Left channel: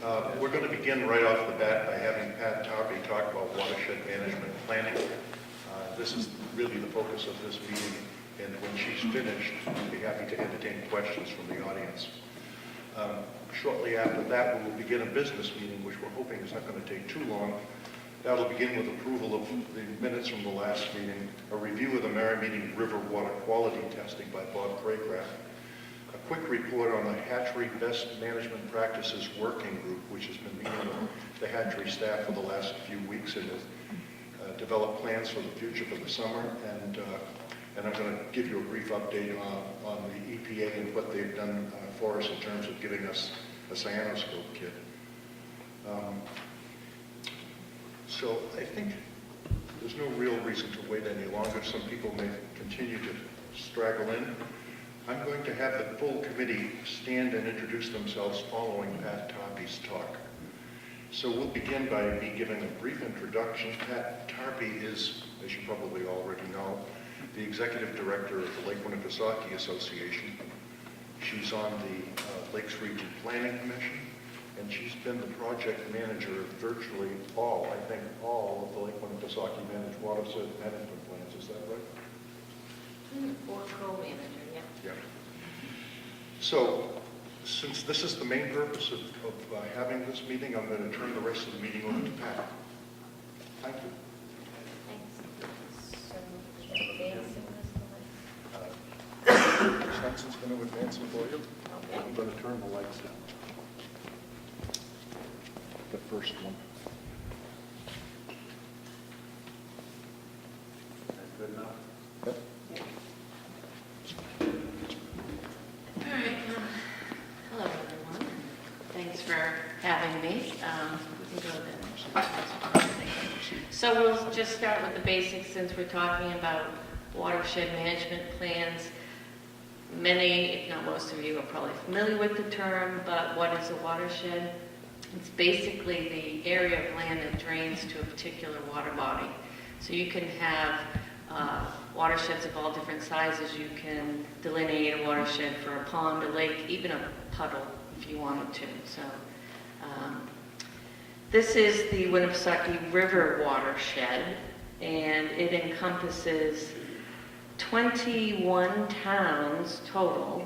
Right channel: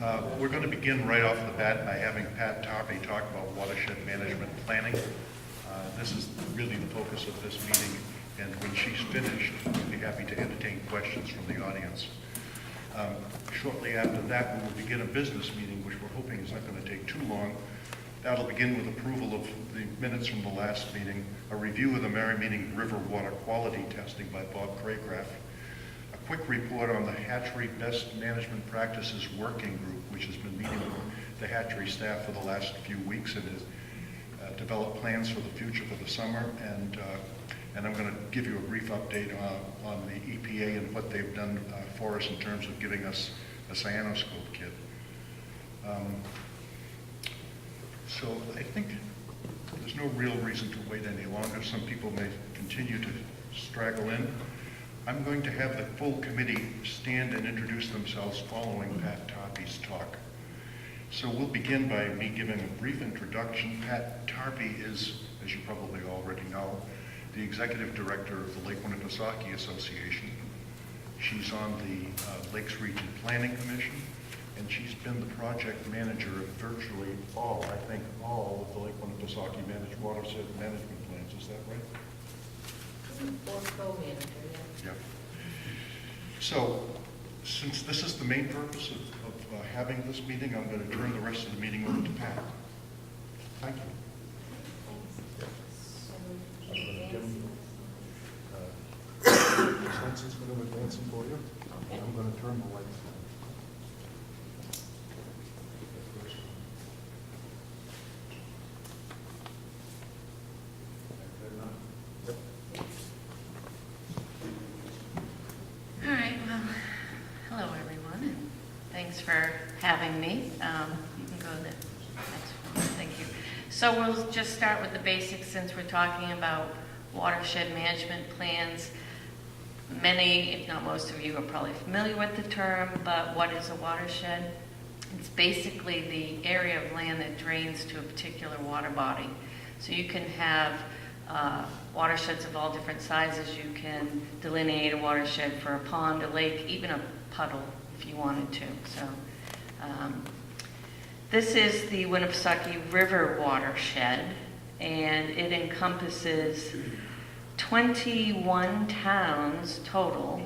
We're going to begin right off the bat by having Pat Tarpey talk about watershed management planning. This is really the focus of this meeting, and when she's finished, I'll be happy to entertain questions from the audience. Shortly after that, we will begin a business meeting, which we're hoping is not going to take too long. That'll begin with approval of the minutes from the last meeting, a review of the Merrimeeting River water quality testing by Bob Craycraft, a quick report on the hatchery best management practices working group, which has been meeting with the hatchery staff for the last few weeks and has developed plans for the future for the summer. And I'm going to give you a brief update on the EPA and what they've done for us in terms of giving us a cyanoscope kit. So I think there's no real reason to wait any longer. Some people may continue to straggle in. I'm going to have the full committee stand and introduce themselves following Pat Tarpey's talk. So we'll begin by me giving a brief introduction. Pat Tarpey is, as you probably already know, the Executive Director of the Lake Winnipesaukee Association. She's on the Lakes Region Planning Commission, and she's been the project manager of virtually all, I think all, of the Lake Winnipesaukee managed watershed management plans. Is that right? Or co-manager, yeah. So, since this is the main purpose of having this meeting, I'm going to turn the rest of the meeting over to Pat. Thank you. Senson's going to advance them for you. I'm going to turn the lights down. The first one. Good enough? Yep. All right, well, hello everyone. Thanks for having me. You can go then. So we'll just start with the basics since we're talking about watershed management plans. Many, if not most of you, are probably familiar with the term, but what is a watershed? It's basically the area of land that drains to a particular water body. So you can have watersheds of all different sizes. You can delineate a watershed for a pond, a lake, even a puddle if you wanted to. So this is the Winnipesaukee River watershed, and it encompasses 21 towns total.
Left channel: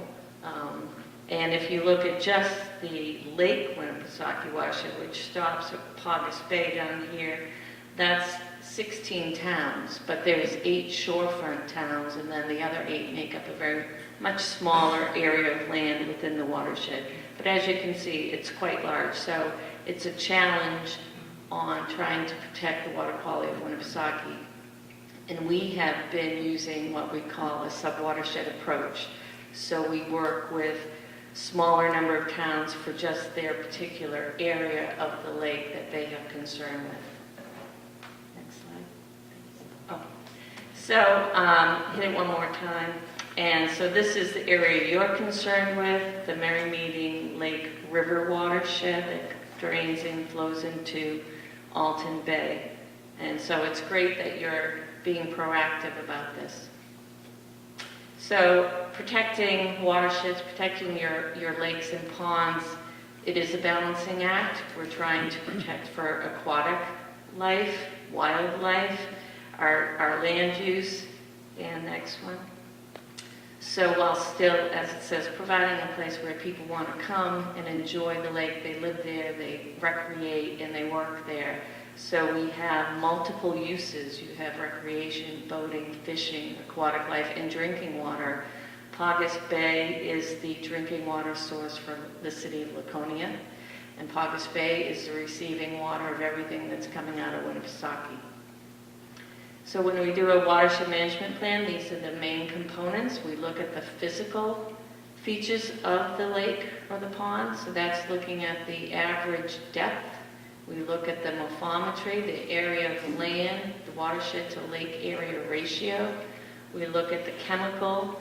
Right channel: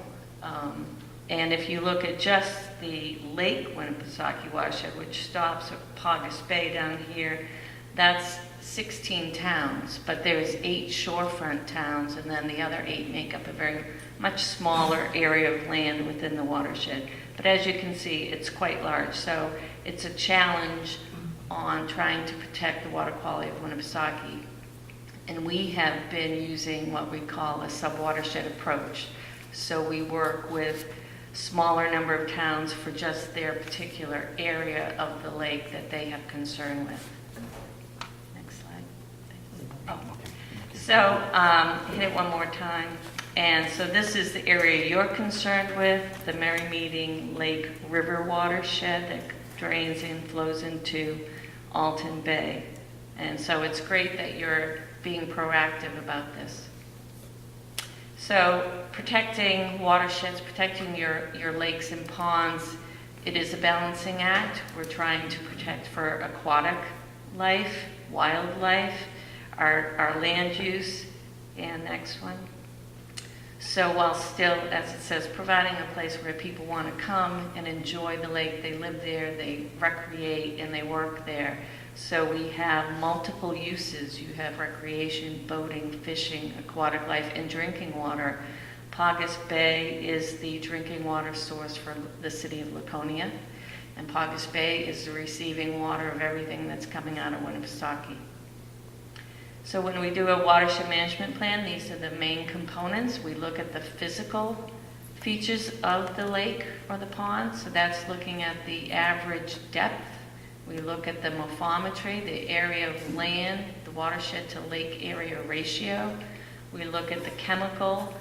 And if you look at just the Lake Winnipesaukee watershed, which stops at Paugus Bay down here, that's 16 towns, but there's 8 shorefront towns, and then the other 8 make up a very much smaller area of land within the watershed. But as you can see, it's quite large, so it's a challenge on trying to protect the water quality of Winnipesaukee. And we have been using what we call a sub-watershed approach. So we work with smaller number of towns for just their particular area of the lake that they have concern with. Next slide. Oh. So hit it one more time. And so this is the area you're concerned with, the Merrimeeting Lake River watershed that drains and flows into Alton Bay. And so it's great that you're being proactive about this. So protecting watersheds, protecting your lakes and ponds, it is a balancing act. We're trying to protect for aquatic life, wildlife, our land use, and next one. So while still, as it says, providing a place where people want to come and enjoy the lake, they live there, they recreate, and they work there. So we have multiple uses. You have recreation, boating, fishing, aquatic life, and drinking water. Paugus Bay is the drinking water source for the city of Laconia, and Paugus Bay is the receiving water of everything that's coming out of Winnipesaukee. So when we do a watershed management plan, these are the main components. We look at the physical features of the lake or the pond. So that's looking at the average depth. We look at the morphometry, the area of land, the watershed to lake area ratio. We look at the chemical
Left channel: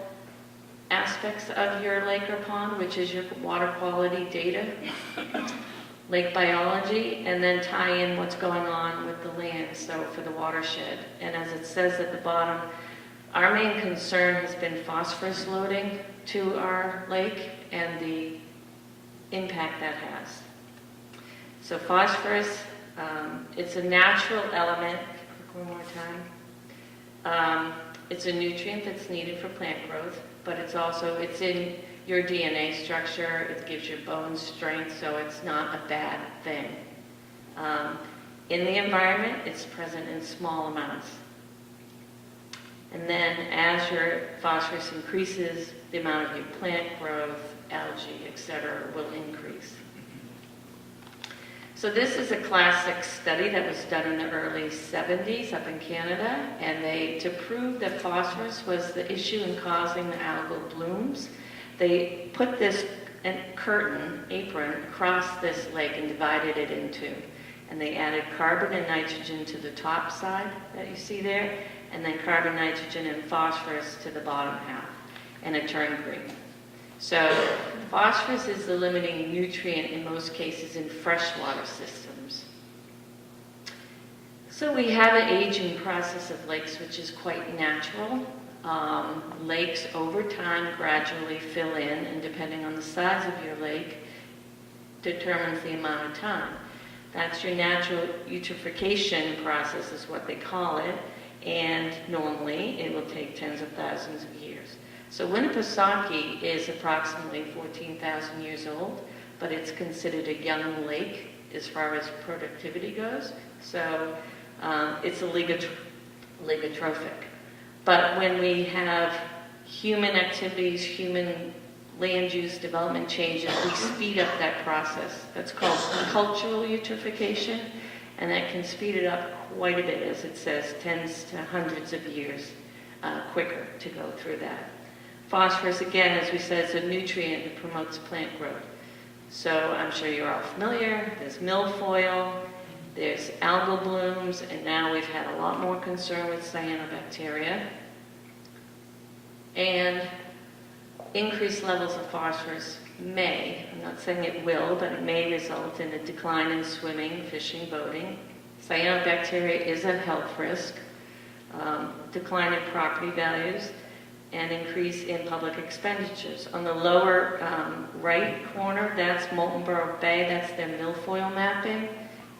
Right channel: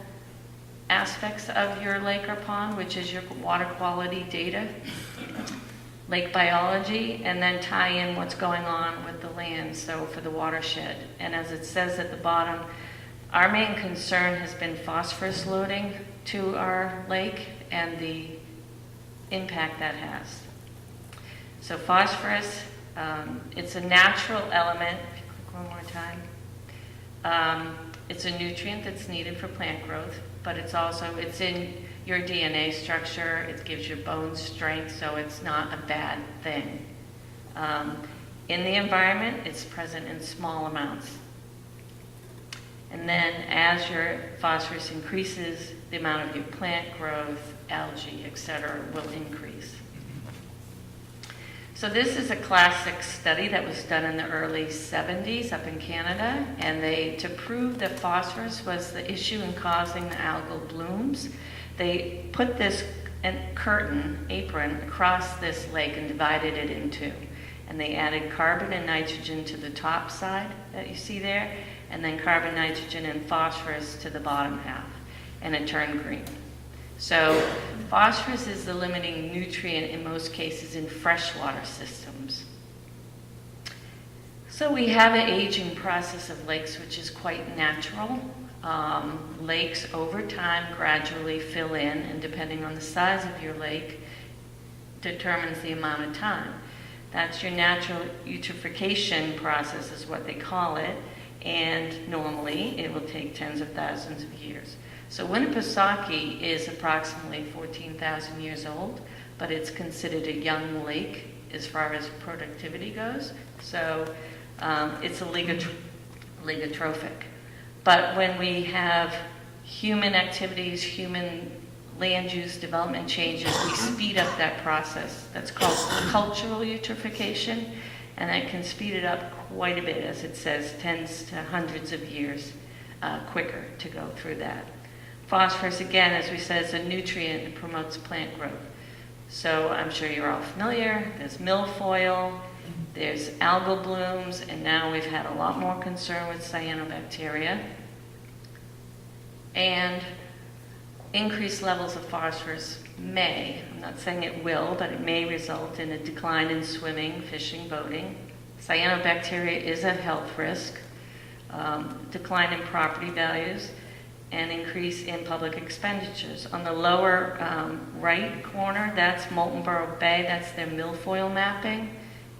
aspects of your lake or pond, which is your water quality data, lake biology, and then tie in what's going on with the land, so for the watershed. And as it says at the bottom, our main concern has been phosphorus loading to our lake and the impact that has. So phosphorus, it's a natural element. If you click one more time. It's a nutrient that's needed for plant growth, but it's in your DNA structure. It gives your bones strength, so it's not a bad thing. In the environment, it's present in small amounts. And then as your phosphorus increases, the amount of your plant growth, algae, etc., will increase. So this is a classic study that was done in the early 70s up in Canada, and to prove that phosphorus was the issue in causing the algal blooms, they put this apron across this lake and divided it in two. And they added carbon and nitrogen to the top side that you see there, and then carbon, nitrogen, and phosphorus to the bottom half, and it turned green. So phosphorus is the limiting nutrient in most cases in freshwater systems. So we have an aging process of lakes, which is quite natural. Lakes over time gradually fill in, and depending on the size of your lake, determines the amount of time. That's your natural eutrophication process is what they call it, and normally it will take tens of thousands of years. So Winnipesaukee is approximately 14,000 years old, but it's considered a young lake as far as productivity goes. So it's a ligotrophic. But when we have human activities, human land use development changes, we speed up that process. That's called cultural eutrophication, and that can speed it up quite a bit, as it says, tens to hundreds of years quicker to go through that. Phosphorus, again, as we said, is a nutrient that promotes plant growth. So I'm sure you're all familiar. There's milfoil, there's algal blooms, and now we've had a lot more concern with cyanobacteria. And increased levels of phosphorus may, I'm not saying it will, but it may result in a decline in swimming, fishing, boating. Cyanobacteria is a health risk, decline in property values, and increase in public expenditures. On the lower right corner, that's Wolfeboro Bay, that's their milfoil mapping.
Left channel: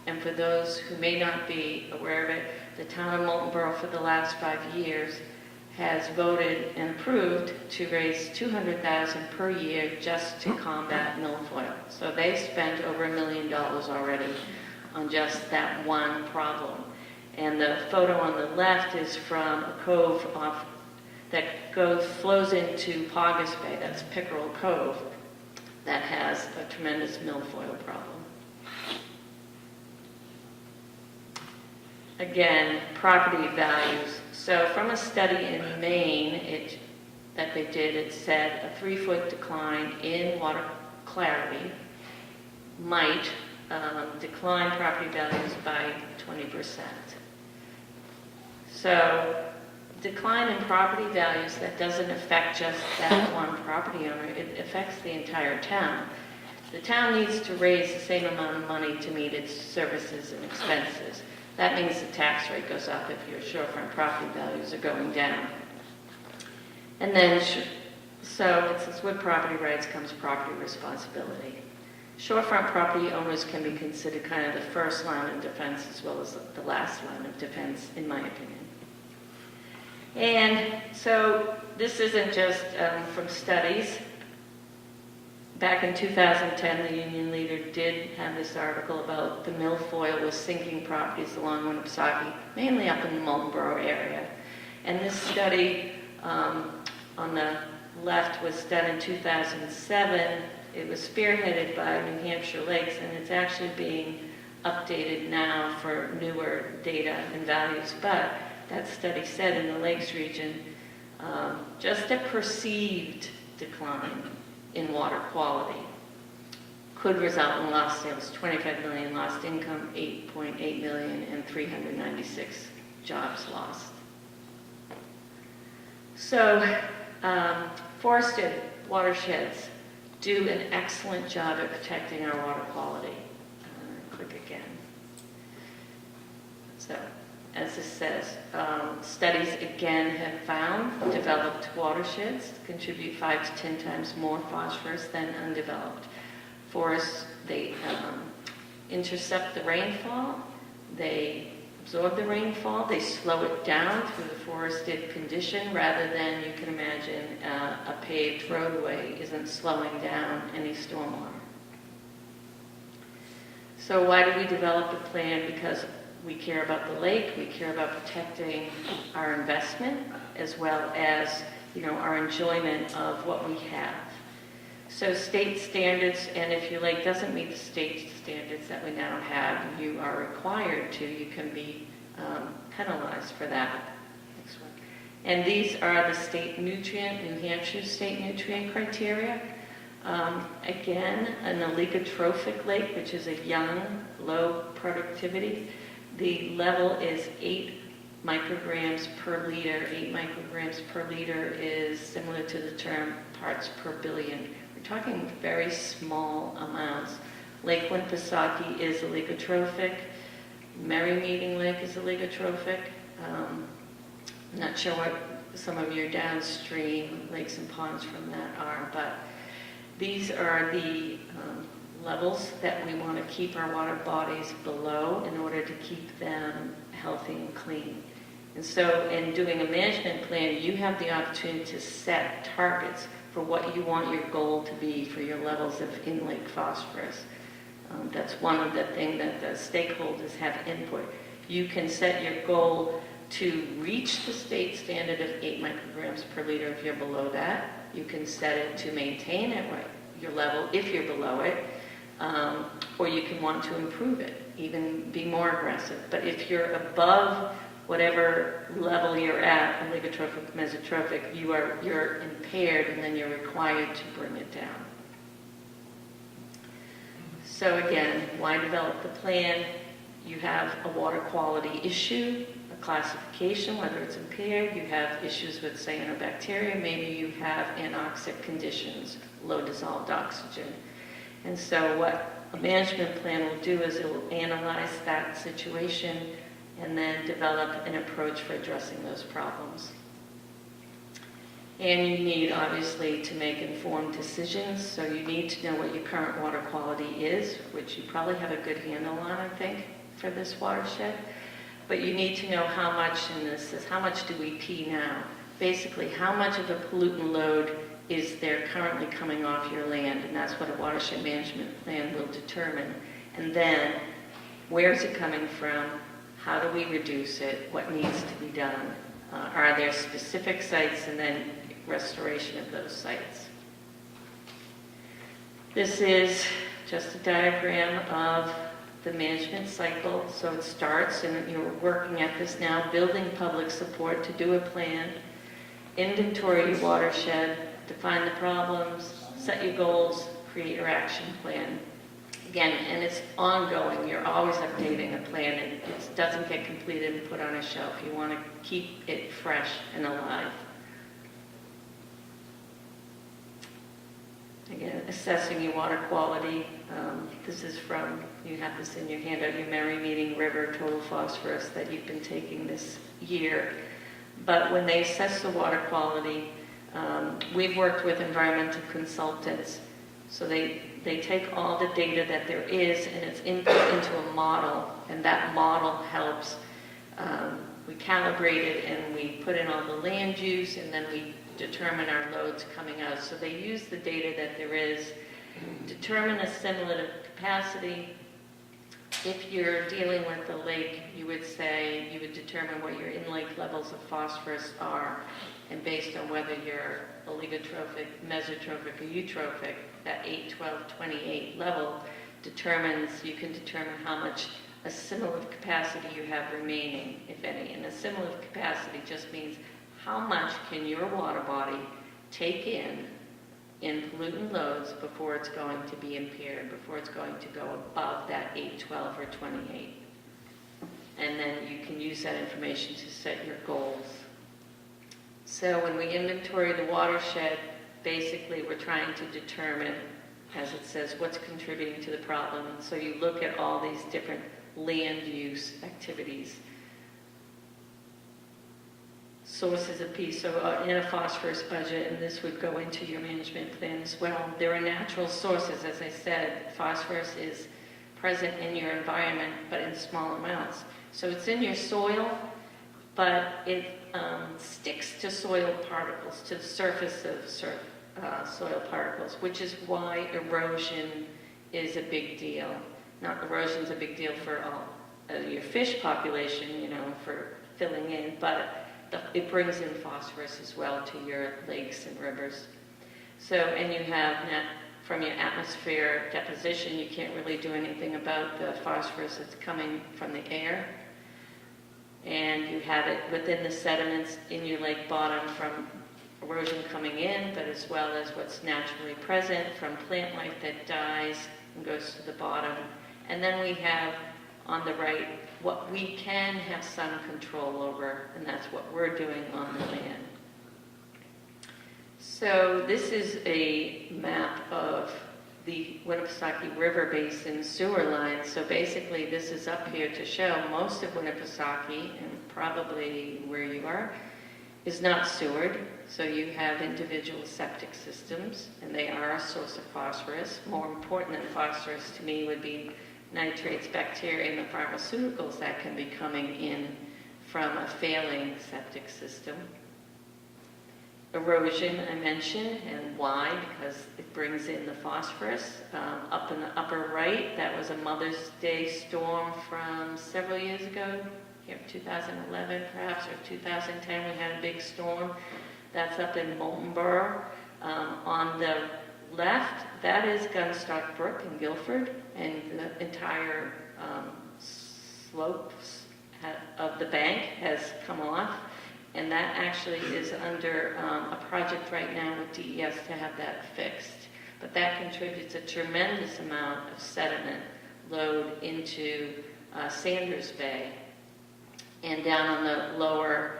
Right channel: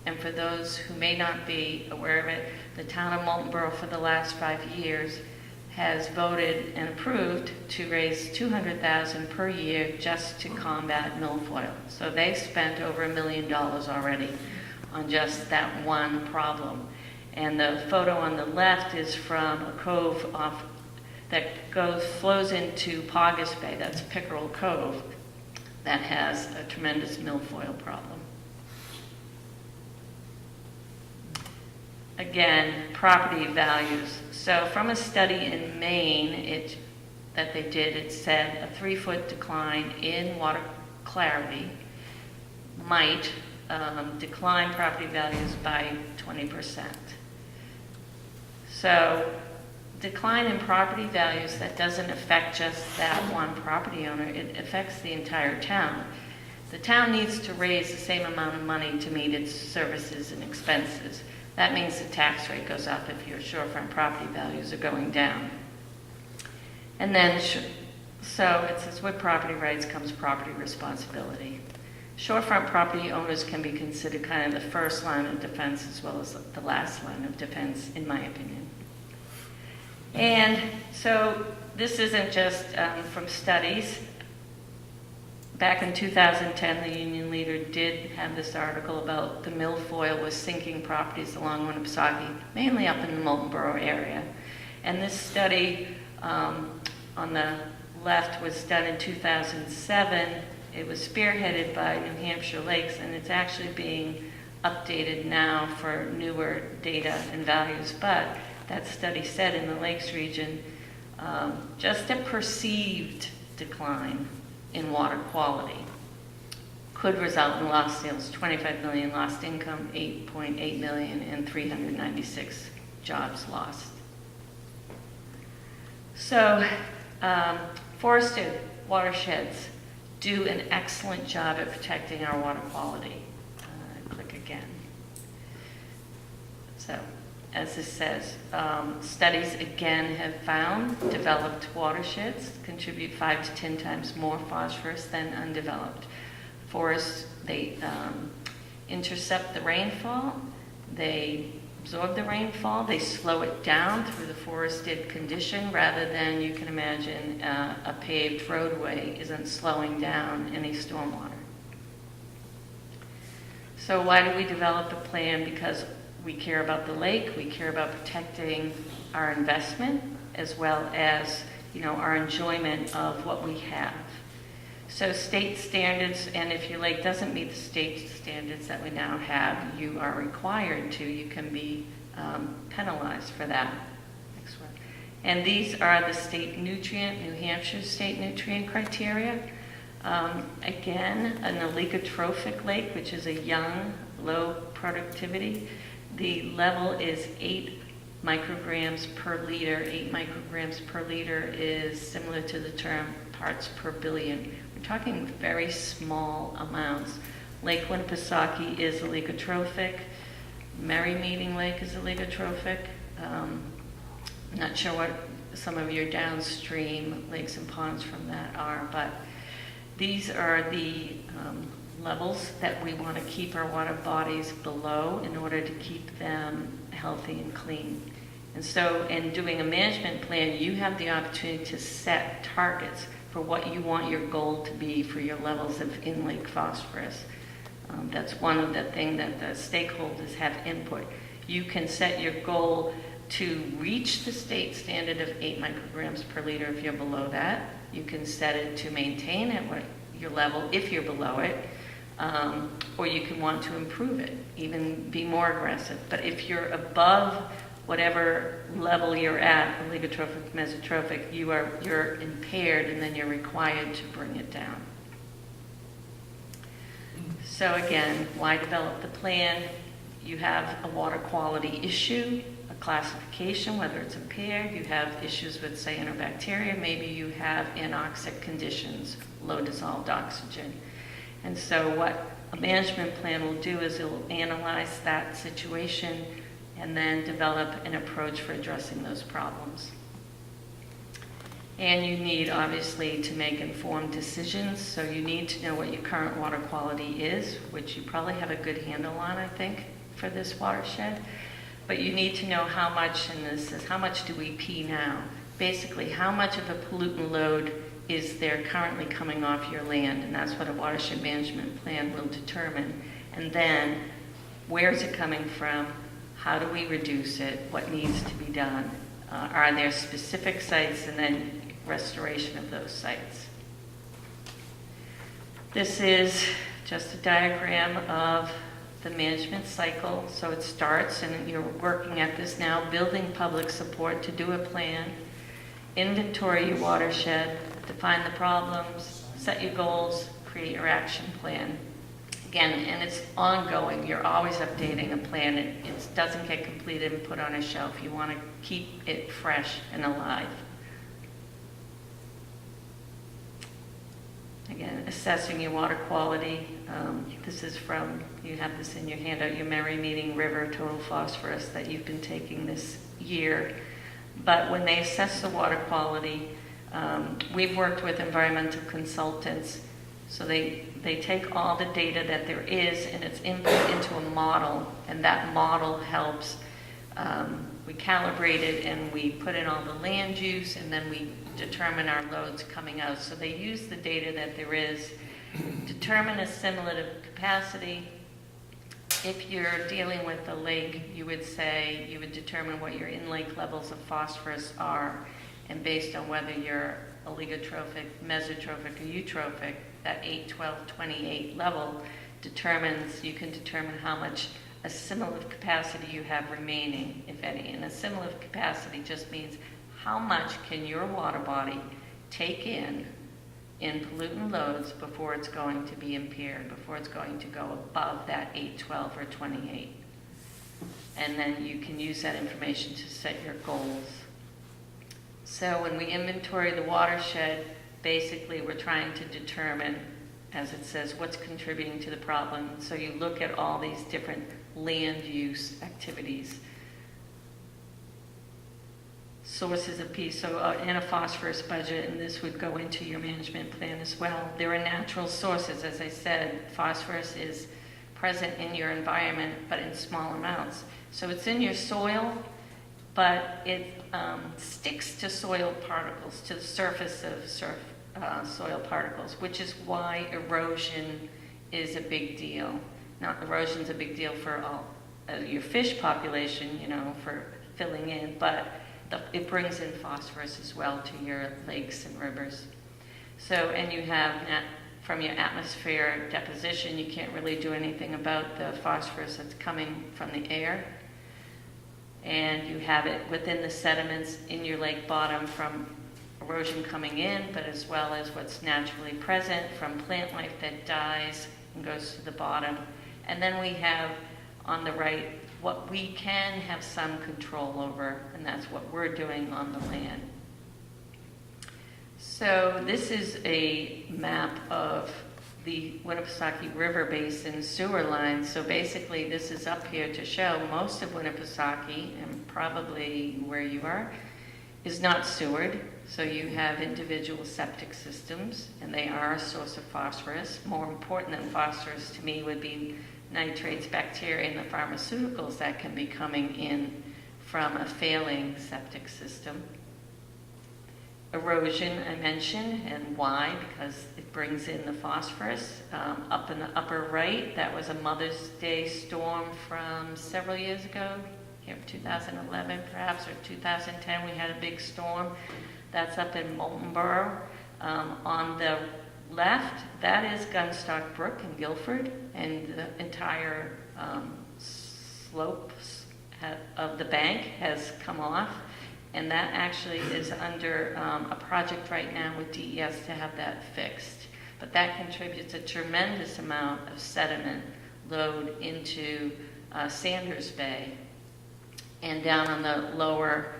And for those who may not be aware of it, the town of Wolfeboro for the last 5 years has voted and approved to raise $200,000 per year just to combat milfoil. So they've spent over $1 million already on just that one problem. And the photo on the left is from a cove off that flows into Paugus Bay, that's Pickerel Cove, that has a tremendous milfoil problem. Again, property values. So from a study in Maine that they did, it said a 3-foot decline in water clarity might decline property values by 20%. So decline in property values, that doesn't affect just that one property owner, it affects the entire town. The town needs to raise the same amount of money to meet its services and expenses. That means the tax rate goes up if your shorefront property values are going down. And then, so it says with property rights comes property responsibility. Shorefront property owners can be considered kind of the first line of defense as well as the last line of defense, in my opinion. And so this isn't just from studies. Back in 2010, the Union Leader did have this article about the milfoil was sinking properties along Winnipesaukee, mainly up in the Wolfeboro area. And this study on the left was done in 2007. It was spearheaded by New Hampshire Lakes, and it's actually being updated now for newer data and values. But that study said in the Lakes region, just a perceived decline in water quality could result in lost sales, 25 million lost income, 8.8 million, and 396 jobs lost. So forested watersheds do an excellent job at protecting our water quality. Click again. So, as this says, studies again have found developed watersheds contribute 5 to 10 times more phosphorus than undeveloped. Forests, intercept the rainfall, they absorb the rainfall, they slow it down through the forested condition rather than, you can imagine, a paved roadway isn't slowing down any stormwater. So why do we develop a plan? Because we care about the lake, we care about protecting our investment, as well as, our enjoyment of what we have. So state standards, and if your lake doesn't meet the state standards that we now have, you are required to, you can be penalized for that. Next one. And these are the state nutrient, New Hampshire state nutrient criteria. Again, an oligotrophic lake, which is a young, low productivity. The level is 8 micrograms per liter. 8 micrograms per liter is similar to the term parts per billion. We're talking very small amounts. Lake Winnipesaukee is oligotrophic. Merry Meeting Lake is oligotrophic. I'm not sure what some of your downstream lakes and ponds from that are, but these are the levels that we want to keep our water bodies below in order to keep them healthy and clean. And so in doing a management plan, you have the opportunity to set targets for what you want your goal to be for your levels of in-lake phosphorus. That's one of the things that the stakeholders have input. You can set your goal to reach the state standard of 8 micrograms per liter if you're below that. You can set it to maintain at your level if you're below it, or you can want to improve it, even be more aggressive. But if you're above whatever level you're at, oligotrophic, mesotrophic, you're impaired, and then you're required to bring it down. So again, why develop the plan? You have a water quality issue, a classification, whether it's impaired, you have issues with cyanobacteria, maybe you have anoxic conditions, low dissolved oxygen. And so what a management plan will do is it will analyze that situation and then develop an approach for addressing those problems. And you need, obviously, to make informed decisions, so you need to know what your current water quality is, which you probably have a good handle on, I think, for this watershed. But you need to know how much, and this is how much do we pee now? Basically, how much of a pollutant load is there currently coming off your land, and that's what a watershed management plan will determine. And then, where is it coming from? How do we reduce it? What needs to be done? Are there specific sites, and then restoration of those sites? This is just a diagram of the management cycle. So it starts, and you're working at this now, building public support to do a plan, inventory your watershed, define the problems, set your goals, create your action plan. Again, and it's ongoing. You're always updating a plan. It doesn't get completed and put on a shelf. You want to keep it fresh and alive. Again, assessing your water quality. This is from, you have this in your handout, your Merry Meeting River total phosphorus that you've been taking this year. But when they assess the water quality, we've worked with environmental consultants. So they take all the data that there is and it's input into a model, and that model helps. We calibrate it and we put in all the land use, and then we determine our loads coming out. So they use the data that there is, determine assimilative capacity. If you're dealing with a lake, you would determine what your in-lake levels of phosphorus are, and based on whether you're oligotrophic, mesotrophic, or eutrophic, that 8, 12, 28 level you can determine how much assimilative capacity you have remaining, if any. And assimilative capacity just means how much can your water body take in pollutant loads before it's going to be impaired, before it's going to go above that 8, 12, or 28. And then you can use that information to set your goals. So when we inventory the watershed, basically we're trying to determine, as it says, what's contributing to the problem. And so you look at all these different land use activities. Sources of P, so in a phosphorus budget, and this would go into your management plan as well. There are natural sources, as I said. Phosphorus is present in your environment, but in small amounts. So it's in your soil, but it sticks to soil particles, to the surface of soil particles, which is why erosion is a big deal. Now, erosion's a big deal for your fish population, for filling in, but it brings in phosphorus as well to your lakes and rivers. So, and you have, from your atmosphere deposition, you can't really do anything about the phosphorus that's coming from the air. And you have it within the sediments in your lake bottom from erosion coming in, but as well as what's naturally present from plant life that dies and goes to the bottom. And then we have on the right what we can have some control over, and that's what we're doing on the land. So this is a map of the Winnipesaukee River Basin sewer lines. So basically this is up here to show most of Winnipesaukee, and probably where you are, is not sewered. So you have individual septic systems, and they are a source of phosphorus. More important than phosphorus to me would be nitrates, bacteria, and the pharmaceuticals that can be coming in from a failing septic system. Erosion, I mentioned, and why? Because it brings in the phosphorus. Up in the upper right, that was a Mother's Day storm from several years ago, 2011 perhaps, or 2010, we had a big storm. That's up in Wolfeboro. On the left, that is Gunstock Brook in Guilford, and the entire slopes of the bank has come off. And that actually is under a project right now with DES to have that fixed. But that contributes a tremendous amount of sediment load into Sanders Bay. And down on the lower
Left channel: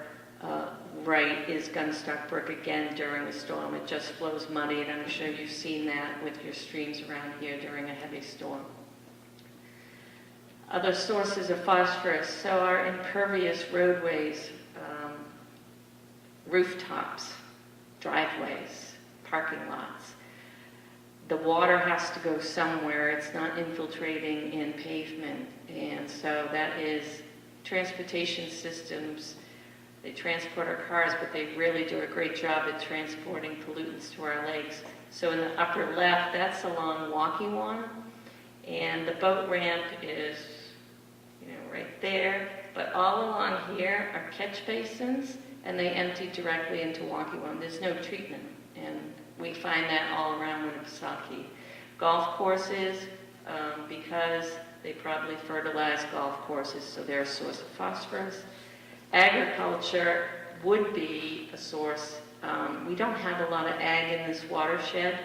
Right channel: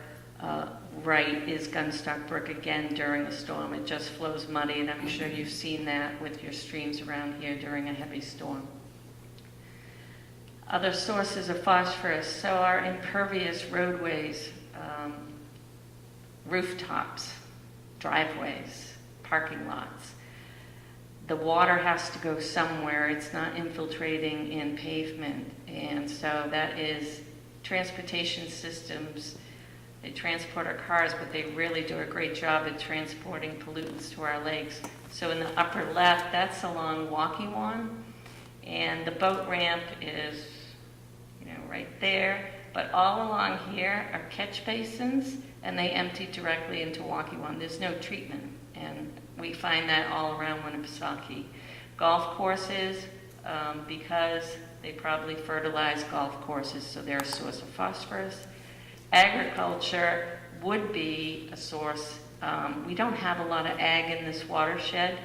right is Gunstock Brook again during the storm. It just flows muddy, and I'm sure you've seen that with your streams around here during a heavy storm. Other sources of phosphorus, so our impervious roadways, rooftops, driveways, parking lots. The water has to go somewhere. It's not infiltrating in pavement. And so that is transportation systems. They transport our cars, but they really do a great job at transporting pollutants to our lakes. So in the upper left, that's along Waukee, and the boat ramp is, right there. But all along here are catch basins, and they empty directly into Waukee. There's no treatment, and we find that all around Winnipesaukee. Golf courses, because they probably fertilize golf courses, so they're a source of phosphorus. Agriculture would be a source. We don't have a lot of ag in this watershed.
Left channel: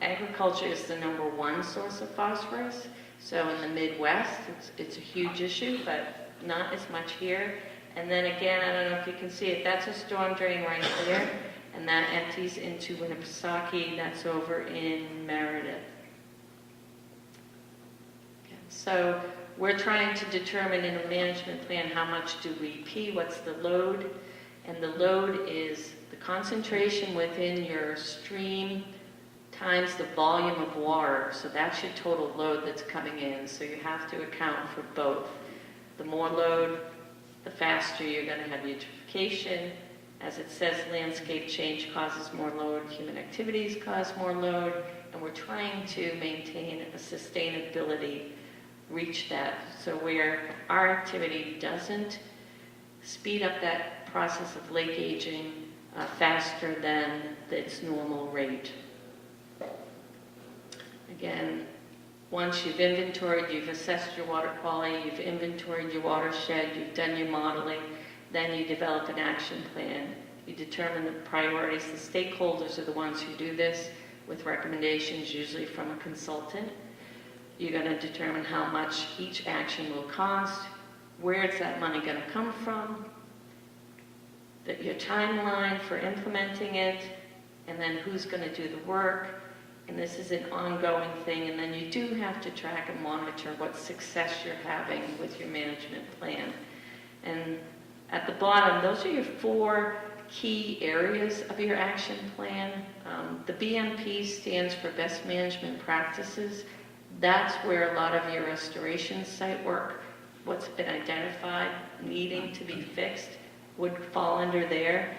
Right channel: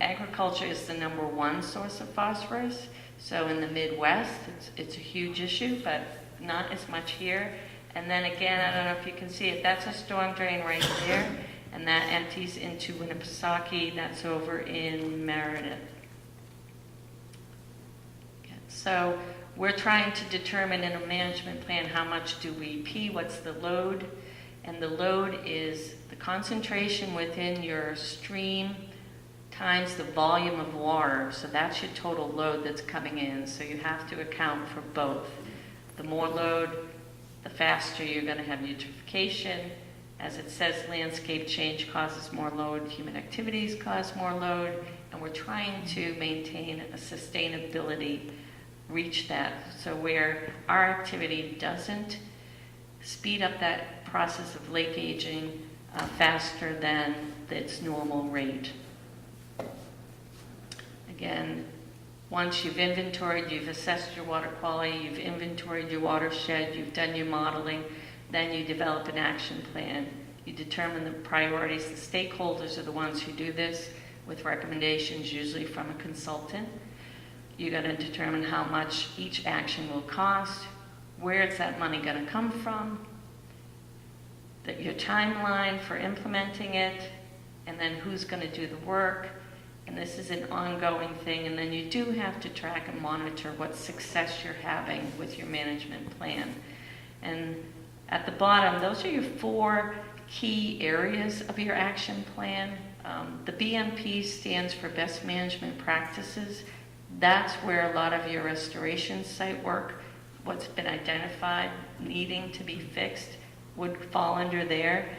Agriculture is the #1 source of phosphorus. So in the Midwest, it's a huge issue, but not as much here. And then again, I don't know if you can see it, that's a storm drain right there, and that empties into Winnipesaukee. That's over in Meredith. Okay. So we're trying to determine in a management plan how much do we pee, what's the load, and the load is the concentration within your stream times the volume of water. So that's your total load that's coming in. So you have to account for both. The more load, the faster you're going to have eutrophication. As it says, landscape change causes more load, human activities cause more load, and we're trying to maintain a sustainability, reach that. So where our activity doesn't speed up that process of lake aging faster than its normal rate. Again, once you've inventoried, you've assessed your water quality, you've inventoried your watershed, you've done your modeling, then you develop an action plan. You determine the priorities. The stakeholders are the ones who do this with recommendations, usually from a consultant. You're going to determine how much each action will cost, where is that money going to come from, your timeline for implementing it, and then who's going to do the work. And this is an ongoing thing, and then you do have to track and monitor what success you're having with your management plan. And at the bottom, those are your 4 key areas of your action plan. The BMP stands for Best Management Practices. That's where a lot of your restoration site work, what's been identified needing to be fixed, would fall under there.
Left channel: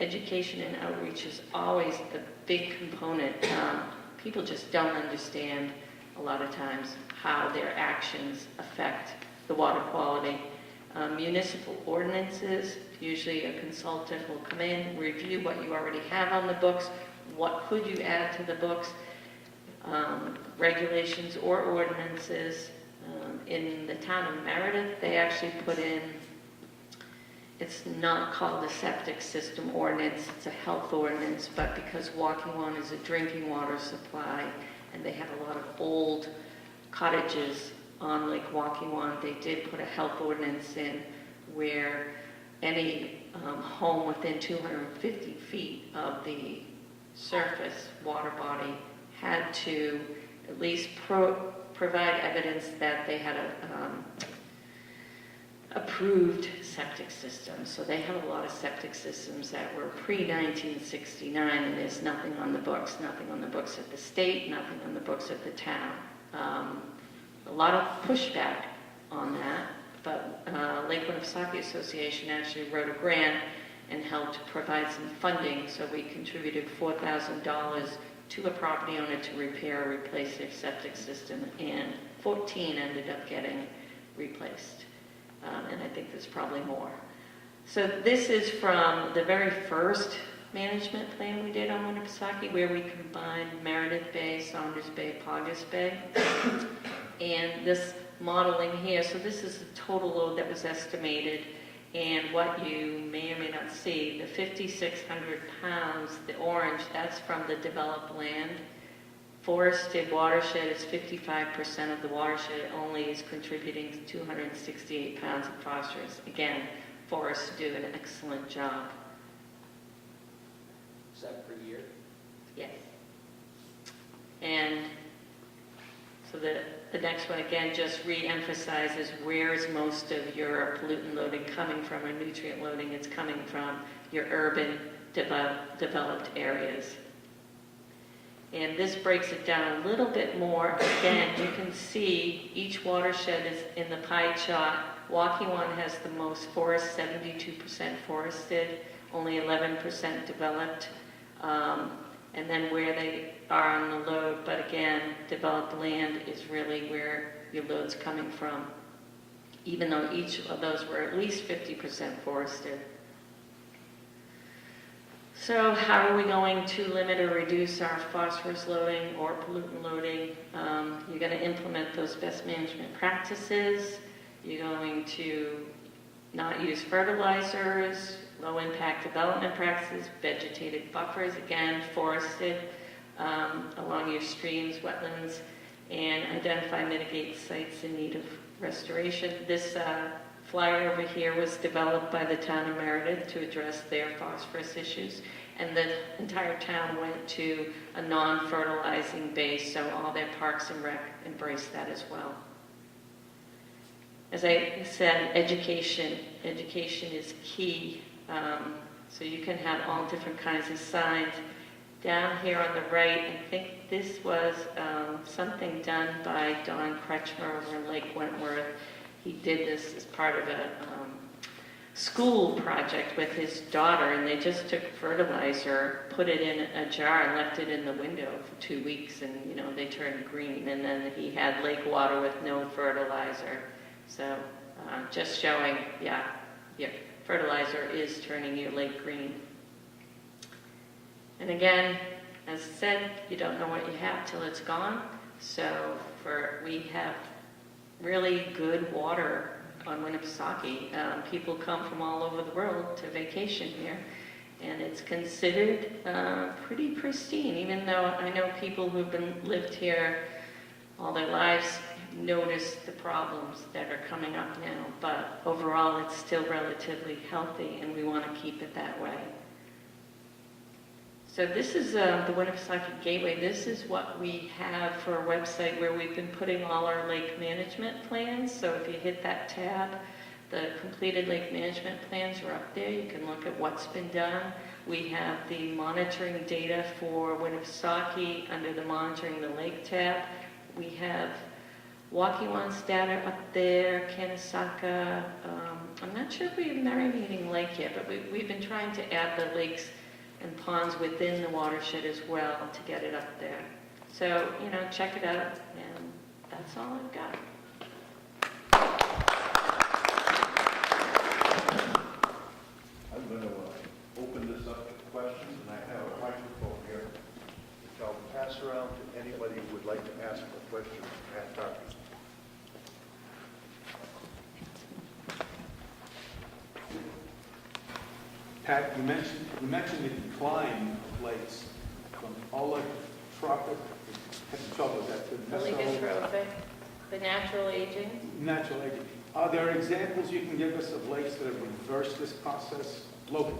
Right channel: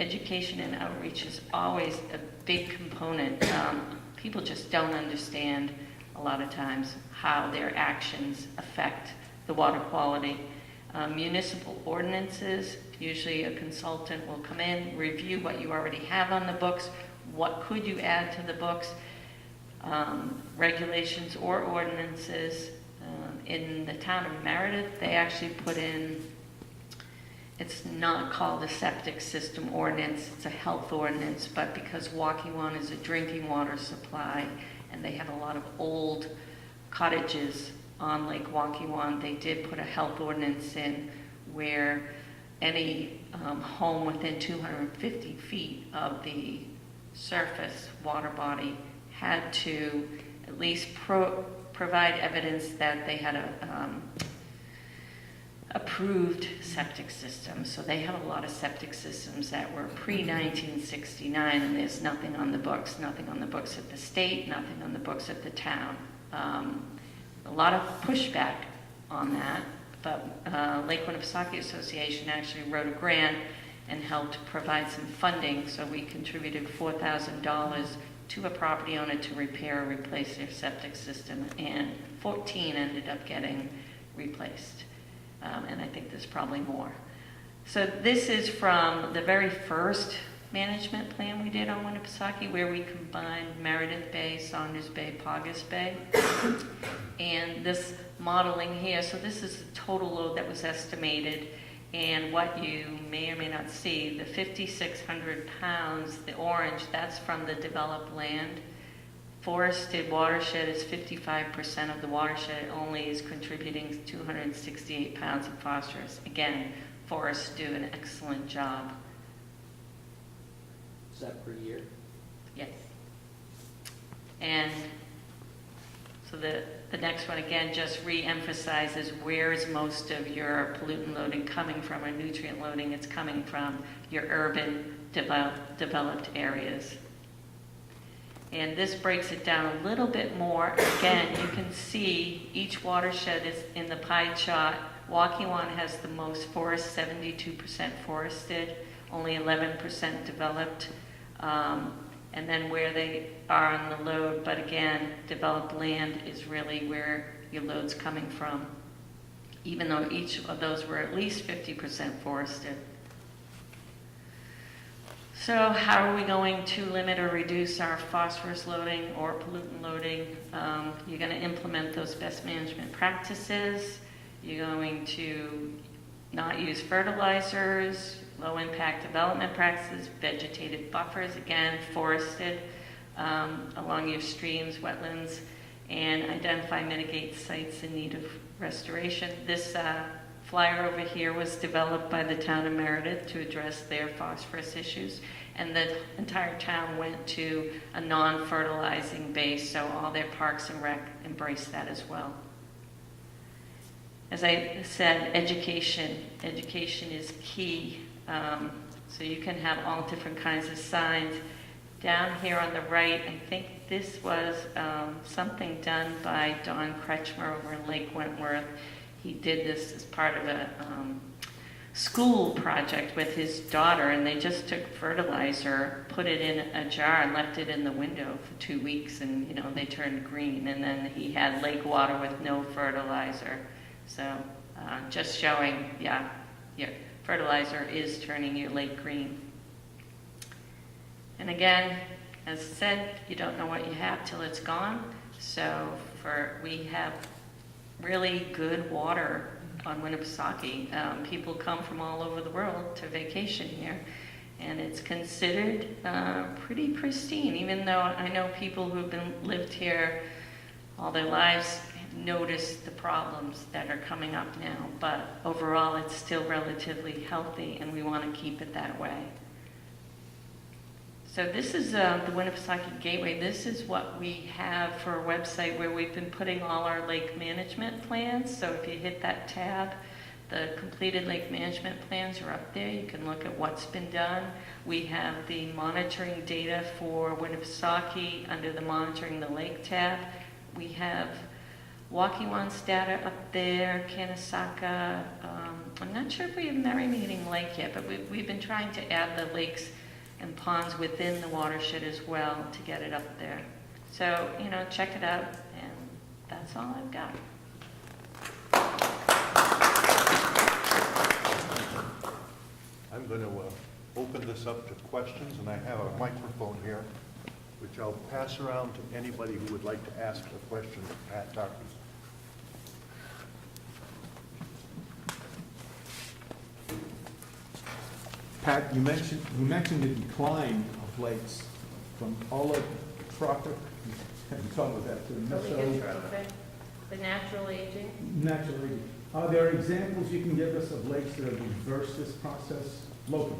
Education and outreach is always a big component. People just don't understand a lot of times how their actions affect the water quality. Municipal ordinances, usually a consultant will come in, review what you already have on the books, what could you add to the books, regulations or ordinances. In the town of Meredith, they actually put in, it's not called a septic system ordinance, it's a health ordinance, but because Waukee is a drinking water supply, and they have a lot of old cottages on Lake Waukee, they did put a health ordinance in where any home within 250 feet of the surface water body had to at least provide evidence that they had a approved septic system. So they have a lot of septic systems that were pre-1969, and there's nothing on the books at the state, nothing on the books at the town. A lot of pushback on that, but Lake Winnipesaukee Association actually wrote a grant and helped provide some funding, so we contributed $4,000 to a property owner to repair or replace their septic system, and 14 ended up getting replaced. And I think there's probably more. So this is from the very first management plan we did on Winnipesaukee, where we combined Meredith Bay, Saunders Bay, Paugus Bay. And this modeling here, so this is the total load that was estimated, and what you may or may not see, the 5,600 pounds, the orange, that's from the developed land. Forested watershed is 55% of the watershed. It only is contributing 268 pounds of phosphorus. Again, forests do an excellent job. Is that per year? Yes. And so the next one, again, just re-emphasizes where is most of your pollutant loading coming from, or nutrient loading. It's coming from your urban developed areas. And this breaks it down a little bit more. Again, you can see each watershed is in the pie chart. Waukee has the most forest, 72% forested, only 11% developed. And then where they are on the load, but again, developed land is really where your load's coming from, even though each of those were at least 50% forested. So how are we going to limit or reduce our phosphorus loading or pollutant loading? You're going to implement those best management practices. You're going to not use fertilizers, low impact development practices, vegetated buffers, again, forested along your streams, wetlands, and identify, mitigate sites in need of restoration. This flyer over here was developed by the town of Meredith to address their phosphorus issues, and the entire town went to a non-fertilizing base, so all their parks and rec embraced that as well. As I said, education is key. So you can have all different kinds of signs. Down here on the right, I think this was something done by Don Kretschmer over in Lake Wentworth. He did this as part of a school project with his daughter, and they just took fertilizer, put it in a jar, and left it in the window for 2 weeks, and they turned green. And then he had lake water with no fertilizer. So just showing, yeah, fertilizer is turning your lake green. And again, as I said, you don't know what you have till it's gone. So we have really good water on Winnipesaukee. People come from all over the world to vacation here, and it's considered pretty pristine, even though I know people who have lived here all their lives notice the problems that are coming up now, but overall it's still relatively healthy, and we want to keep it that way. So this is the Winnipesaukee Gateway. This is what we have for a website where we've been putting all our lake management plans. So if you hit that tab, the completed lake management plans are up there. You can look at what's been done. We have the monitoring data for Winnipesaukee under the monitoring the lake tab. We have Waukee-Wannstatter up there, Kanasaka. I'm not sure if we have Marinating Lake yet, but we've been trying to add the lakes and ponds within the watershed as well to get it up there. So, check it out, and that's all I've got. I'm going to open this up to questions, and I have a microphone here, which I'll pass around to anybody who would like to ask a question of Pat Tarpey. Pat, you mentioned the decline of lakes from allotrophic, had trouble with that, to Oligotrophic, the natural aging. natural aging. Are there examples you can give us of lakes that have reversed this process locally?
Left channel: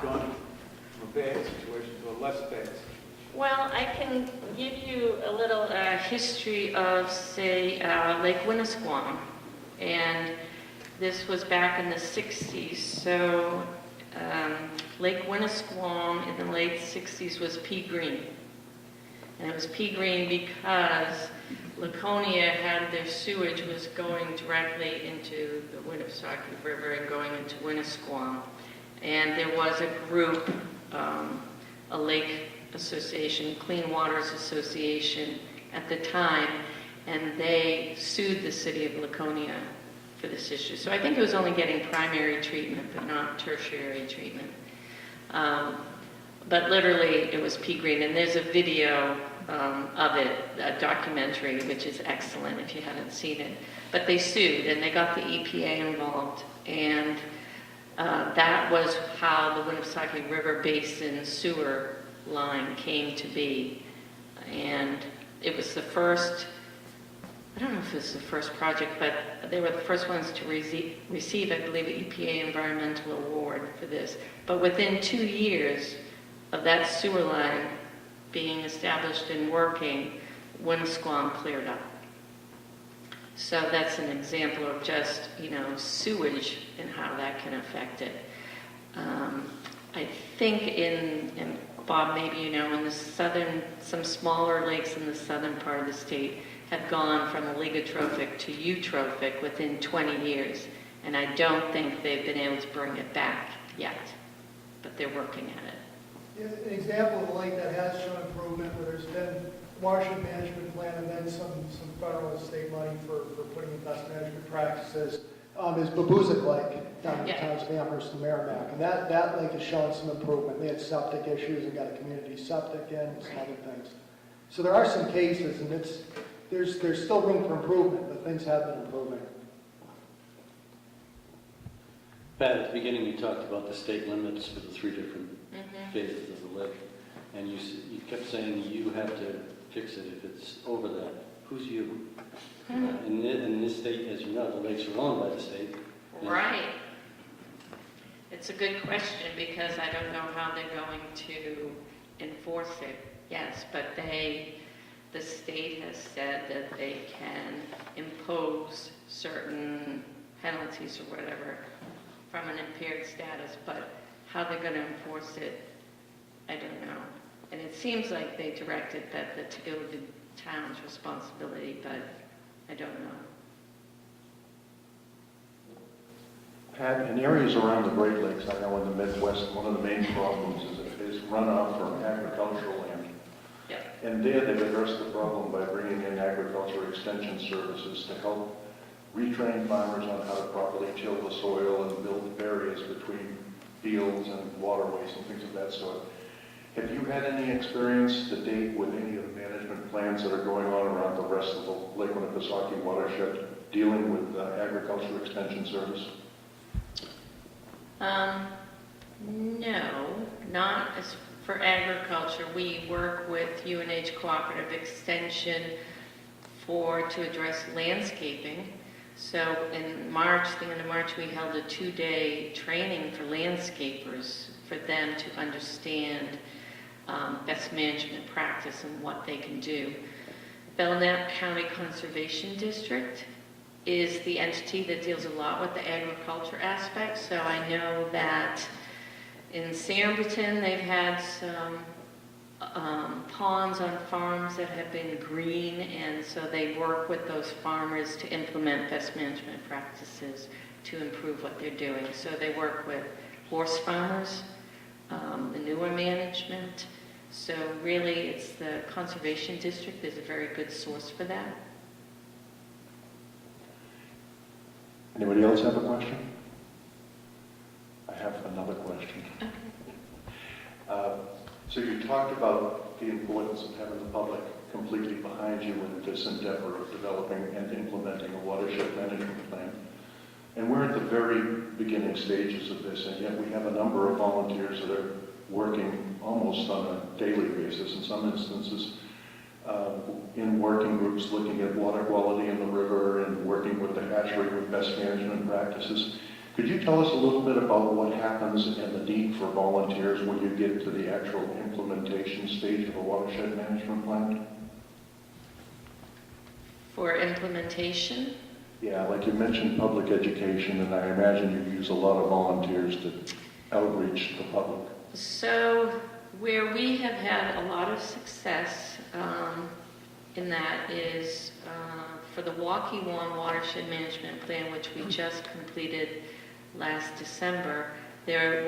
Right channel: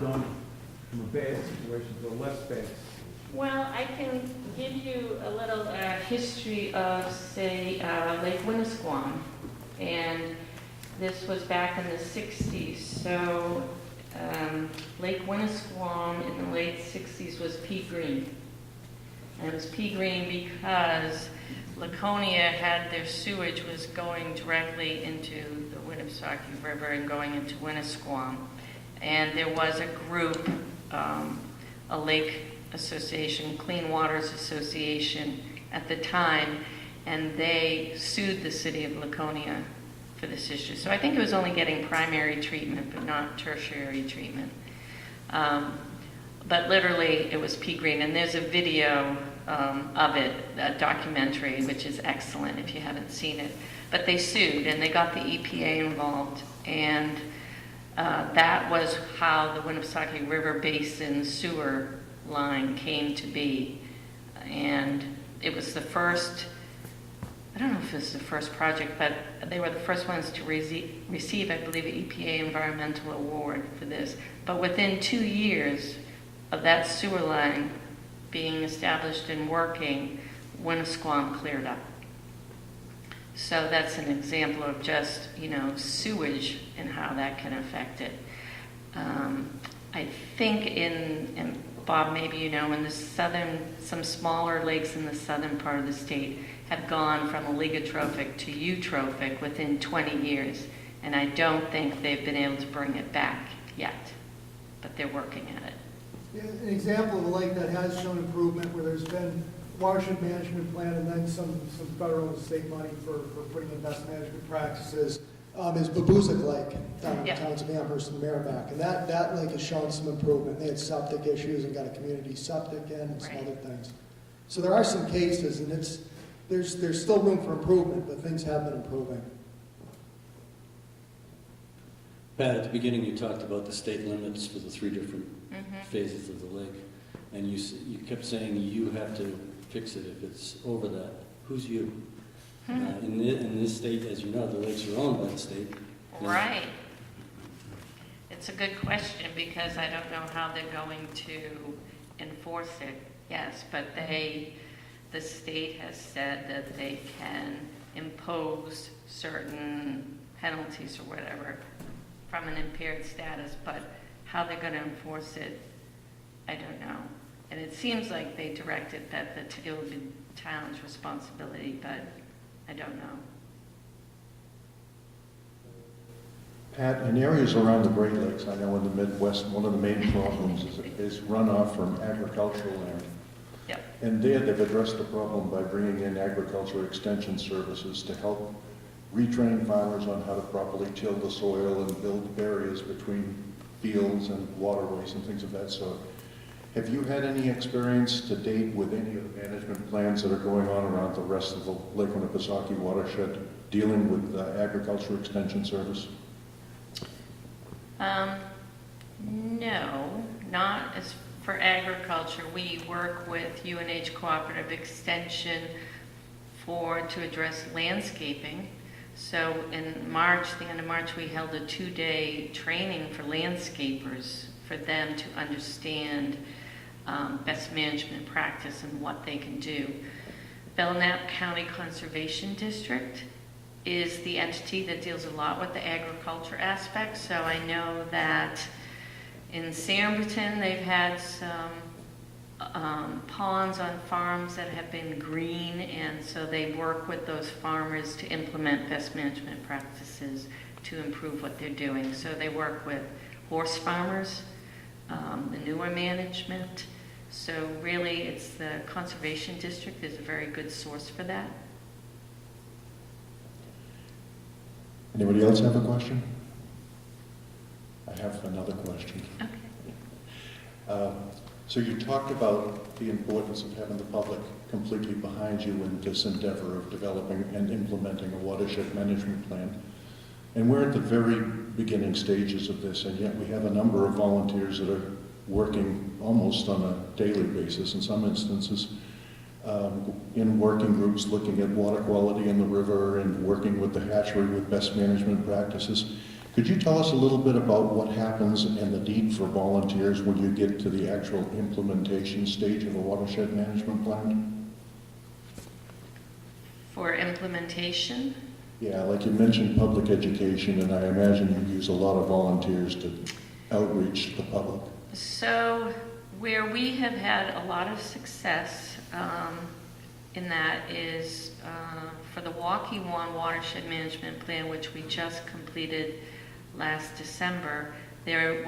Gone from a bad situation to a less bad situation? Well, I can give you a little history of, say, Lake Winnisquam. And this was back in the 60s. So Lake Winnisquam in the late 60s was pea green. And it was pea green because Laconia had their sewage was going directly into the Winnipesaukee River and going into Winnisquam. And there was a group, a lake association, Clean Waters Association at the time, and they sued the city of Laconia for this issue. So I think it was only getting primary treatment, but not tertiary treatment. But literally, it was pea green, and there's a video of it, a documentary, which is excellent if you haven't seen it. But they sued, and they got the EPA involved, and that was how the Winnipesaukee River Basin sewer line came to be. And it was the first, I don't know if it was the first project, but they were the first ones to receive, I believe, an EPA environmental award for this. But within 2 years of that sewer line being established and working, Winnisquam cleared up. So that's an example of just, sewage and how that can affect it. I think and Bob, maybe in the southern, some smaller lakes in the southern part of the state have gone from oligotrophic to eutrophic within 20 years. And I don't think they've been able to bring it back yet, but they're working at it. An example of a lake that has shown improvement where there's been watershed management plan and then some federal and state money for putting in best management practices is Babuzik Lake down in the towns of Amherst and Merrimack. And that lake has shown some improvement. They had septic issues and got a community septic in and some other things. So there are some cases, and there's still room for improvement, but things have been improving. Pat, at the beginning you talked about the state limits for the 3 different phases of the lake, and you kept saying you have to fix it if it's over that. Who's you? In this state, as you know, the lakes are owned by the state. Right. It's a good question because I don't know how they're going to enforce it. Yes, but the state has said that they can impose certain penalties or whatever from an impaired status, but how they're going to enforce it, I don't know. And it seems like they directed that to go to the town's responsibility, but I don't know. Pat, in areas around the Great Lakes, I know in the Midwest, one of the main problems is runoff from agricultural land. Yep. And there they've addressed the problem by bringing in agriculture extension services to help retrain farmers on how to properly till the soil and build barriers between fields and waterways and things of that sort. Have you had any experience to date with any of the management plans that are going on around the rest of the Lake Winnipesaukee watershed dealing with agriculture extension service? No, not as for agriculture. We work with UNH Cooperative Extension to address landscaping. So in March, the end of March, we held a 2-day training for landscapers for them to understand best management practice and what they can do. Belknap County Conservation District is the entity that deals a lot with the agriculture aspect. So I know that in Samberton they've had some ponds on farms that have been green, and so they work with those farmers to implement best management practices to improve what they're doing. So they work with horse farmers, manure management. So really, it's the Conservation District is a very good source for that. Anybody else have a question? I have another question. Okay. So you talked about the importance of having the public completely behind you in this endeavor of developing and implementing a watershed management plan. And we're at the very beginning stages of this, and yet we have a number of volunteers that are working almost on a daily basis, in some instances, in working groups looking at water quality in the river and working with the hatchery with best management practices. Could you tell us a little bit about what happens and the need for volunteers when you get to the actual implementation stage of a watershed management plan? For implementation, Yeah, like you mentioned public education, and I imagine you use a lot of volunteers to outreach the public. so where we have had a lot of success in that is for the Waukee-Wong Watershed Management Plan, which we just completed last December. There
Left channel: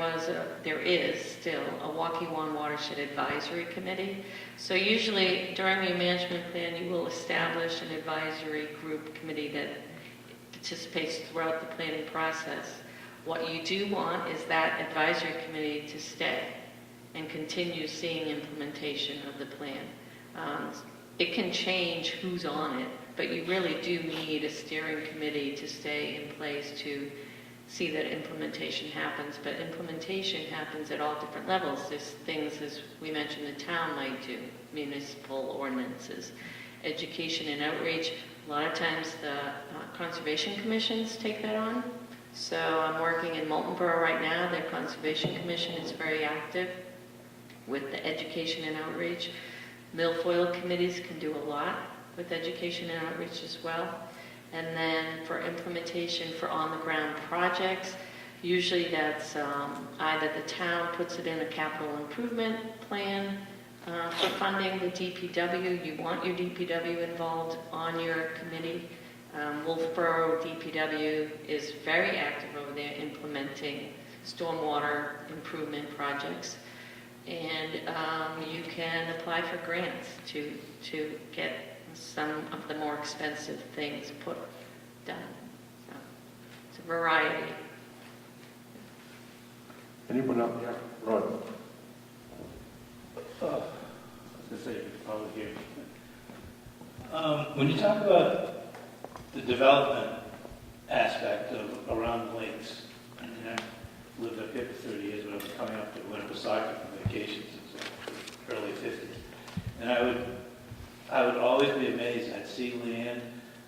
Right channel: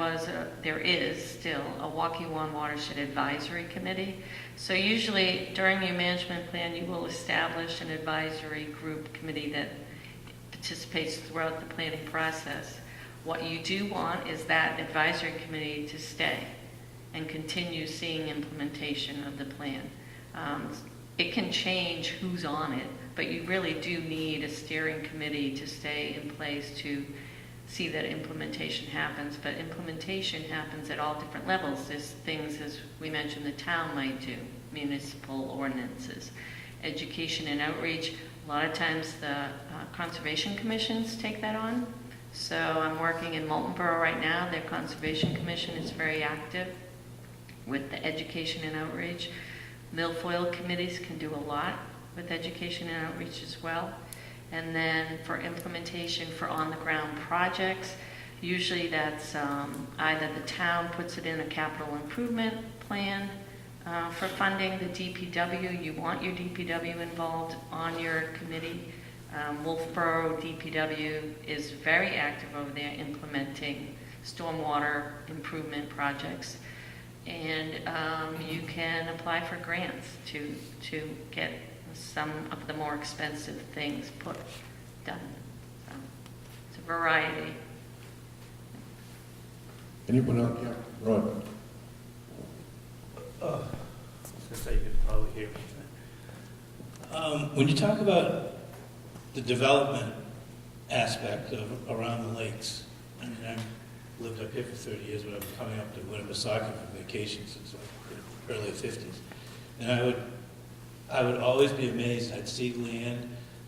is still a Waukee-Wong Watershed Advisory Committee. So usually during your management plan, you will establish an advisory group committee that participates throughout the planning process. What you do want is that advisory committee to stay and continue seeing implementation of the plan. It can change who's on it, but you really do need a steering committee to stay in place to see that implementation happens. But implementation happens at all different levels. There's things, as we mentioned, the town might do, municipal ordinances, education and outreach. A lot of times the conservation commissions take that on. So I'm working in Moulton Borough right now. Their conservation commission is very active with the education and outreach. Milfoil committees can do a lot with education and outreach as well. And then for implementation for on-the-ground projects, usually that's either the town puts it in a capital improvement plan for funding the DPW. You want your DPW involved on your committee. Wolfeboro DPW is very active over there implementing stormwater improvement projects. And you can apply for grants to get some of the more expensive things done. So it's a variety. Anyone else? Yeah, Ron. I was going to say, you could probably hear me. When you talk about the development aspect of around the lakes, I mean, I've lived up here for 30 years, but I've been coming up to Winnipesaukee for vacation since the early 50s. And I would always be amazed. I'd see land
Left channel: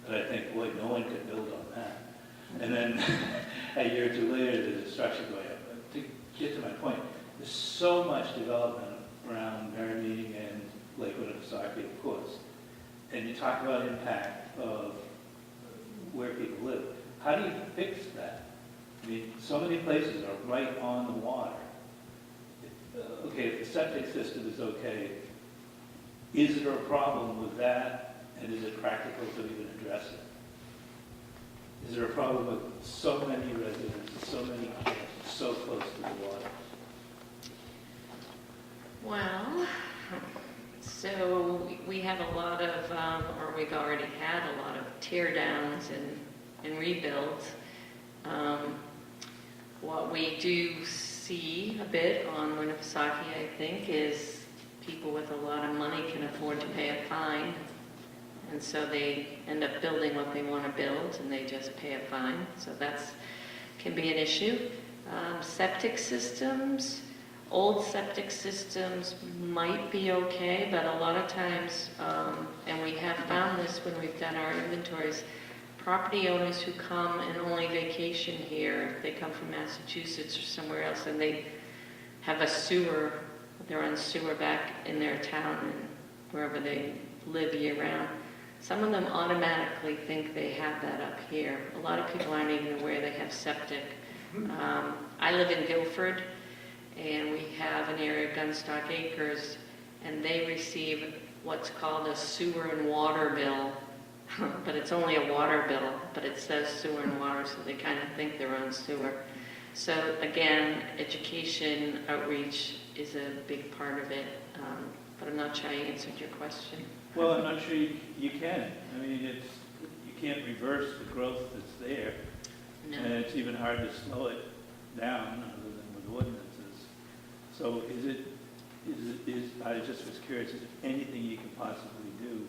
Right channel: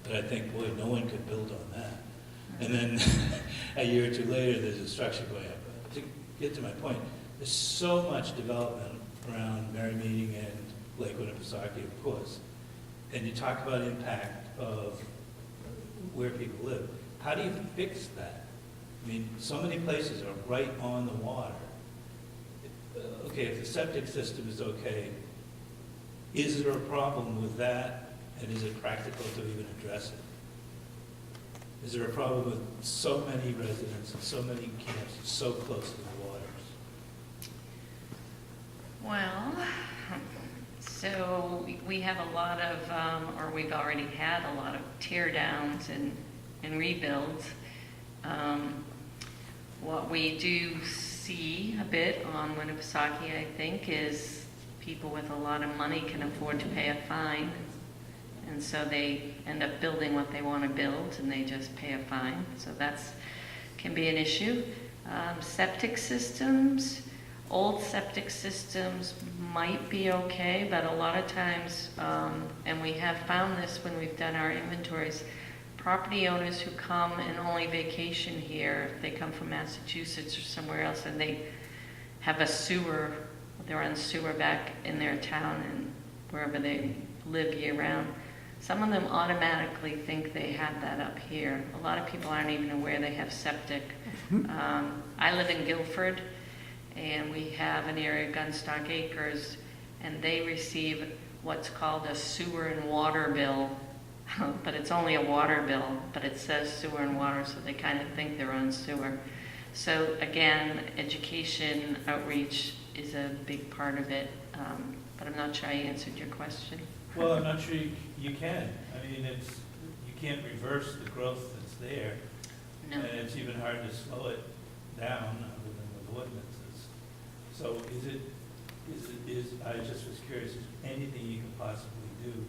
that I think, boy, no one could build on that. And then a year or two later, there's destruction going up. But to get to my point, there's so much development around Merrymeeting and Lake Winnipesaukee, of course. And you talk about impact of where people live. How do you fix that? I mean, so many places are right on the water. Okay, if the septic system is okay, is there a problem with that, and is it practical to even address it? Is there a problem with so many residents and so many kids so close to the water? Well, so we have a lot of, or we've already had a lot of tear downs and rebuilds. What we do see a bit on Winnipesaukee, I think, is people with a lot of money can afford to pay a fine. And so they end up building what they want to build, and they just pay a fine. So that's can be an issue. Septic systems, old septic systems might be okay, but a lot of times, and we have found this when we've done our inventories, property owners who come and only vacation here, they come from Massachusetts or somewhere else, and they have a sewer, they're on sewer back in their town and wherever they live year-round. Some of them automatically think they have that up here. A lot of people aren't even aware they have septic. I live in Guilford, and we have an area of Gunstock Acres, and they receive what's called a sewer and water bill, but it's only a water bill, but it says sewer and water, so they kind of think they're on sewer. So again, education outreach is a big part of it, but I'm not sure I answered your question. Well, I'm not sure you can. I mean, you can't reverse the growth that's there, No. and it's even hard to slow it down other than with ordinances. So I just was curious, is there anything you can possibly do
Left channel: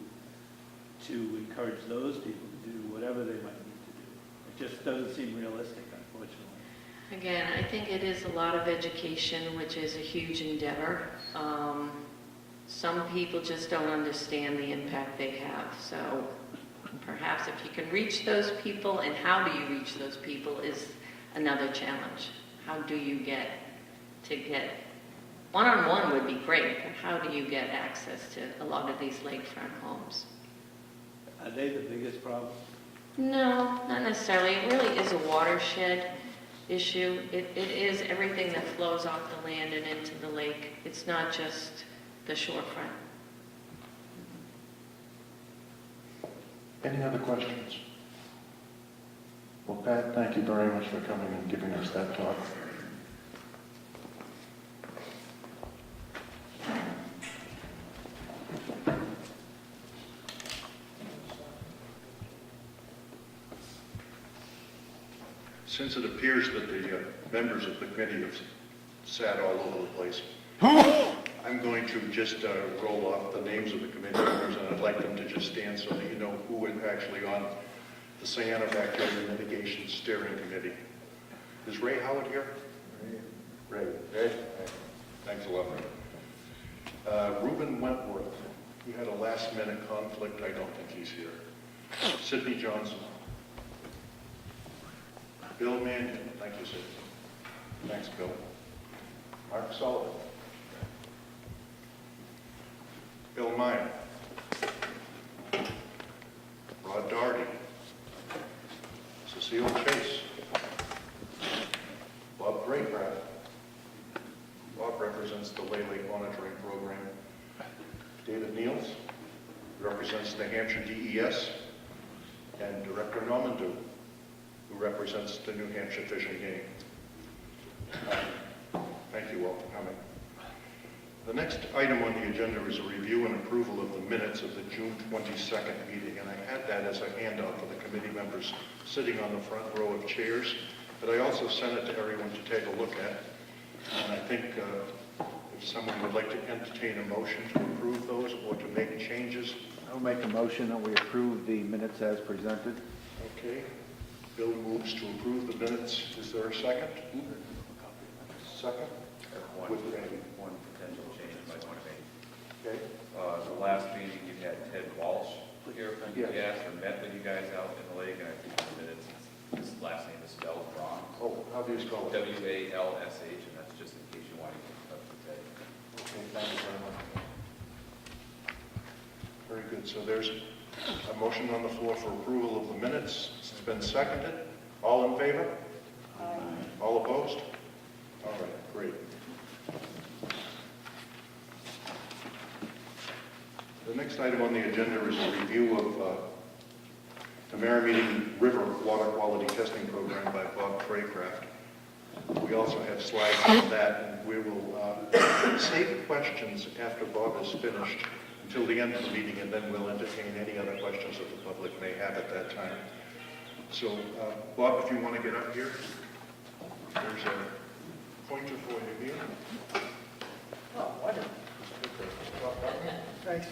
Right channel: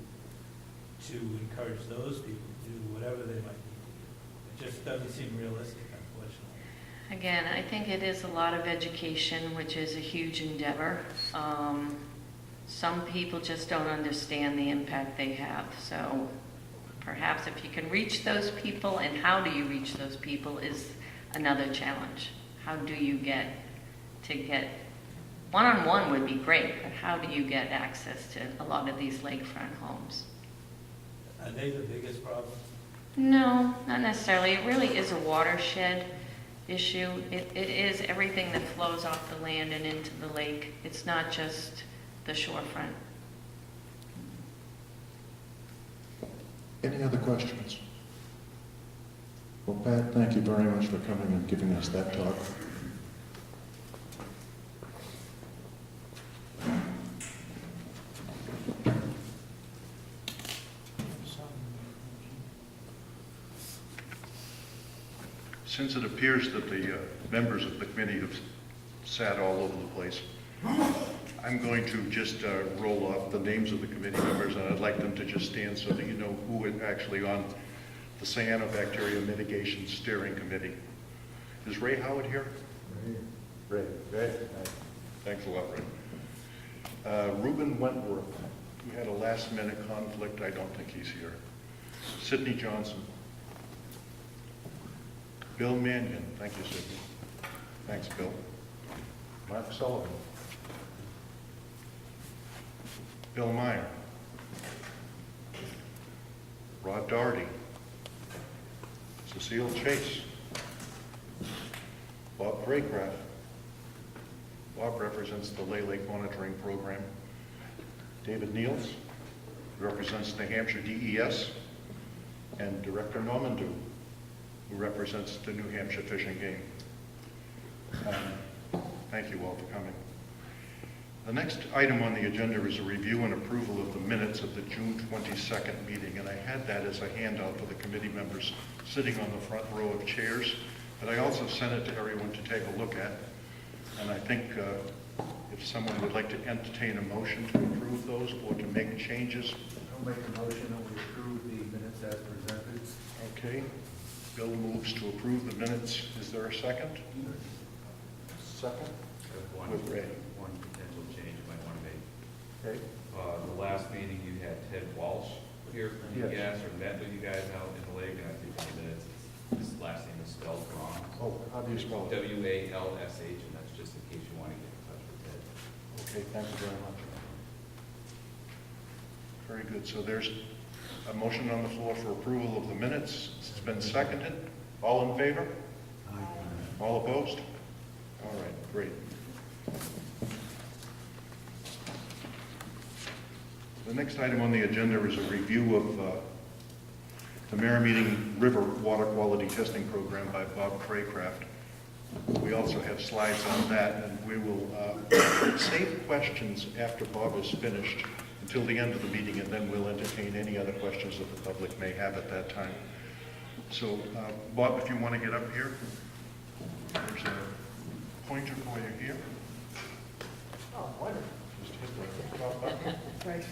to encourage those people to do whatever they might need to do? It just doesn't seem realistic, unfortunately. Again, I think it is a lot of education, which is a huge endeavor. Some people just don't understand the impact they have. So perhaps if you can reach those people, and how do you reach those people is another challenge. How do you get one-on-one would be great, but how do you get access to a lot of these lakefront homes? Are they the biggest problem? No, not necessarily. It really is a watershed issue. It is everything that flows off the land and into the lake. It's not just the shorefront. Any other questions? Well, Pat, thank you very much for coming and giving us that talk. Since it appears that the members of the committee have sat all over the place, I'm going to just roll off the names of the committee members, and I'd like them to just stand so that you know who is actually on the Cyanobacteria Mitigation Steering Committee. Is Ray Howard here? Ray. Thanks a lot, Ray. Reuben Wentworth. We had a last-minute conflict. I don't think he's here. Sidney Johnson. Bill Mannion. Thank you, Sidney. Thanks, Bill. Mark Sullivan. Bill Meyer. Rod Doherty. Cecile Chase. Bob Craycraft. Bob represents the Lay Lake Monitoring Program. David Niels represents the Hampshire DES. And Director Normandeau, who represents the New Hampshire Fish and Game. Thank you all for coming. The next item on the agenda is a review and approval of the minutes of the June 22nd meeting, and I had that as a handout for the committee members sitting on the front row of chairs, but I also sent it to everyone to take a look at, and I think if someone would like to entertain a motion to approve those or to make changes. I'll make a motion that we approve the minutes as presented. Okay. Bill moves to approve the minutes. Is there a second? Second? With Ray. One potential change you might want to make. Okay. The last meeting, you had Ted Walsh here from Yes. DES, and met with you guys out in the lake, and I think in the minutes, his last name is spelled wrong. Oh, how do you spell it? WALSH, and that's just in case you want to get in touch with Ted. Okay, thank you very much. Very good. So there's a motion on the floor for approval of the minutes. It's been seconded. All in favor? All opposed? All right, great. The next item on the agenda is a review of the Merrimeeting River Water Quality Testing Program by Bob Craycraft. We also have slides on that, and we will save questions after Bob is finished until the end of the meeting, and then we'll entertain any other questions that the public may have at that time. So, Bob, if you want to get up here, there's a pointer for you here. Oh, wonderful. Thanks.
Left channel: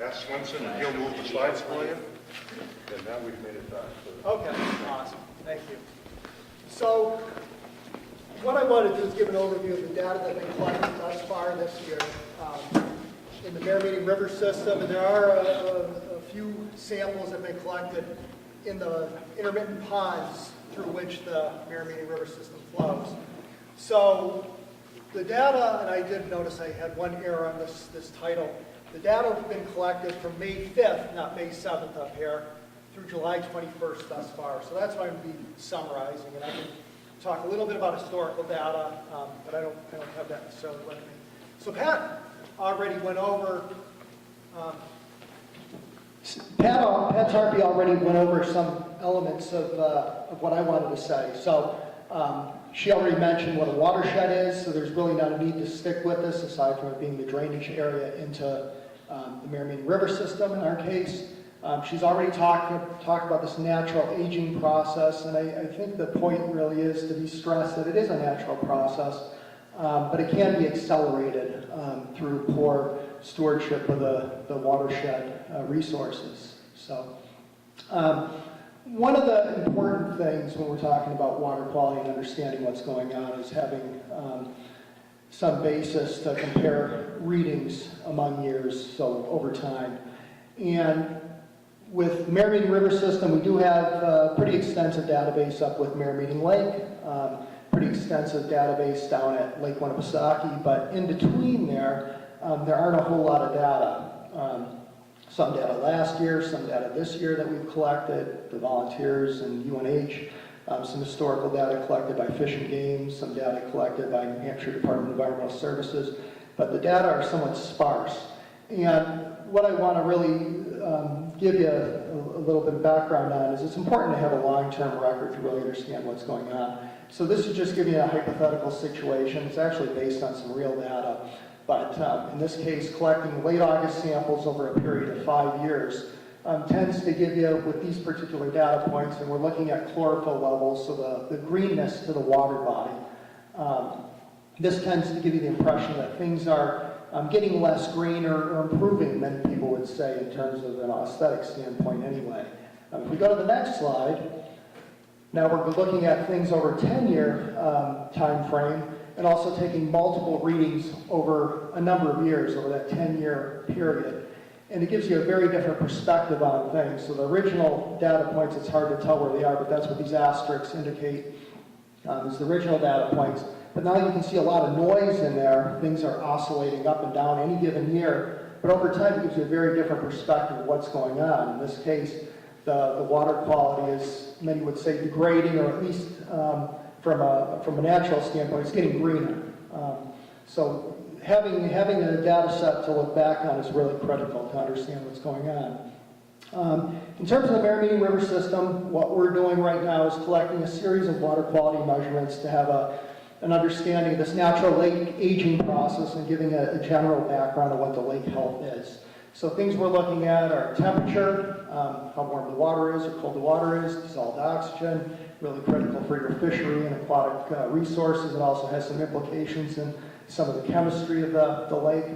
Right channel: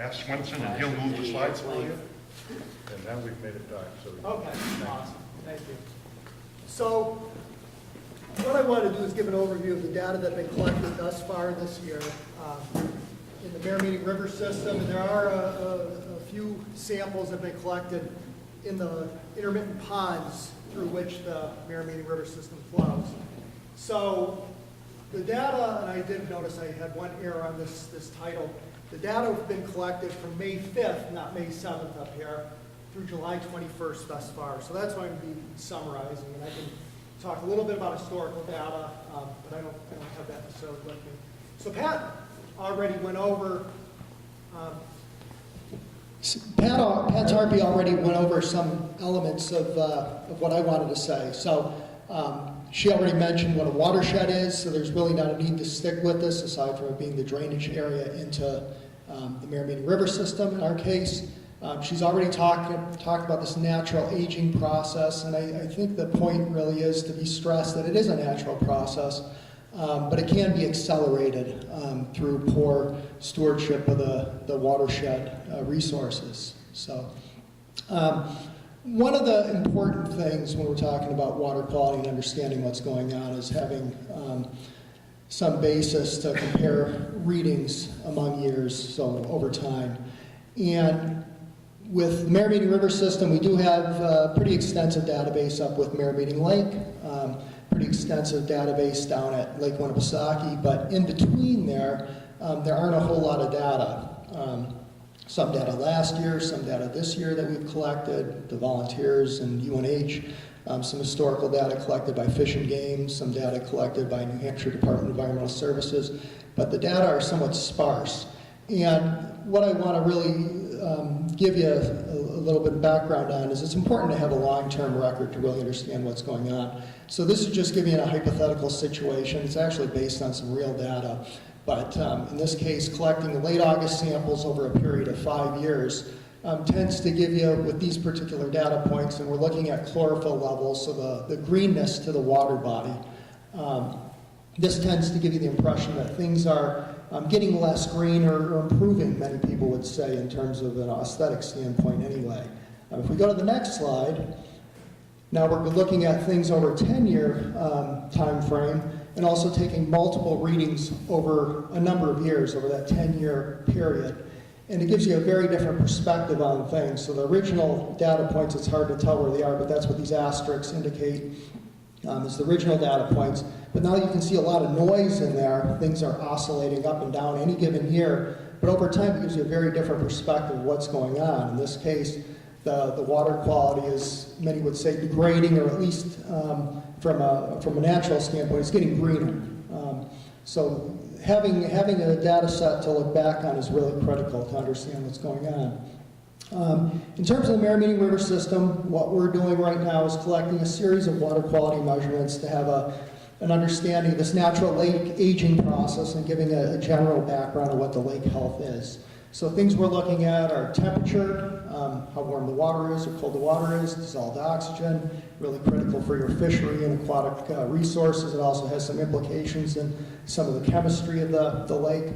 Ask Swenson, and he'll move the slides for you. And now we've made it back. Okay, awesome, thank you. So, what I want to do is give an overview of the data that been collected thus far this year in the Merrimeeting River system, and there are a few samples that have been collected in the intermittent ponds through which the Merrimeeting River system flows. So, the data, and I did notice I had one error on this title, the data have been collected from May 5th, not May 7th up here, through July 21st thus far. So that's what I'm going to be summarizing, and I can talk a little bit about historical data, but I don't have that necessarily with me. So Pat, already went over, Pat Tarpey already went over some elements of what I wanted to say. So she already mentioned what a watershed is, so there's really not a need to stick with this, aside from it being the drainage area into the Miramichi River system in our case. She's already talked about this natural aging process, and I think the point really is to be stressed that it is a natural process, but it can be accelerated through poor stewardship of the watershed resources. So, one of the important things when we're talking about water quality and understanding what's going on is having some basis to compare readings among years, so over time. And with Miramichi River System, we do have a pretty extensive database up with Miramichi Lake, pretty extensive database down at Lake Winnipesaukee, but in between there aren't a whole lot of data. Some data last year, some data this year that we've collected, the volunteers and UNH, some historical data collected by Fish and Game, some data collected by New Hampshire Department of Environmental Services, but the data are somewhat sparse. And what I want to really give you a little bit of background on is it's important to have a long-term record to really understand what's going on. So this is just giving you a hypothetical situation. It's actually based on some real data. But in this case, collecting late August samples over a period of 5 years tends to give you, with these particular data points, and we're looking at chlorophyll levels, so the greenness to the water body. This tends to give you the impression that things are getting less green or improving, many people would say, in terms of an aesthetic standpoint anyway. If we go to the next slide, now we're looking at things over a 10-year time frame, and also taking multiple readings over a number of years, over that 10-year period. And it gives you a very different perspective on things. So the original data points, it's hard to tell where they are, but that's what these asterisks indicate. Is the original data points. But now you can see a lot of noise in there. Things are oscillating up and down any given year. But over time, it gives you a very different perspective of what's going on. In this case, the water quality is, many would say, degrading, or at least from a natural standpoint, it's getting greener. So having a data set to look back on is really critical to understand what's going on. In terms of the Miramichi River System, what we're doing right now is collecting a series of water quality measurements to have an understanding of this natural lake aging process and giving a general background of what the lake health is. So things we're looking at are temperature, how warm the water is or cold the water is, dissolved oxygen, really critical for your fishery and aquatic resources. It also has some implications in some of the chemistry of the lake.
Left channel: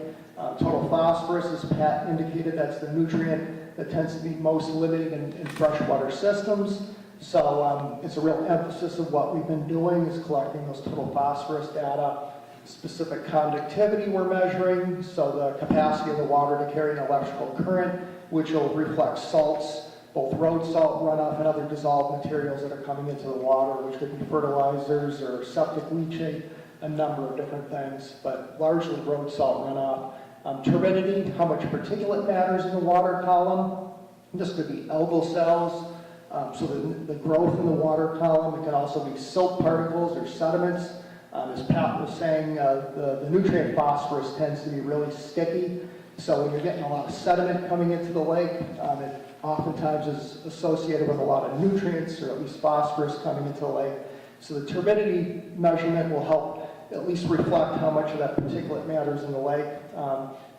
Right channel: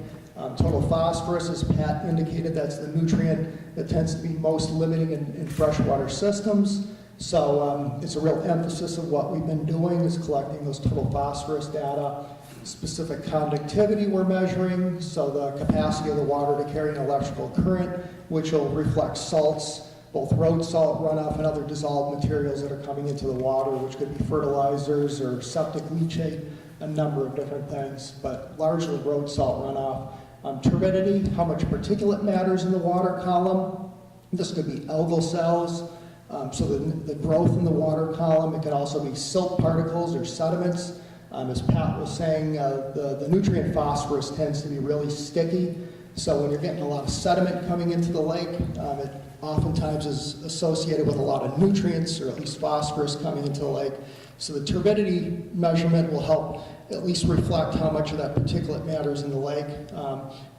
Total phosphorus, as Pat indicated, that's the nutrient that tends to be most limiting in freshwater systems. So it's a real emphasis of what we've been doing is collecting those total phosphorus data. Specific conductivity we're measuring, so the capacity of the water to carry an electrical current, which will reflect salts, both road salt runoff and other dissolved materials that are coming into the water, which could be fertilizers or septic leachate, a number of different things, but largely road salt runoff. Turbidity, how much particulate matters in the water column. This could be algal cells, so the growth in the water column. It can also be silt particles or sediments. As Pat was saying, the nutrient phosphorus tends to be really sticky. So when you're getting a lot of sediment coming into the lake, it oftentimes is associated with a lot of nutrients, or at least phosphorus coming into the lake. So the turbidity measurement will help at least reflect how much of that particulate matters in the lake.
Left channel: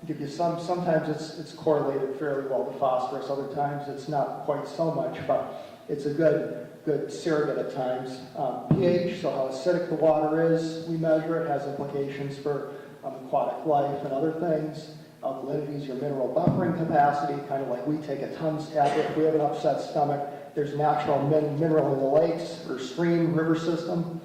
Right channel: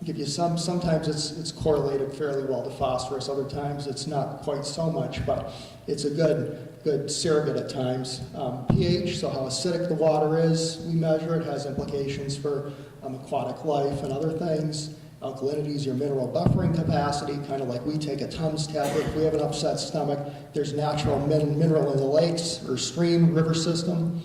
Give you sometimes it's correlated fairly well to phosphorus, other times it's not quite so much, but it's a good surrogate at times. pH, so how acidic the water is, we measure. It has implications for aquatic life and other things. Alkalinity is your mineral buffering capacity, kind of like we take a Tums tablet if we have an upset stomach. There's natural mineral in the lakes or stream river system.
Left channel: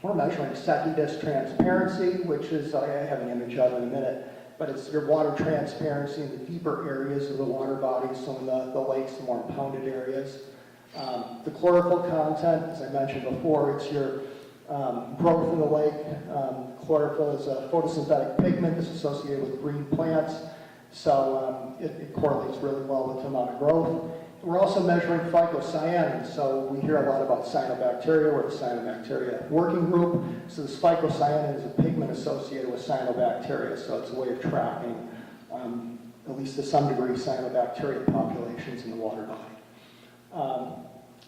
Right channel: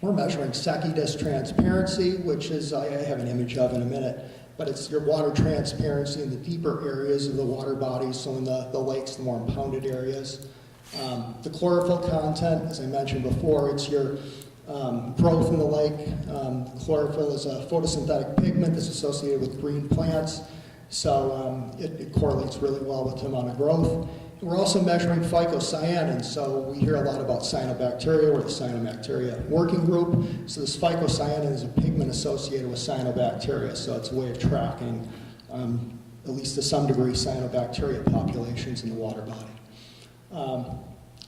We're measuring Secchi transparency, which is, I have an image of in a minute, but it's your water transparency in the deeper areas of the water bodies, so in the lakes, the more impounded areas. The chlorophyll content, as I mentioned before, it's your growth in the lake. Chlorophyll is a photosynthetic pigment that's associated with green plants, so it correlates really well with the amount of growth. we're also measuring phycocyanins, so we hear a lot about cyanobacteria. We're the Cyanobacteria working group. So this phycocyanin is a pigment associated with cyanobacteria, so it's a way of tracking, at least to some degree, cyanobacteria populations in the water body.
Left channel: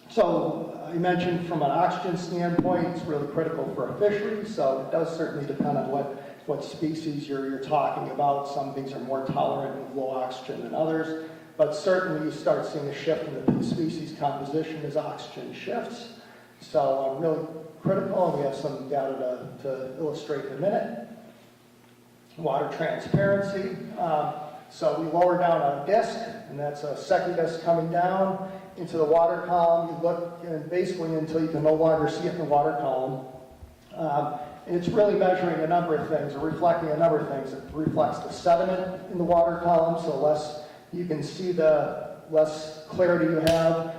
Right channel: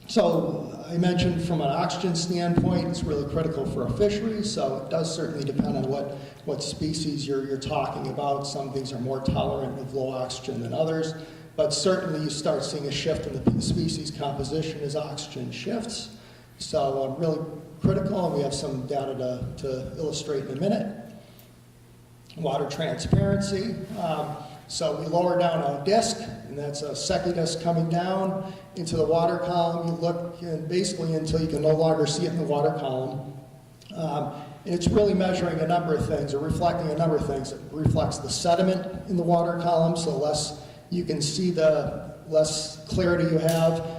So I mentioned from an oxygen standpoint, it's really critical for a fishery, so it does certainly depend on what species you're talking about. Some things are more tolerant of low oxygen than others, but certainly you start seeing a shift in the species composition as oxygen shifts. So really critical, and we have some data to illustrate in a minute. Water transparency. So we lower down on a disc, and that's a secchi disc coming down into the water column. You look and basically until you can no longer see it in the water column. And it's really measuring a number of things, or reflecting a number of things. It reflects the sediment in the water column, so less you can see, the less clarity you have.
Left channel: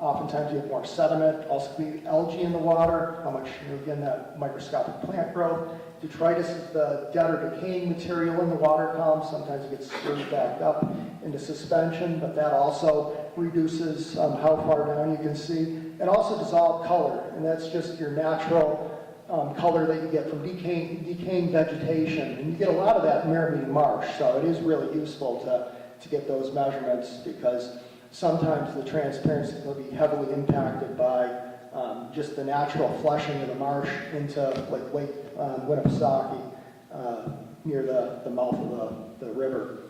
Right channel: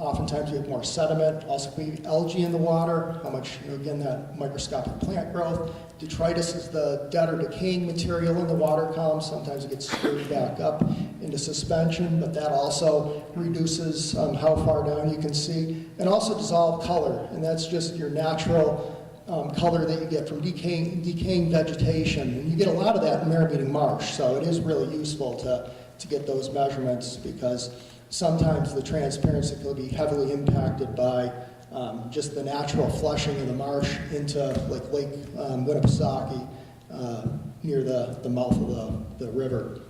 Oftentimes you have more sediment. Also could be algae in the water, how much, again, that microscopic plant growth. Detritus is the dead or decaying material in the water column. Sometimes it gets stirred back up into suspension, but that also reduces how far down you can see. And also dissolved color, and that's just your natural color that you get from decaying vegetation. And you get a lot of that in Mirror-Meeting Marsh, so it is really useful to get those measurements, because sometimes the transparency will be heavily impacted by just the natural flushing of the marsh into like Lake Winnipesaukee near the mouth of the river.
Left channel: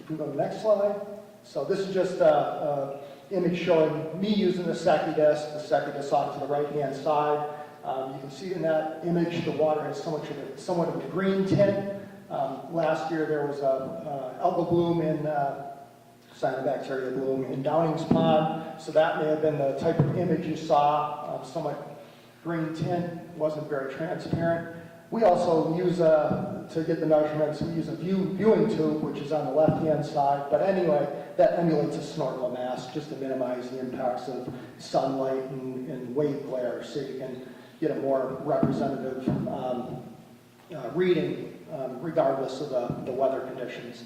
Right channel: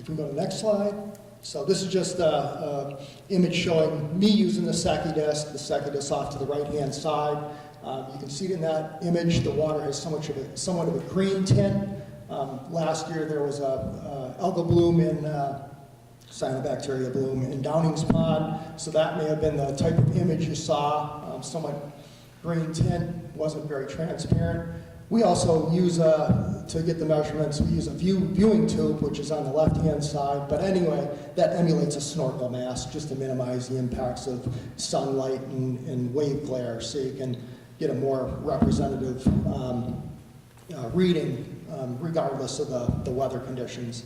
If we go to the next slide. So this is just an image showing me using the secchi disc off to the right-hand side. You can see in that image the water has somewhat of a green tint. Last year there was a algal bloom in Cyanobacteria bloom in Downing's Pond, so that may have been the type of image you saw, somewhat green tint, wasn't very transparent. We also use, to get the measurements, we use a viewing tube, which is on the left-hand side, but anyway, that emulates a snorkel mask just to minimize the impacts of sunlight and wave glare, so you can get a more representative reading regardless of the weather conditions.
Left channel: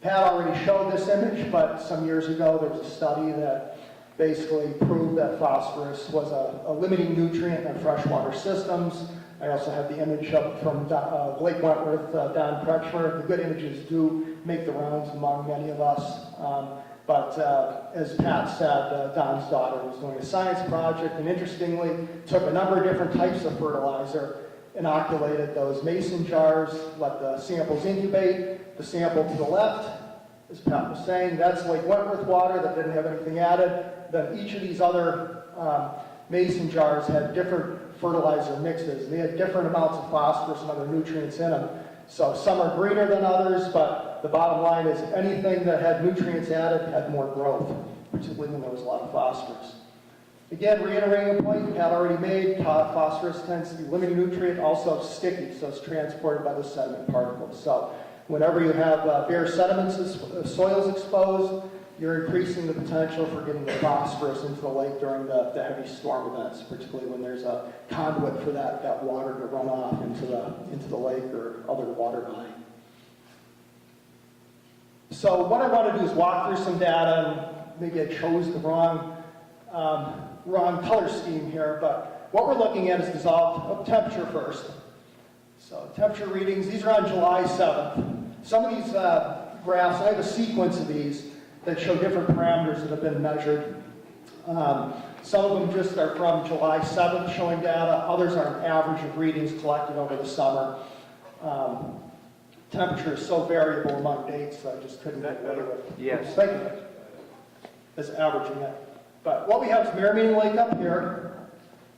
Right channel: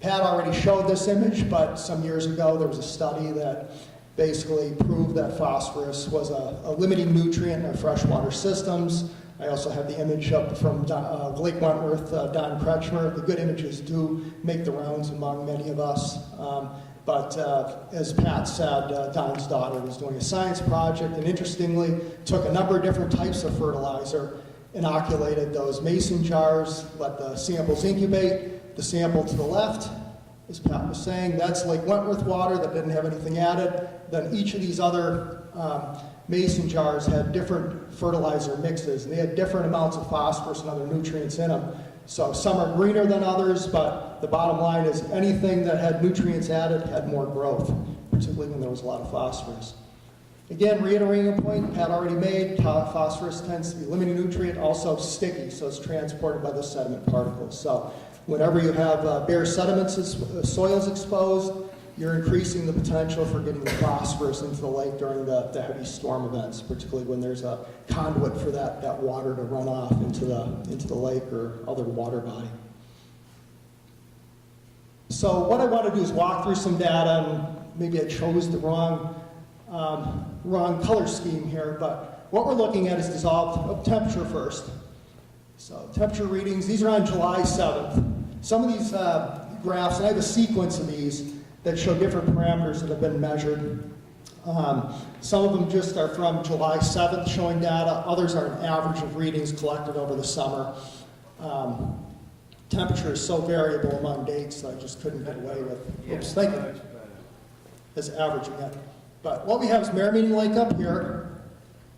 Pat already showed this image, but some years ago there was a study that basically proved that phosphorus was a limiting nutrient in our freshwater systems. I also have the image up from Lake Wentworth, Don Kretschmer. The good images do make the rounds among many of us. But as Pat said, Don's daughter was doing a science project, and interestingly took a number of different types of fertilizer, inoculated those mason jars, let the samples incubate. The sample to the left, as Pat was saying, that's Lake Wentworth water that didn't have anything added. Then each of these other mason jars had different fertilizer mixes. They had different amounts of phosphorus and other nutrients in them. So some are greener than others, but the bottom line is anything that had nutrients added had more growth, particularly when there was a lot of phosphorus. Again, reiterating a point Pat already made, phosphorus tends to be a limiting nutrient, also sticky, so it's transported by the sediment particles. So whenever you have bare sediments, soils exposed, you're increasing the potential for getting the phosphorus into the lake during the heavy storm events, particularly when there's a conduit for that water to run off into the lake or other water body. So what I want to do is walk through some data, and maybe I chose the wrong color scheme here, but what we're looking at is dissolved temperature first. So temperature readings, these are on July 7th. Some of these graphs, and I have a sequence of these that show different parameters that have been measured. Some of them just are from July 7th showing data. Others are an average of readings collected over the summer. Temperature is so variable among dates that I just couldn't get away with. Yes. Thank you. As averaging it. But what we have is Mirror-Meeting Lake up here.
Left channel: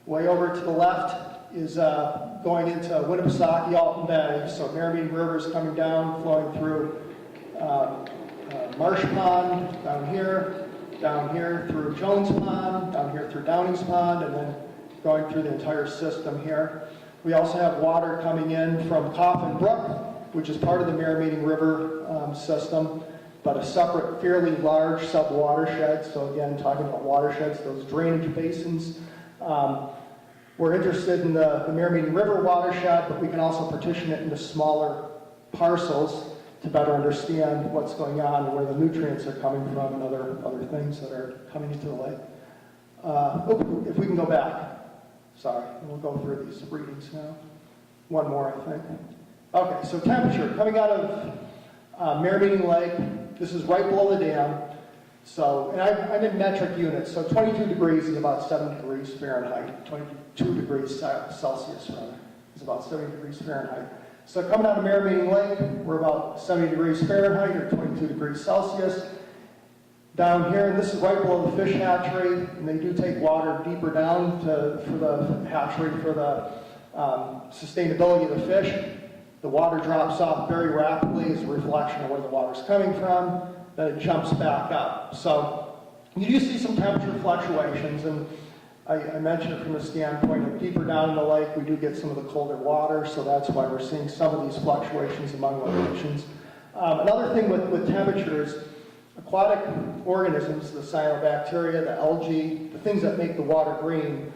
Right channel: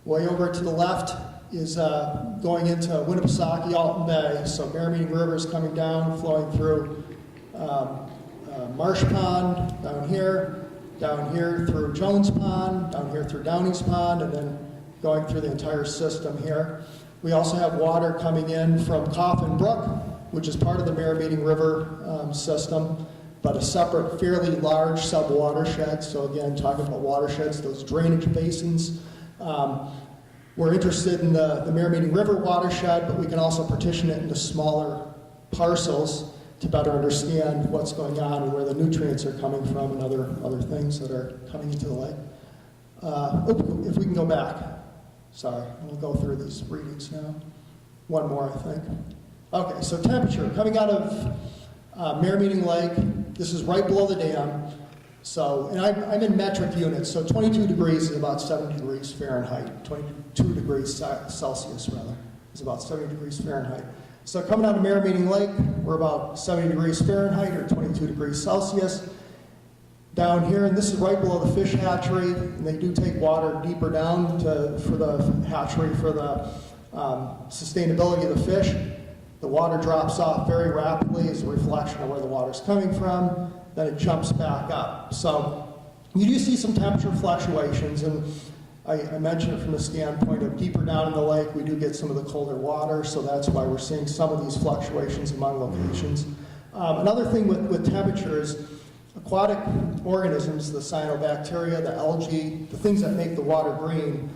Way over to the left is going into Winnipesaukee, Alton Bay. So Mirror-Meeting River is coming down, flowing through Marsh Pond, down here through Jones Pond, down here through Downing's Pond, and then going through the entire system here. We also have water coming in from Coffin Brook, which is part of the Mirror-Meeting River system, but a separate, fairly large sub-watershed. So again, talking about watersheds, those drainage basins. We're interested in the Mirror-Meeting River watershed, but we can also partition it into smaller parcels. to better understand what's going on and where the nutrients are coming from and other things that are coming into the lake. If we can go back. Sorry, we'll go through these readings now. One more, I think. Okay, so temperature coming out of Merrimack Lake. This is right below the dam. So, and I'm in metric units, so 22 degrees is about 7 degrees Fahrenheit. 22 degrees Celsius, rather, is about 70 degrees Fahrenheit. So coming out of Merrimack Lake, we're about 70 degrees Fahrenheit or 22 degrees Celsius. Down here, and this is right below the fish hatchery, and they do take water deeper down for the hatchery for the sustainability of the fish. The water drops off very rapidly as a reflection of where the water's coming from, then it jumps back up. So you do see some temperature fluctuations, and I mentioned it from the standpoint of deeper down in the lake, we do get some of the colder water, so that's why we're seeing some of these fluctuations among locations. Another thing with temperatures, aquatic organisms, the cyanobacteria, the algae, the things that make the water green,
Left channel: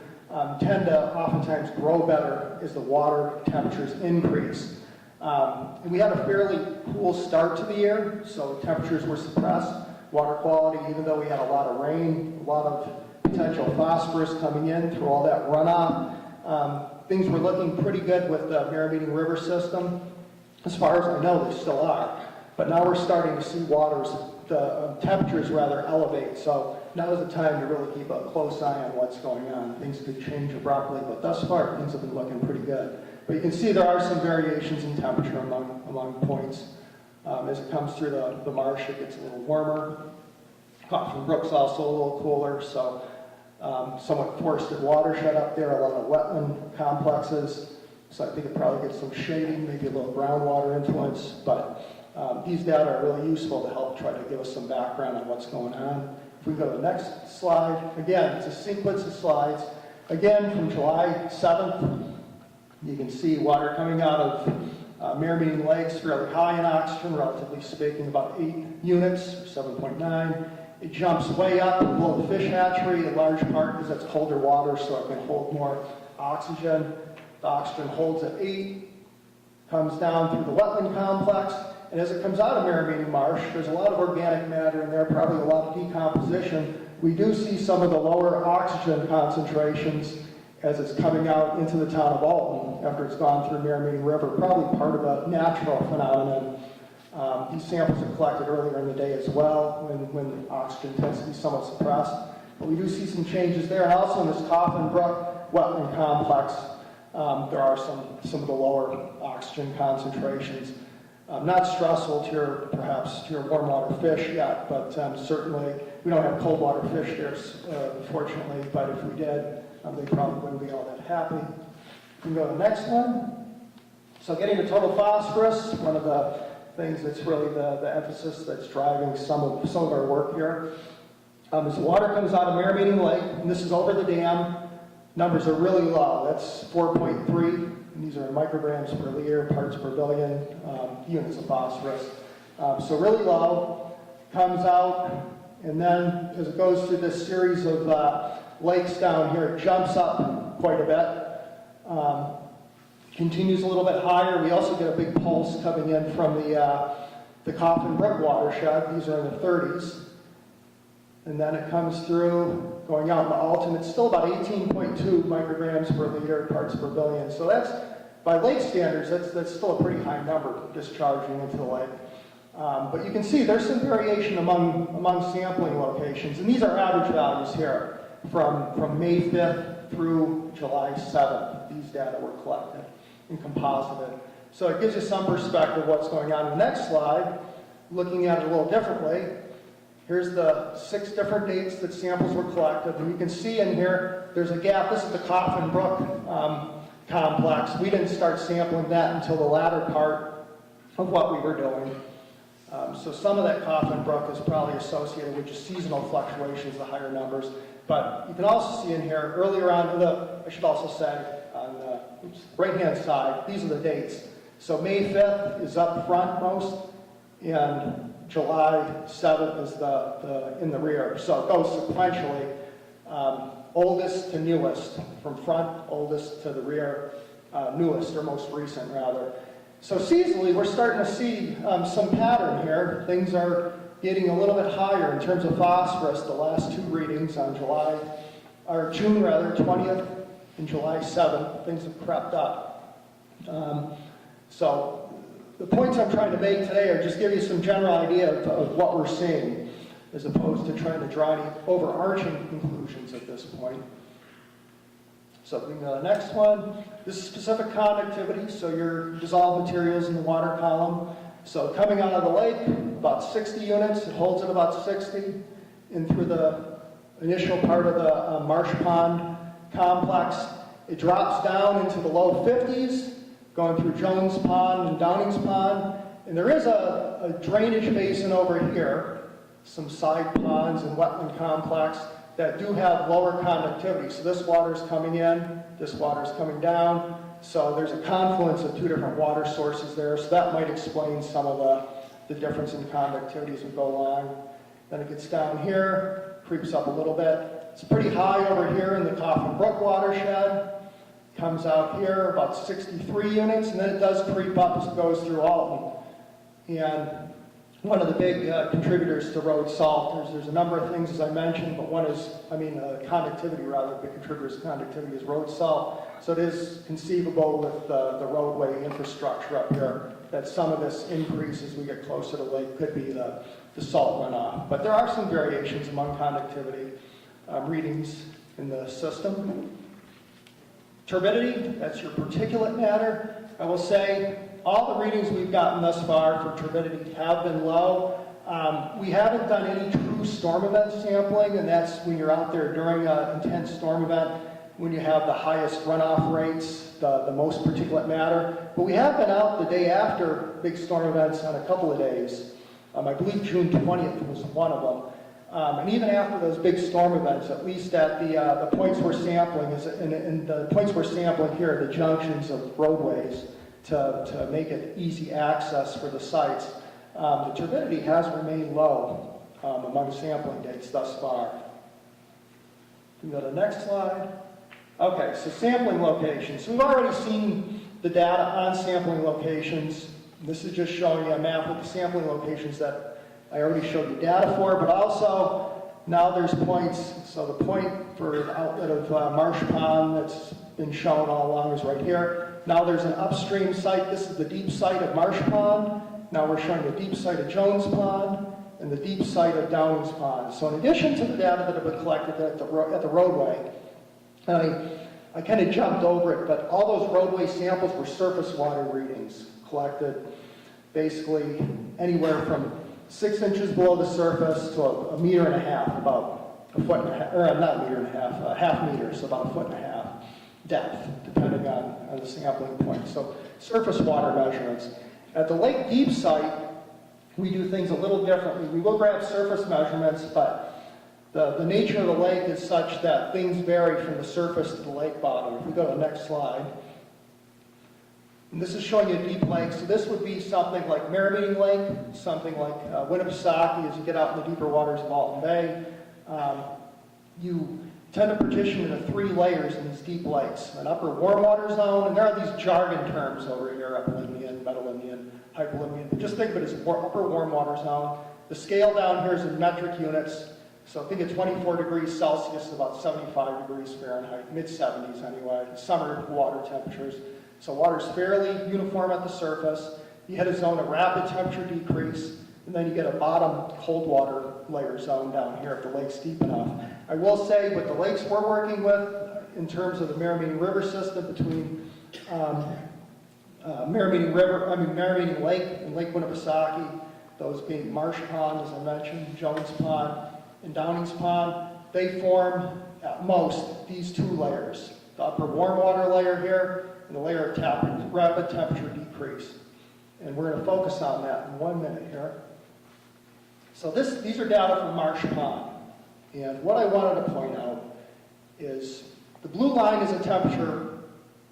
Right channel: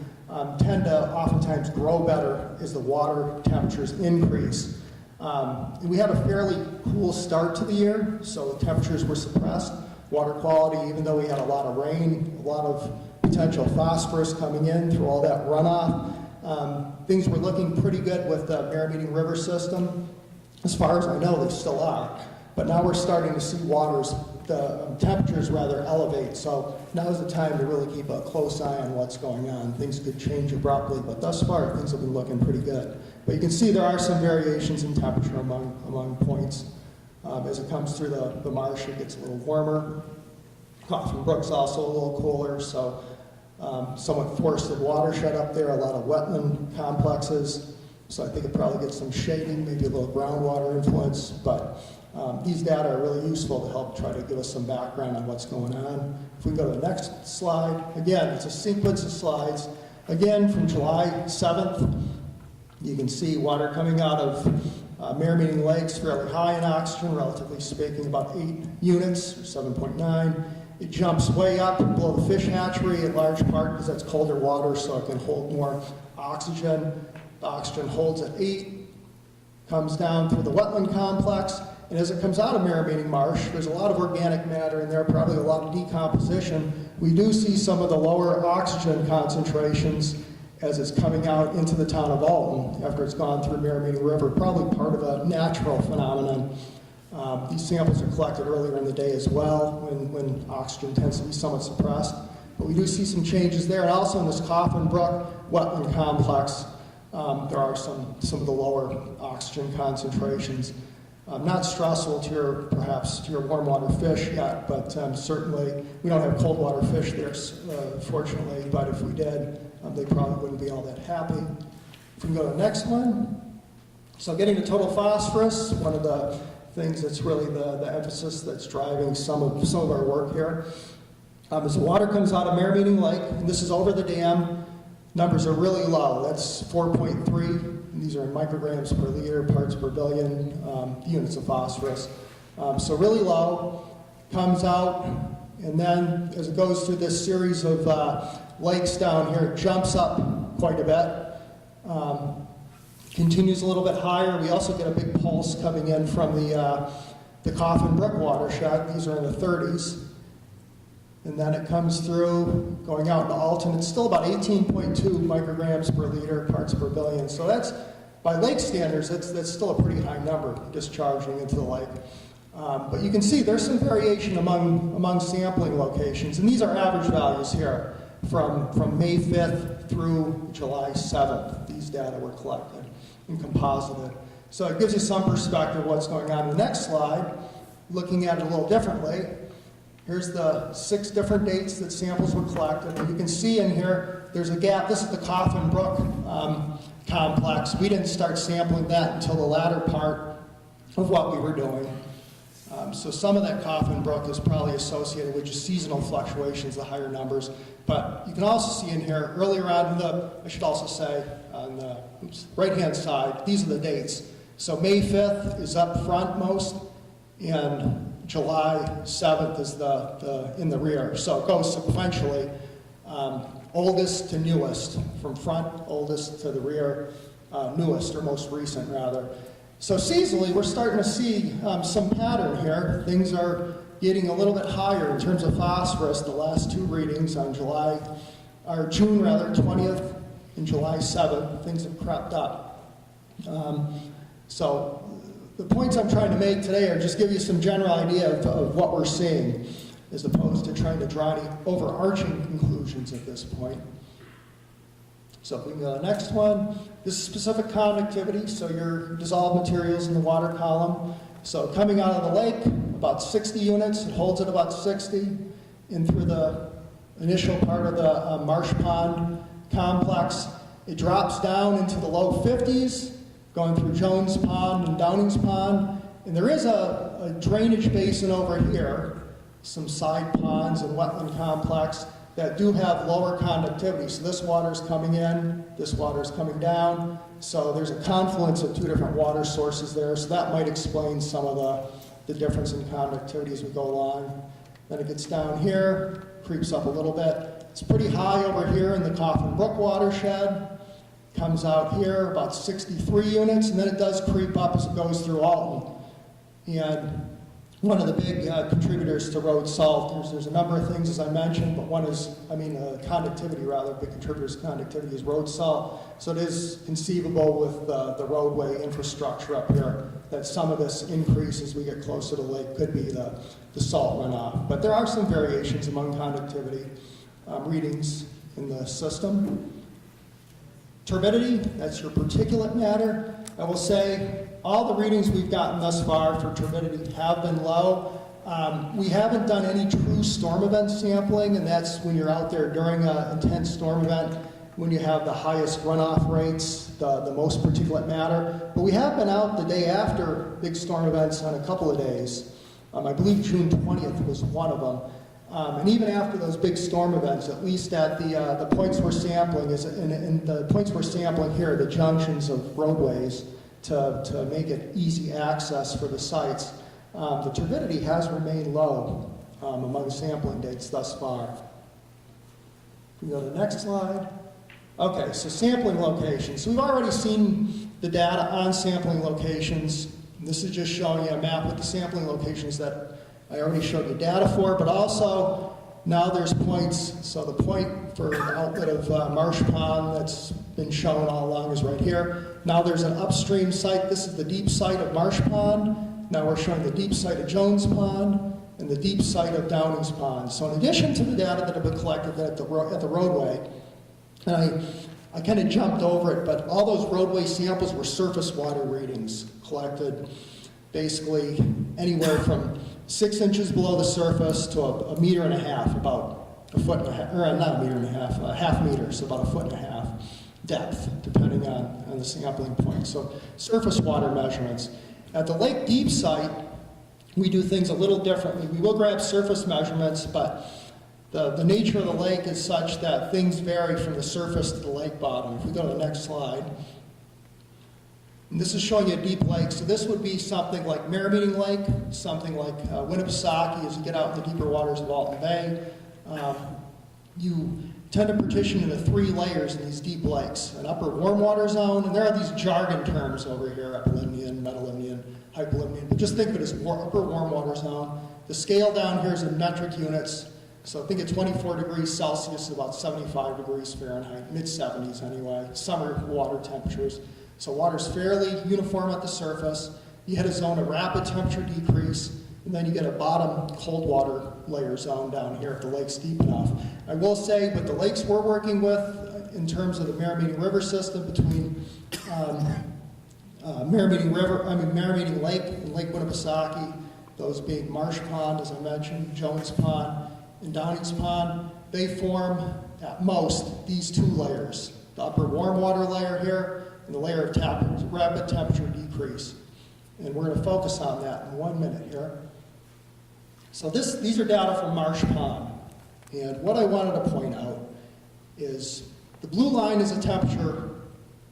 tend to oftentimes grow better as the water temperatures increase. We had a fairly cool start to the year, so temperatures were suppressed. Water quality, even though we had a lot of rain, a lot of potential phosphorus coming in through all that runoff, things were looking pretty good with the Merrimack River system. As far as I know, they still are. But now we're starting to see the temperatures rather elevate. So now is the time to really keep a close eye on what's going on. Things could change abruptly, but thus far things have been looking pretty good. But you can see there are some variations in temperature among points. As it comes through the marsh, it gets a little warmer. Coffin Brook's also a little cooler, so somewhat forested watershed up there, a lot of wetland complexes. So I think it probably gets some shading, maybe a little groundwater influence, but these data are really useful to help try to give us some background on what's going on. If we go to the next slide, again, it's a sequence of slides. Again, from July 7th, you can see water coming out of Merrimack Lakes, fairly high in oxygen, relatively speaking, about 8 units, or 7.9. It jumps way up below the fish hatchery in large part because that's colder water, so it can hold more oxygen. The oxygen holds at 8, comes down through the wetland complex, and as it comes out of Merrimack Marsh, there's a lot of organic matter in there, probably a lot of decomposition. We do see some of the lower oxygen concentrations as it's coming out into the town of Alton after it's gone through Merrimack River, probably part of a natural phenomenon. These samples are collected earlier in the day as well when oxygen tends to be somewhat suppressed. But we do see some changes there, and also in this Coffin Brook wetland complex, there are some of the lower oxygen concentrations. Not stressful perhaps to your warm water fish yet, but certainly we don't have cold water fish there, fortunately, but if we did, they probably wouldn't be all that happy. If we go to the next one. So getting to total phosphorus, one of the things that's really the emphasis that's driving some of our work here. As water comes out of Merrimack Lake, and this is over the dam, numbers are really low. That's 4.3. These are in micrograms per liter, parts per billion, units of phosphorus. So really low, comes out, and then as it goes through this series of lakes down here, it jumps up quite a bit. Continues a little bit higher. We also get a big pulse coming in from the Coffin Brook watershed. These are in the 30s. And then it comes through, going out into Alton. It's still about 18.2 micrograms per liter, parts per billion. So that's, by lake standards, that's still a pretty high number discharging into the lake. But you can see there's some variation among sampling locations. And these are average values here from May 5th through July 7th. These data were collected and composited. So it gives you some perspective of what's going on. In the next slide, looking at it a little differently, here's the 6 different dates that samples were collected. And you can see in here, there's a gap. This is the Coffin Brook complex. We didn't start sampling that until the latter part of what we were doing. So some of that Coffin Brook is probably associated with just seasonal fluctuations, the higher numbers. But you can also see in here, earlier on I should also say, on the right-hand side, these are the dates. So May 5th is up front most, and July 7th is in the rear. So it goes sequentially, oldest to newest, from front, oldest to the rear, newest, or most recent rather. So seasonally, we're starting to see some pattern here. Things are getting a little bit higher in terms of phosphorus. The last two readings on June 20th and July 7th, things have crept up. So the points I'm trying to make today are just give you some general idea of what we're seeing, as opposed to trying to draw any overarching conclusions at this point. So if we can go to the next one, this is specific conductivity, so your dissolved materials in the water column. So coming out of the lake, about 60 units, it holds at about 60, in through the initial part of the marsh pond complex. It drops down into the low 50s, going through Jones Pond and Downing's Pond. And there is a drainage basin over here, some side ponds and wetland complex that do have lower conductivity. So this water is coming in, this water is coming down. So there's a confluence of two different water sources there. So that might explain some of the difference in conductivity as we go along. Then it gets down here, creeps up a little bit. It's pretty high over here in the Coffin Brook watershed. Comes out here, about 63 units, and then it does creep up as it goes through Alton. And one of the big contributors to road salt, there's a number of things, as I mentioned, but one is, conductivity rather, big contributors to conductivity is road salt. So it is conceivable with the roadway infrastructure up here that some of this increase as we get closer to the lake could be the salt runoff. But there are some variations among conductivity readings in the system. Turbidity, that's your particulate matter. I will say all the readings we've gotten thus far for turbidity have been low. We haven't done any true storm event sampling, and that's when you're out there during an intense storm event, when you have the highest runoff rates, the most particulate matter. But we have been out the day after big storm events on a couple of days. I believe June 20th was one of them. And even after those big storm events, at least at the points we're sampling, and the points we're sampling here are the junctions of roadways to make it easy access for the sites. The turbidity has remained low among sampling dates thus far. We go to the next slide. Okay, so sampling locations. So we've already seen the data on sampling locations. This is just showing you a map with the sampling locations that I already showed you data for, but also now there's points. So the point for the outlet of Marsh Pond that's been shown all along is right here. Now there's an upstream site. This is the deep site of Marsh Pond. Now we're showing the deep site of Jones Pond and the deep site of Downing's Pond. So in addition to the data that have been collected at the roadway, and I kind of jumped over it, but all those roadway samples were surface water readings collected basically anywhere from 6 inches below the surface to a meter and a half, about a foot and a half, or not a meter and a half, a half meter, so about a foot and a half depth, depending on the sampling point. So surface water measurements. At the lake deep site, we do things a little differently. We will grab surface measurements, but the nature of the lake is such that things vary from the surface to the lake bottom. If we go to the next slide. And this is showing you a deep lake. So this would be something like Mirror-Meeting Lake, something like Winnipesaukee as you get out in the deeper waters of Alton Bay. You tend to partition into 3 layers in these deep lakes. An upper warm water zone, and there are these jargon terms over here, Upper-Limnian, Metal-Limnian, Hyper-Limnian, but just think of it as upper warm water zone. The scale down here is in metric units. So think of 24 degrees Celsius is about 75 degrees Fahrenheit, mid-70s anyway, summer water temperatures. So water's fairly uniform at the surface. You hit a zone of rapid temperature decrease, and then you get a bottom cold water layer zone down here if the lake's deep enough. I will say with the lakes we're working with, in terms of the Mirror-Meeting River system between Mirror-Meeting Lake and Lake Winnipesaukee, those being Marsh Pond, as I mentioned, Jones Pond, and Downing's Pond, they form at most these 2 layers. The upper warm water layer here, and the layer of rapid temperature decrease. And we're going to focus on that in 1 minute here. So these are data from Marsh Pond. And what I wanted to point out is the blue line is a temperature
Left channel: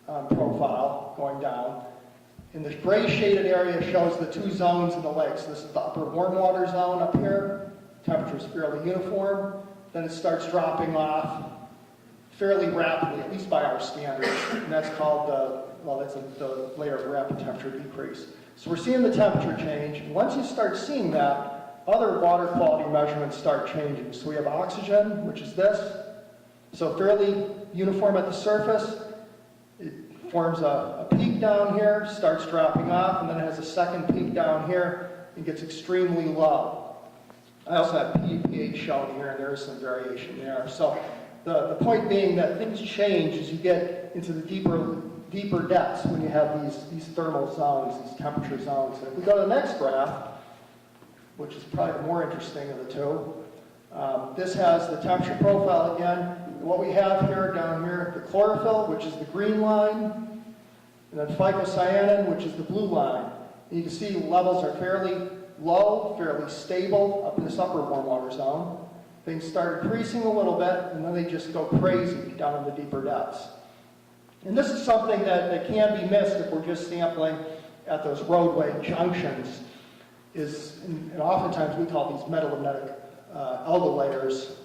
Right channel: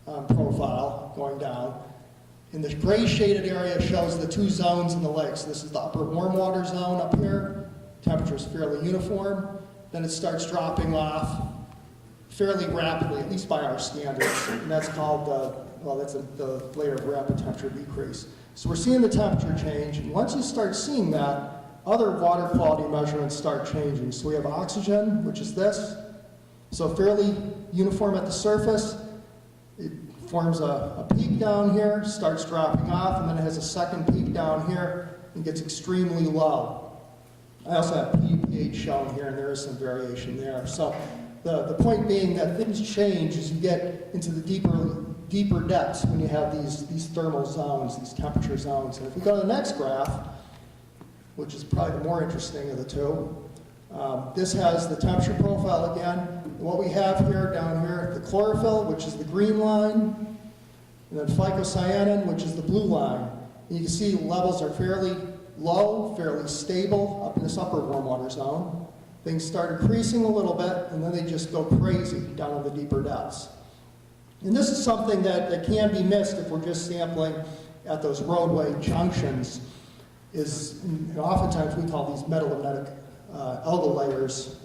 profile going down. And the gray shaded area shows the 2 zones in the lake. So this is the upper warm water zone up here. Temperature is fairly uniform. Then it starts dropping off fairly rapidly, at least by our standards, and that's called the layer of rapid temperature decrease. So we're seeing the temperature change, and once you start seeing that, other water quality measurements start changing. So we have oxygen, which is this, so fairly uniform at the surface. It forms a peak down here, starts dropping off, and then it has a second peak down here, and gets extremely low. I also have pH shown here, and there is some variation there. So the point being that things change as you get into the deeper depths when you have these thermal zones, these temperature zones. And if we go to the next graph, which is probably the more interesting of the two, this has the temperature profile again. And what we have here, down here, the chlorophyll, which is the green line, and then phycocyanin, which is the blue line. And you can see levels are fairly low, fairly stable up in this upper warm water zone. Things start increasing a little bit, and then they just go crazy down in the deeper depths. And this is something that can be missed if we're just sampling at those roadway junctions. And oftentimes we call these metalimnetic algal layers,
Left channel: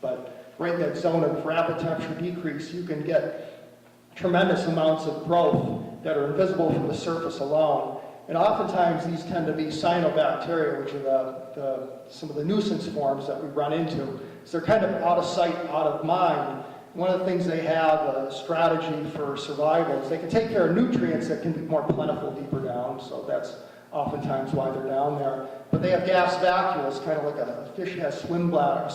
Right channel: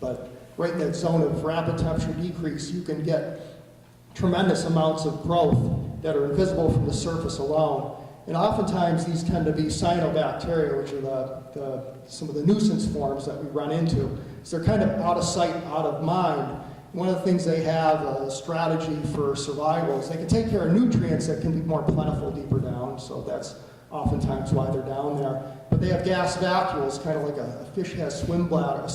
but right in that zone of rapid temperature decrease, you can get tremendous amounts of growth that are invisible from the surface alone. And oftentimes these tend to be cyanobacteria, which are some of the nuisance forms that we run into. So they're kind of out of sight, out of mind. One of the things they have, a strategy for survival, is they can take care of nutrients that can be more plentiful deeper down, so that's oftentimes why they're down there. But they have gas vacuoles, kind of like a fish has a swim bladder,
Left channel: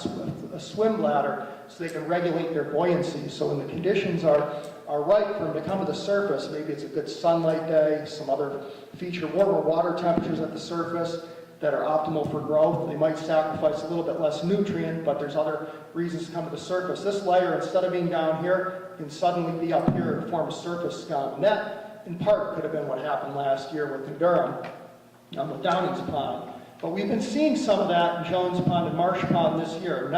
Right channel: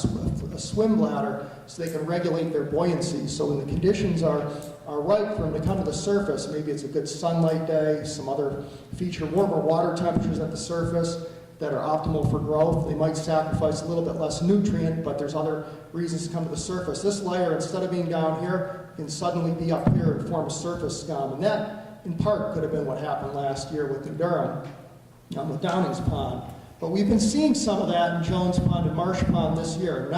so they can regulate their buoyancy. So when the conditions are right for them to come to the surface, maybe it's a good sunlight day, some other feature, warmer water temperatures at the surface that are optimal for growth. They might sacrifice a little bit less nutrient, but there's other reasons to come to the surface. This layer, instead of being down here, can suddenly be up here and form a surface scum. And that, in part, could have been what happened last year with the Durham, with Downing's Pond. But we've been seeing some of that in Jones Pond and Marsh Pond this year,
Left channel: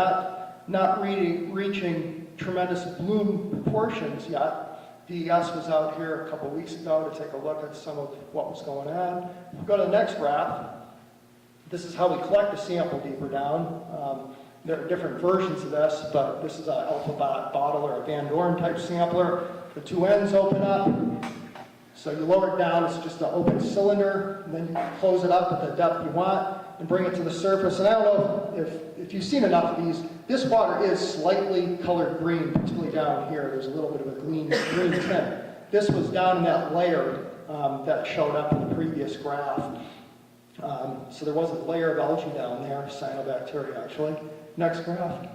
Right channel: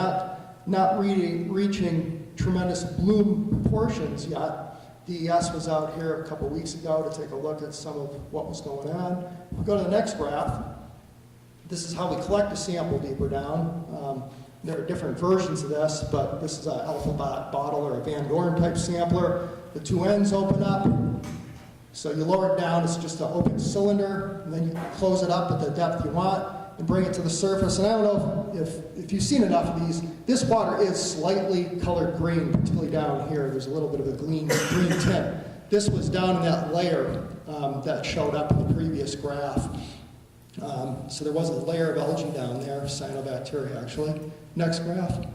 not reaching tremendous bloom proportions yet. DES was out here a couple weeks ago to take a look at some of what was going on. If we go to the next graph, this is how we collect a sample deeper down. There are different versions of this, but this is an alpha bottle or a Van Doren type sampler. The two ends open up. So you lower it down, it's just an open cylinder, and then you close it up at the depth you want and bring it to the surface. And I don't know if you've seen enough of these, this water is slightly colored green, particularly down here. There's a little bit of a green tint. This was down in that layer that showed up in the previous graph. So there was a layer of algae down there, cyanobacteria actually. Next graph.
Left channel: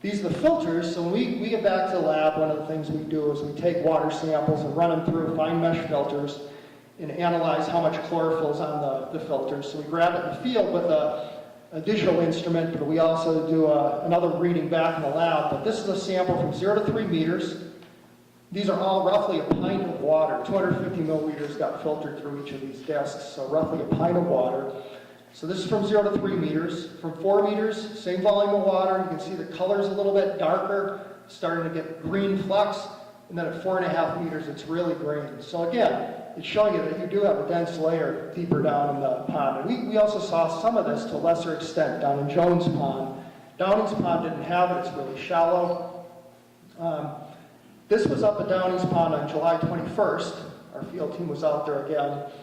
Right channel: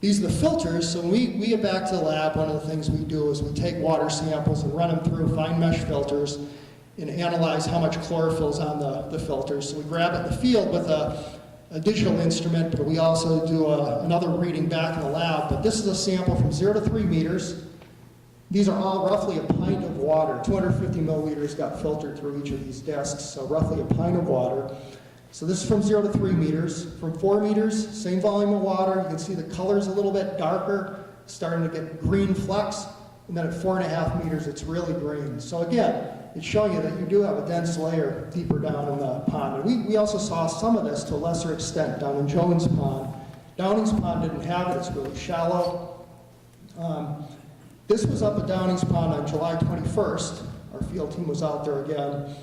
These are the filters, so when we get back to the lab, one of the things we do is we take water samples and run them through fine mesh filters and analyze how much chlorophyll is on the filters. So we grab it in the field with a digital instrument, but we also do another reading back in the lab. But this is a sample from 0 to 3 meters. These are all roughly a pint of water. 250 milliliters got filtered through each of these discs, so roughly a pint of water. So this is from 0 to 3 meters. From 4 meters, same volume of water. You can see the color's a little bit darker, starting to get green flecks. And then at 4.5 meters, it's really green. So again, it's showing you that you do have a dense layer deeper down in the pond. And we also saw some of this to a lesser extent down in Jones Pond. Downing's Pond didn't have it. It's really shallow. This was up at Downing's Pond on July 21st. Our field team was out there again.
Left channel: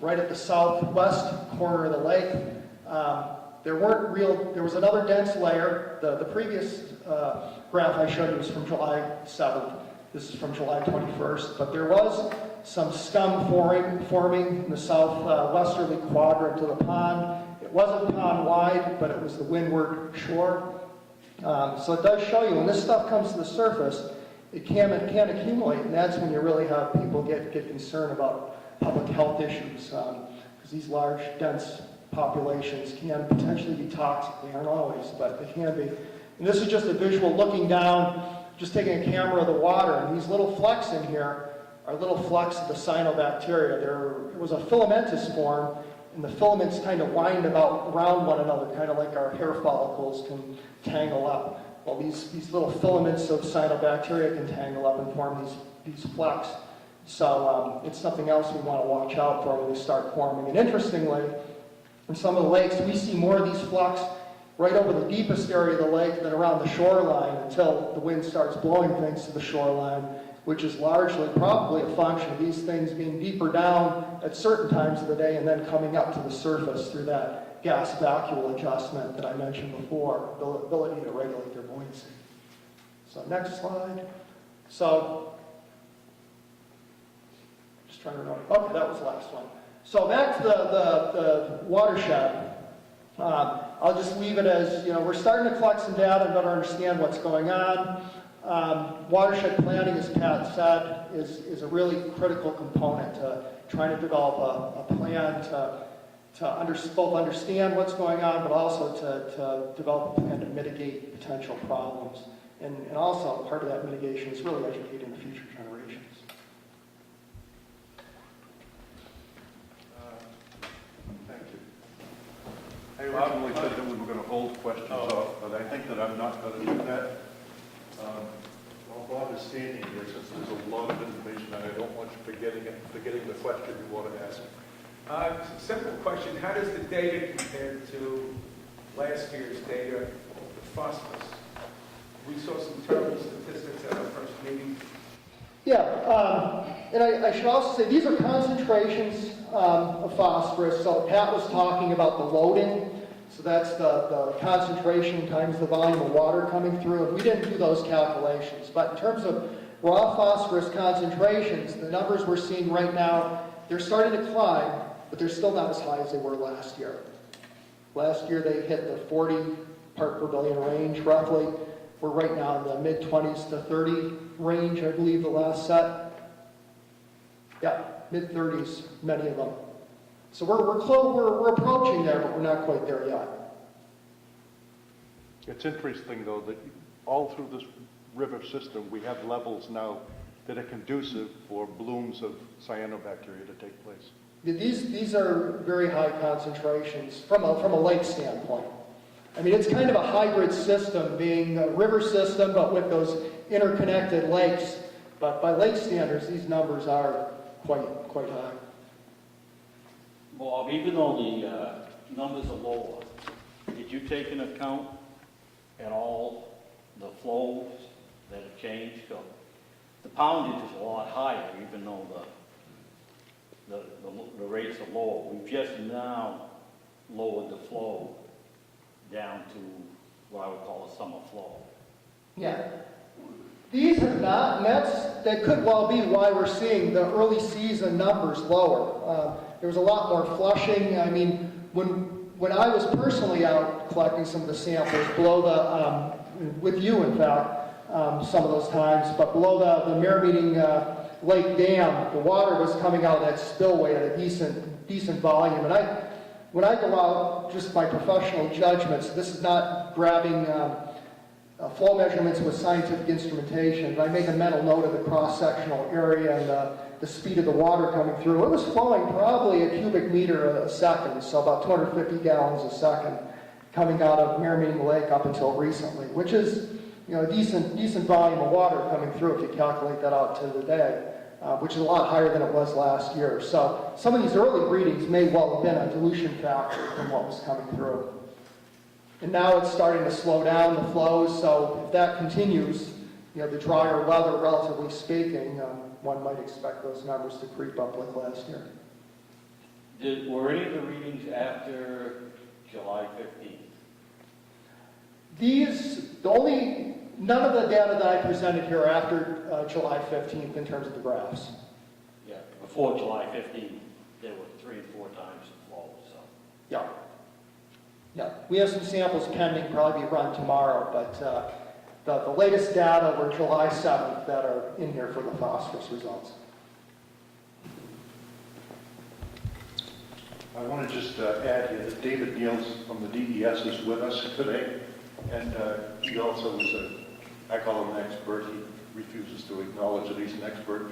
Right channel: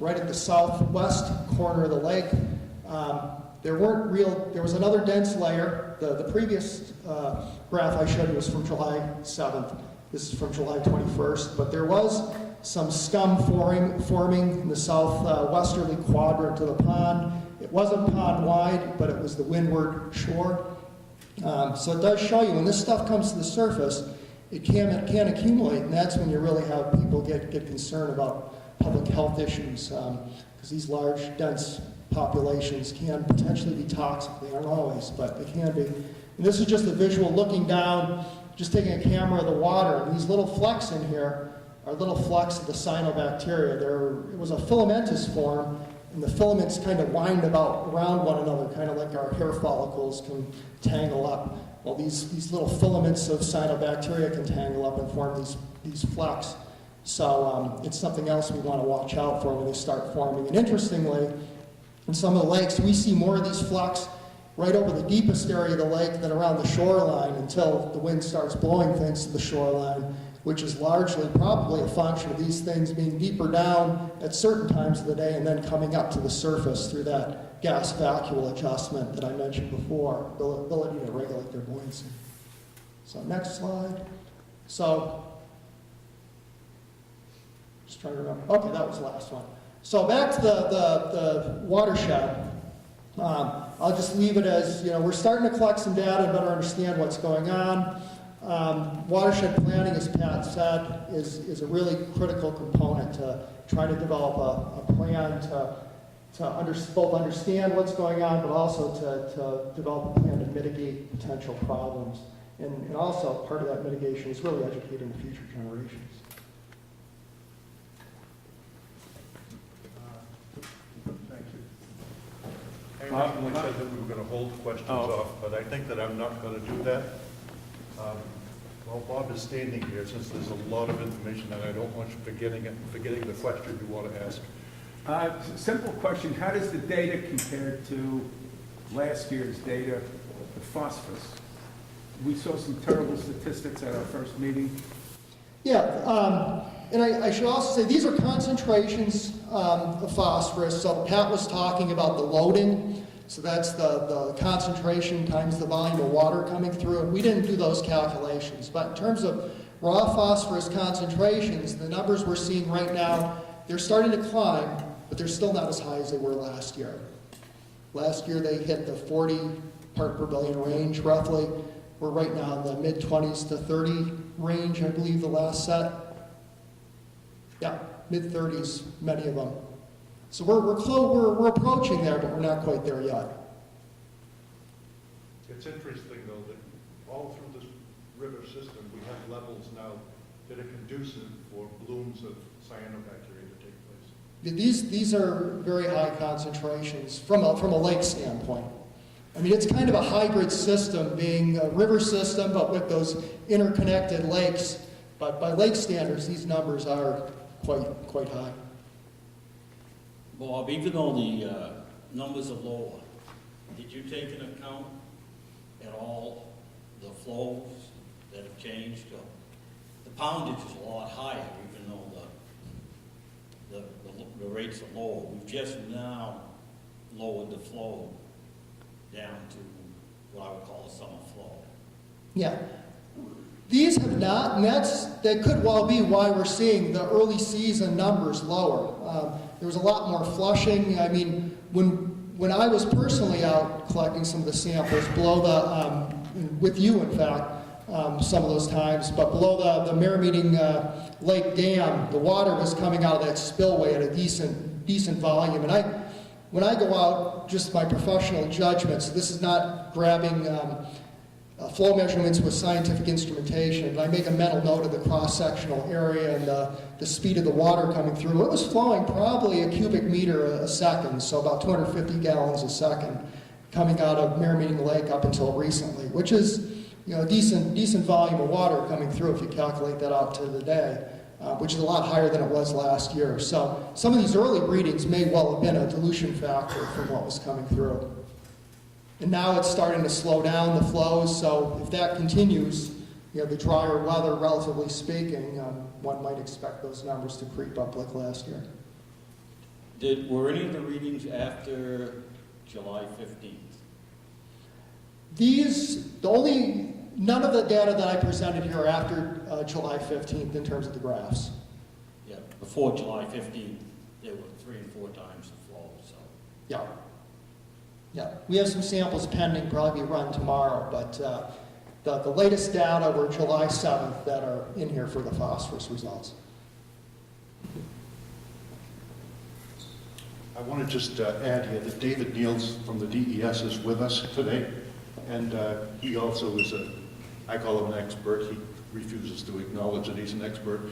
Right at the southwest corner of the lake. There was another dense layer. The previous graph I showed you was from July 7th. This is from July 21st. But there was some scum forming in the southwesterly quadrant of the pond. It wasn't pond-wide, but it was the windward shore. So it does show you when this stuff comes to the surface, it can accumulate, and that's when you really have people get concerned about public health issues, because these large, dense populations can potentially be toxic. They aren't always, but they can be. And this is just a visual looking down, just taking a camera of the water, and these little flecks in here are little flecks of the cyanobacteria. It was a filamentous form, and the filaments kind of wind around one another, kind of like our hair follicles can tangle up. Well, these little filaments of cyanobacteria can tangle up and form these flecks. So it's something else we want to watch out for when they start forming. And interestingly, in some of the lakes, we see more of these flecks right over the deepest area of the lake, then around the shoreline until the wind starts blowing things to the shoreline, which is largely probably a function of these things being deeper down at certain times of the day and then coming up to the surface through that gas vacuole adjustment that I mentioned before, the ability to regulate their buoyancy. So next slide. So, just trying to remember. Okay, that was the last one. So back to the watershed. I'll just leave it as, we're starting to collect some data and better understand what's going on. Watershed planning, as Pat said, is a really critical component to trying to develop a plan to both understand what's going on, but also to develop a plan to mitigate potential problems. And also, part of that mitigation is really educating the future generations. Thank you. I originally said that we were going to hold questions off, but I think that I'm not going to do that. While Bob is standing here, since there's a lot of information that I don't want you forgetting the question you want to ask. Simple question, how does the data compare to last year's data, the phosphorus? We saw some terrible statistics at our first meeting. Yeah, and I should also say these are concentrations of phosphorus. So Pat was talking about the loading. So that's the concentration times the volume of water coming through. And we didn't do those calculations. But in terms of raw phosphorus concentrations, the numbers we're seeing right now, they're starting to climb, but they're still not as high as they were last year. Last year they hit the 40 part per billion range roughly. We're right now in the mid-20s to 30 range, I believe, the last set. Yeah, mid-30s, many of them. So we're approaching there, but we're not quite there yet. It's interesting, though, that all through this river system, we have levels now that are conducive for blooms of cyanobacteria to take place. These are very high concentrations from a lake standpoint. I mean, it's kind of a hybrid system, being a river system, but with those interconnected lakes. But by lake standards, these numbers are quite high. Bob, even though the numbers are lower, did you take into account at all the flows that have changed? Or the poundage is a lot higher, even though the rates are lower. We've just now lowered the flow down to what I would call a summer flow. Yeah. These have not, and that could well be why we're seeing the early season numbers lower. There was a lot more flushing. I mean, when I was personally out collecting some of the samples below with you in fact, some of those times, but below the Meeting Lake Dam, the water was coming out of that spillway at a decent volume. And when I go out, just my professional judgments, this is not grabbing flow measurements with scientific instrumentation. I make a mental note of the cross-sectional area and the speed of the water coming through. It was flowing probably a cubic meter a second, so about 250 gallons a second, coming out of Meeting Lake up until recently, which is a decent volume of water coming through if you calculate that out to the day, which is a lot higher than it was last year. So some of these early readings may well have been a dilution factor from what was coming through. And now it's starting to slow down the flows, so if that continues, the drier weather, relatively speaking, one might expect those numbers to creep up like last year. Were any of the readings after July 15th? None of the data that I presented here are after July 15th in terms of the graphs. Yeah, before July 15th, there were 3 and 4 times the flow, so. Yeah. Yeah, we have some samples pending, probably be run tomorrow, but the latest data were July 7th that are in here for the phosphorus results. I want to just add here that David Niels from the DES is with us today, and he also is I call him an expert. He refuses to acknowledge that he's an expert,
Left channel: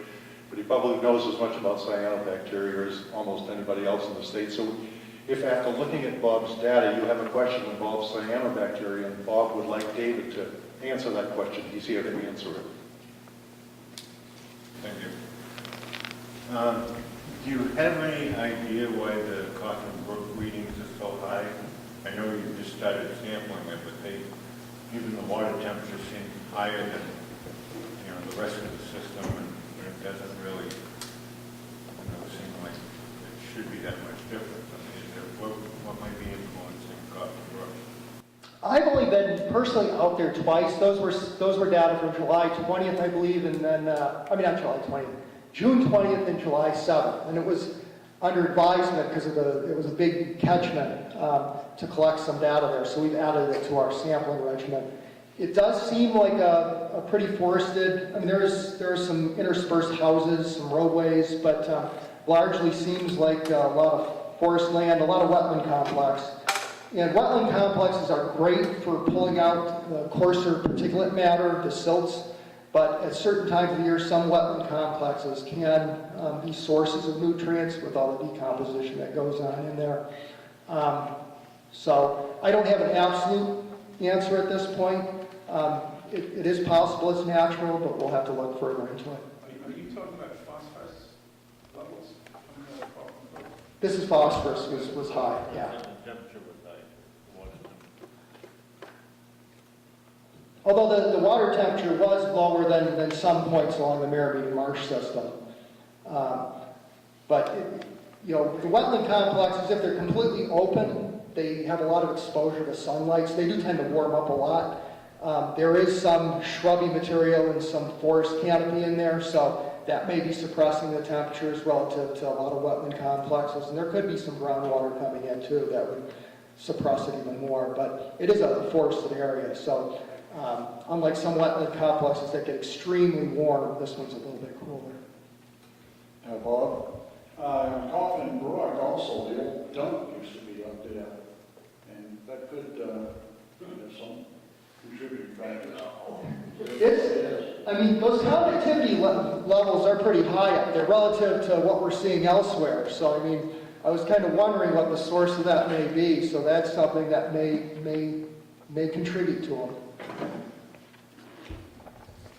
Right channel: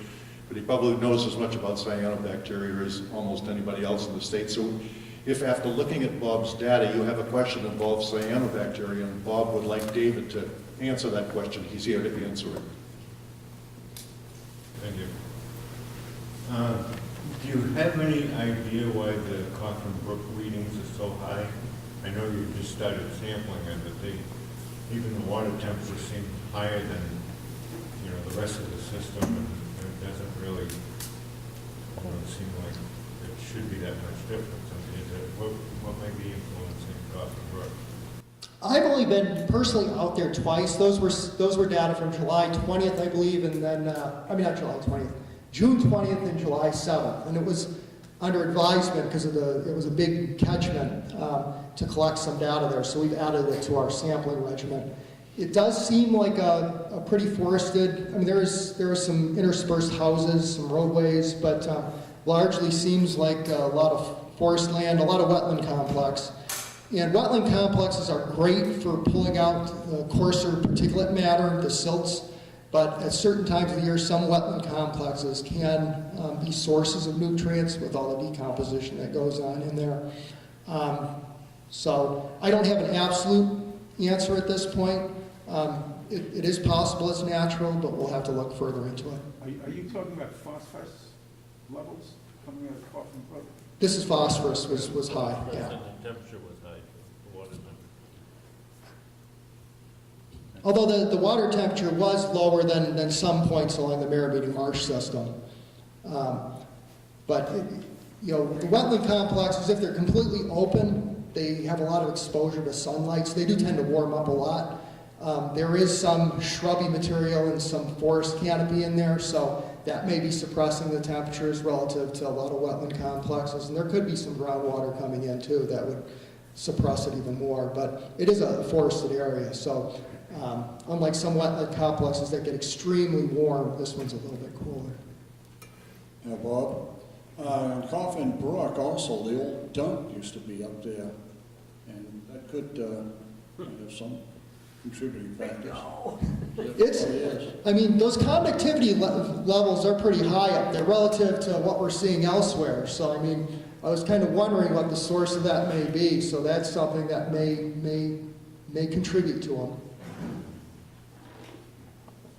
but he probably knows as much about cyanobacteria as almost anybody else in the state. So if after looking at Bob's data you have a question that involves cyanobacteria and Bob would like David to answer that question, he's here to answer it. Thank you. Do you have any idea why the Coffin Brook readings are so high? I know you just started sampling it, but even the water temperature seemed higher than, the rest of the system, and it doesn't really, seem like it should be that much difference. I mean, what might be influencing cost of work? I've only been personally out there twice. Those were data from July 20th, I believe, and then, not July 20th, June 20th and July 7th. And it was under advisement because it was a big catchment to collect some data there, so we've added it to our sampling regimen. It does seem like a pretty forested, there are some interspersed houses, some roadways, but largely seems like a lot of forest land, a lot of wetland complex. And wetland complexes are great for pulling out the coarser particulate matter, the silts, but at certain times of the year, some wetland complexes can be sources of nutrients with all the decomposition that goes on in there. So I don't have an absolute answer at this point. It is possible it's natural, but we'll have to look further into it. Are you talking about phosphorus levels coming out of Auckland Park? This is phosphorus was high, yeah. The temperature was high. It wasn't. Although the water temperature was lower than some points along the Mirror-Meeting Marsh system. But, the wetland complexes, if they're completely open, they have a lot of exposure to sunlight, so they do tend to warm up a lot. There is some shrubby material and some forest canopy in there, so that may be suppressing the temperatures relative to a lot of wetland complexes. And there could be some groundwater coming in, too, that would suppress it even more. But it is a forested area, so unlike some wetland complexes that get extremely warm, this one's a little bit cooler. Bob, on Coffin Brook also, the old dump used to be up there, and that could have some contributing factors. Those conductivity levels are pretty high up there relative to what we're seeing elsewhere. So, I was kind of wondering what the source of that may be. So that's something that may contribute to them.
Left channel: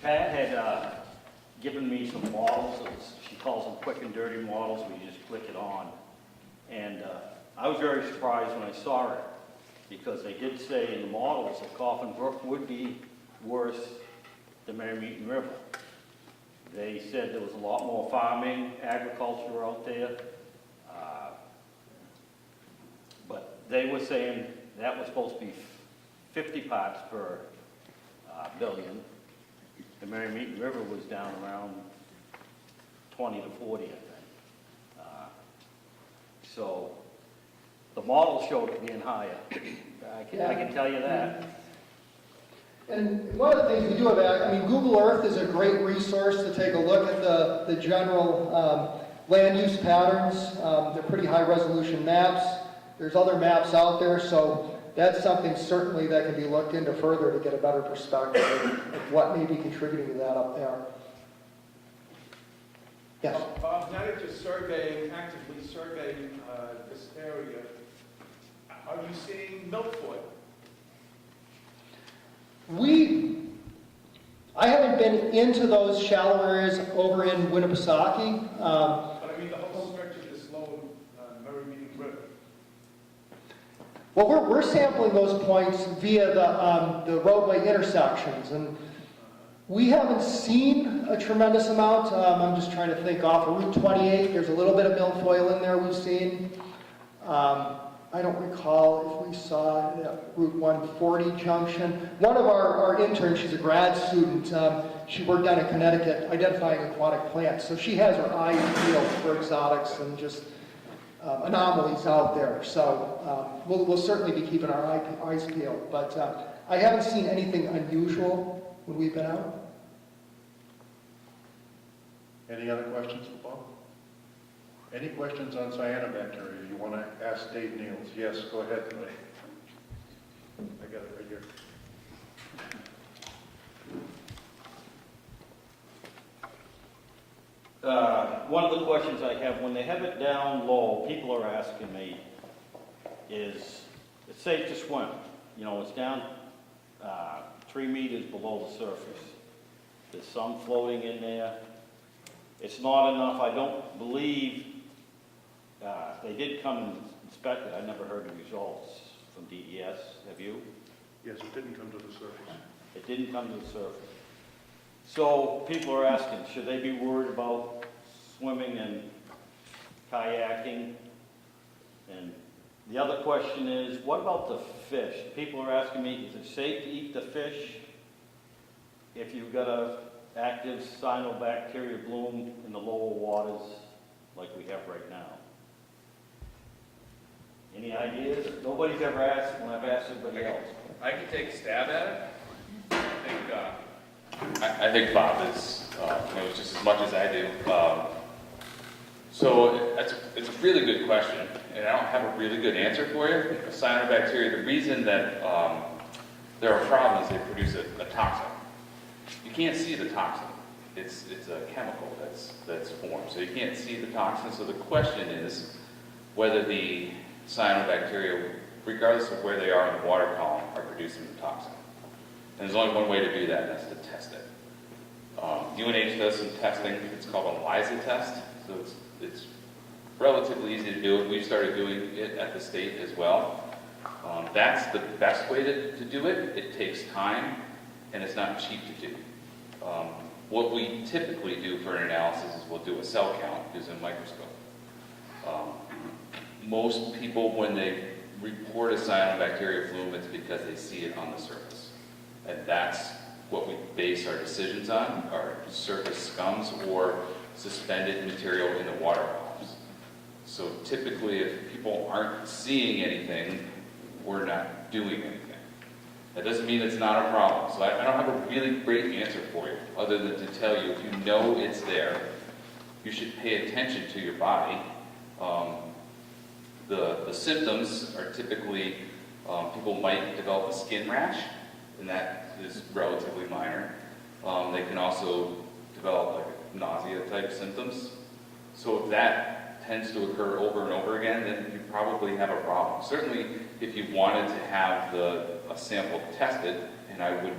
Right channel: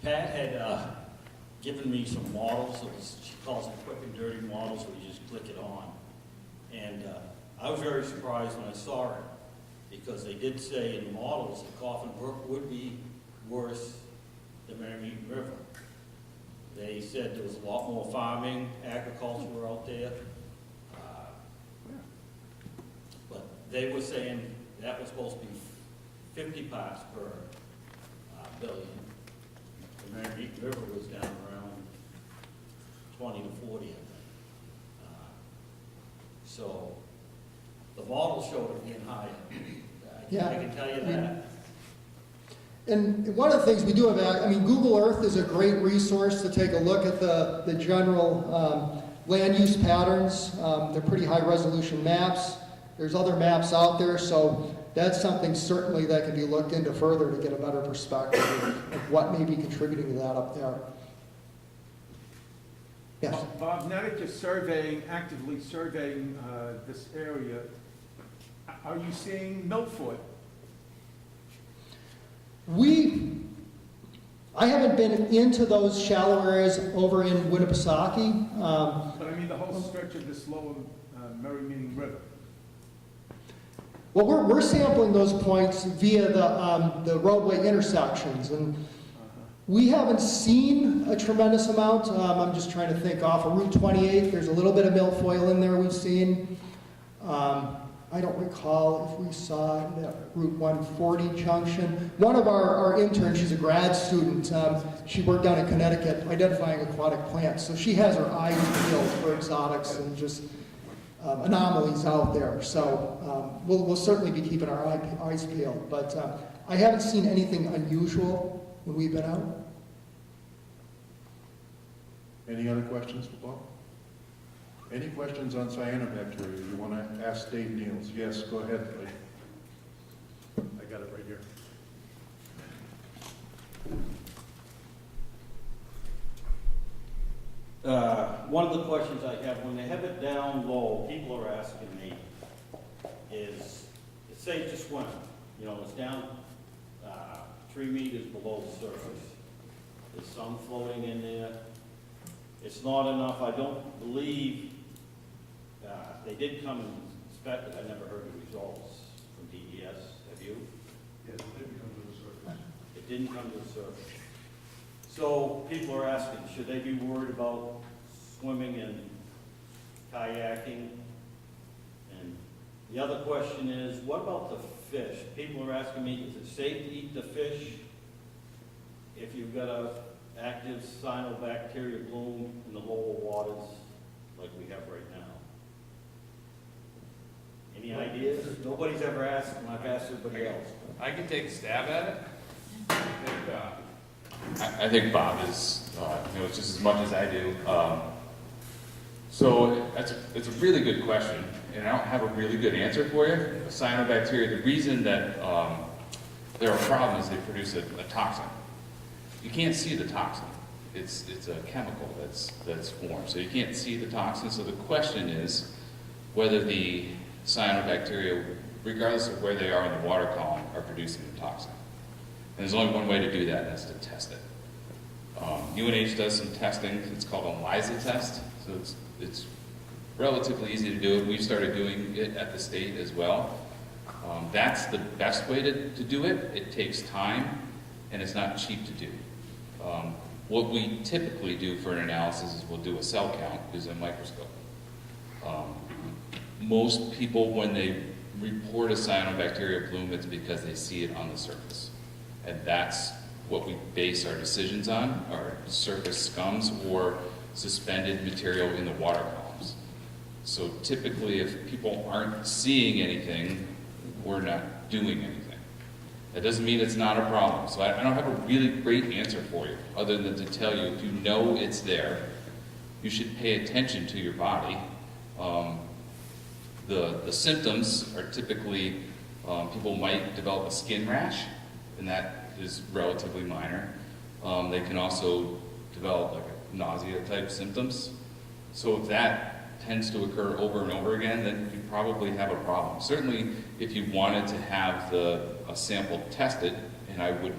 Pat had given me some models. She calls them quick and dirty models where you just click it on. And I was very surprised when I saw it, because they did say in the models that Coffin Brook would be worse than Merrimack River. They said there was a lot more farming, agriculture out there. But they were saying that was supposed to be 50 parts per billion. The Merrimack River was down around 20 to 40, I think. So the model showed it being higher. I can tell you that. And one of the things we do have, Google Earth is a great resource to take a look at the general land use patterns. They're pretty high resolution maps. There's other maps out there, so that's something certainly that can be looked into further to get a better perspective of what may be contributing to that up there. Yes? Bob, now that you're actively surveying this area, are you seeing milfoil? I haven't been into those shallow areas over in Winnipesaukee. But the whole stretch of this lower Merrimack River. Well, we're sampling those points via the roadway intersections, and we haven't seen a tremendous amount. I'm just trying to think off of Route 28. There's a little bit of milfoil in there we've seen. I don't recall if we saw it at Route 140 junction. One of our interns, she's a grad student, she worked down in Connecticut identifying aquatic plants, so she has her eyes peeled for exotics and just anomalies out there. So we'll certainly be keeping our eyes peeled, but I haven't seen anything unusual when we've been out. Any other questions for Bob? Any questions on cyanobacteria? If you want to ask Dave Niels, yes, go ahead, buddy. I got it right here. One of the questions I have, when they have it down low, people are asking me, is it's safe to swim? It's down 3 meters below the surface. There's some floating in there. It's not enough. I don't believe they did come and inspect it. I never heard the results from DES, have you? Yes, it didn't come to the surface. It didn't come to the surface. So people are asking, should they be worried about swimming and kayaking? And the other question is, what about the fish? People are asking me, is it safe to eat the fish if you've got a active cyanobacteria bloom in the lower waters like we have right now? Any ideas? Nobody's ever asked, and I've asked everybody else. I can take a stab at it. I think Bob is, knows just as much as I do. So it's a really good question, and I don't have a really good answer for you. Cyanobacteria, the reason that there are problems, they produce a toxin. You can't see the toxin. It's a chemical that's formed, so you can't see the toxin. So the question is whether the cyanobacteria, regardless of where they are in the water column, are producing the toxin. And there's only one way to do that, and that's to test it. UNH does some testing. It's called an ELISA test. So it's relatively easy to do it. We've started doing it at the state as well. That's the best way to do it. It takes time, and it's not cheap to do. What we typically do for an analysis is we'll do a cell count using a microscope. Most people, when they report a cyanobacteria plume, it's because they see it on the surface. And that's what we base our decisions on, our surface scums or suspended material in the water columns. So typically, if people aren't seeing anything, we're not doing anything. That doesn't mean it's not a problem. So I don't have a really great answer for you, other than to tell you, if you know it's there, you should pay attention to your body. The symptoms are typically, people might develop a skin rash, and that is relatively minor. They can also develop like nausea type symptoms. So if that tends to occur over and over again, then you probably have a problem. Certainly, if you wanted to have a sample tested, and I would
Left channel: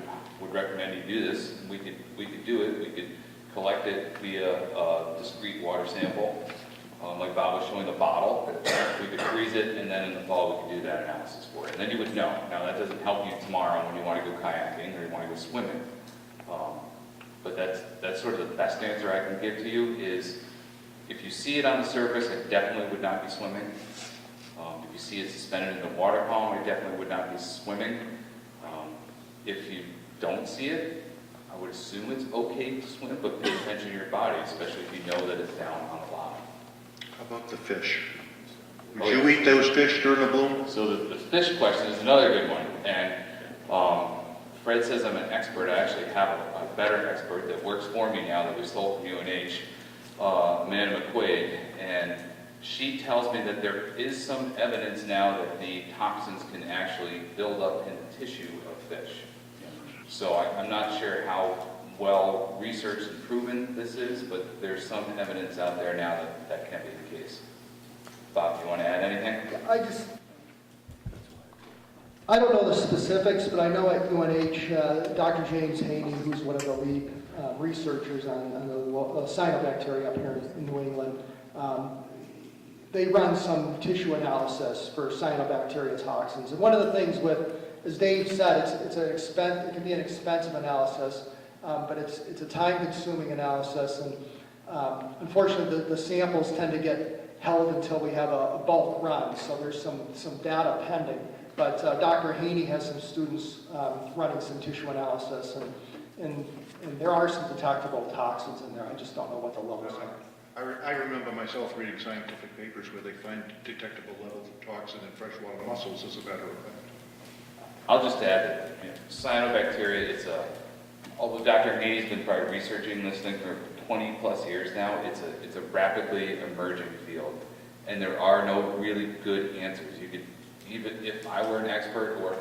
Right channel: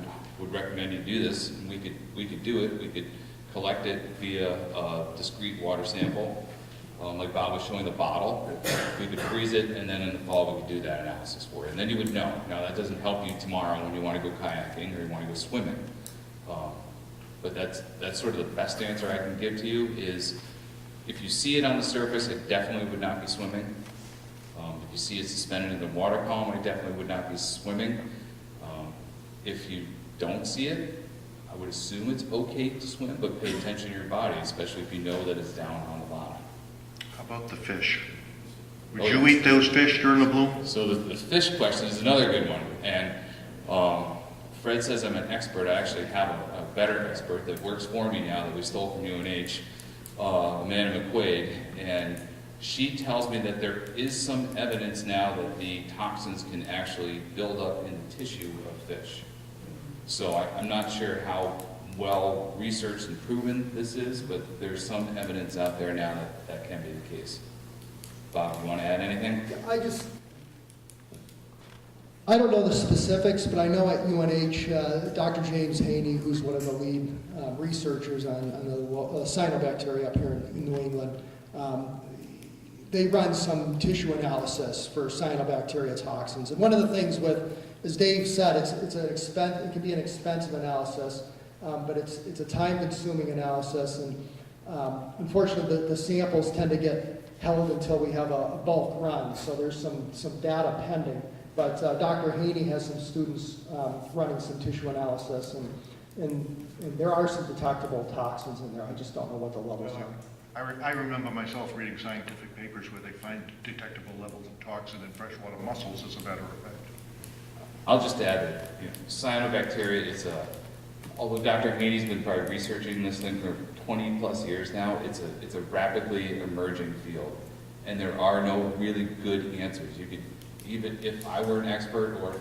recommend you do this, we could do it. We could collect it via a discrete water sample. Like Bob was showing the bottle, we could freeze it, and then in the fall we could do that analysis for it. And then you would know. Now that doesn't help you tomorrow when you want to go kayaking or you want to go swimming. But that's sort of the best answer I can give to you is, if you see it on the surface, it definitely would not be swimming. If you see it suspended in the water column, it definitely would not be swimming. If you don't see it, I would assume it's okay to swim, but pay attention to your body, especially if you know that it's down on the bottom. How about the fish? Would you eat those fish during the bloom? So the fish question is another good one. And Fred says I'm an expert. I actually have a better expert that works for me now that we stole from UNH, Amanda McQuaid. And she tells me that there is some evidence now that the toxins can actually build up in the tissue of fish. So I'm not sure how well researched and proven this is, but there's some evidence out there now that can be the case. Bob, you want to add anything? I don't know the specifics, but I know at UNH, Dr. James Haney, who's one of the lead researchers on the cyanobacteria up here in New England, they run some tissue analysis for cyanobacteria toxins. And one of the things as Dave said, it can be an expensive analysis, but it's a time-consuming analysis, and unfortunately, the samples tend to get held until we have a bulk run. So there's some data pending. But Dr. Haney has some students running some tissue analysis, and there are some detectable toxins in there. I just don't know what the levels are. I remember myself reading scientific papers where they find detectable levels of toxin in freshwater mussels, as a matter of fact. I'll just add that cyanobacteria is although Dr. Haney's been probably researching this thing for 20 plus years now, it's a rapidly emerging field. And there are no really good answers. You could, even if I were an expert, or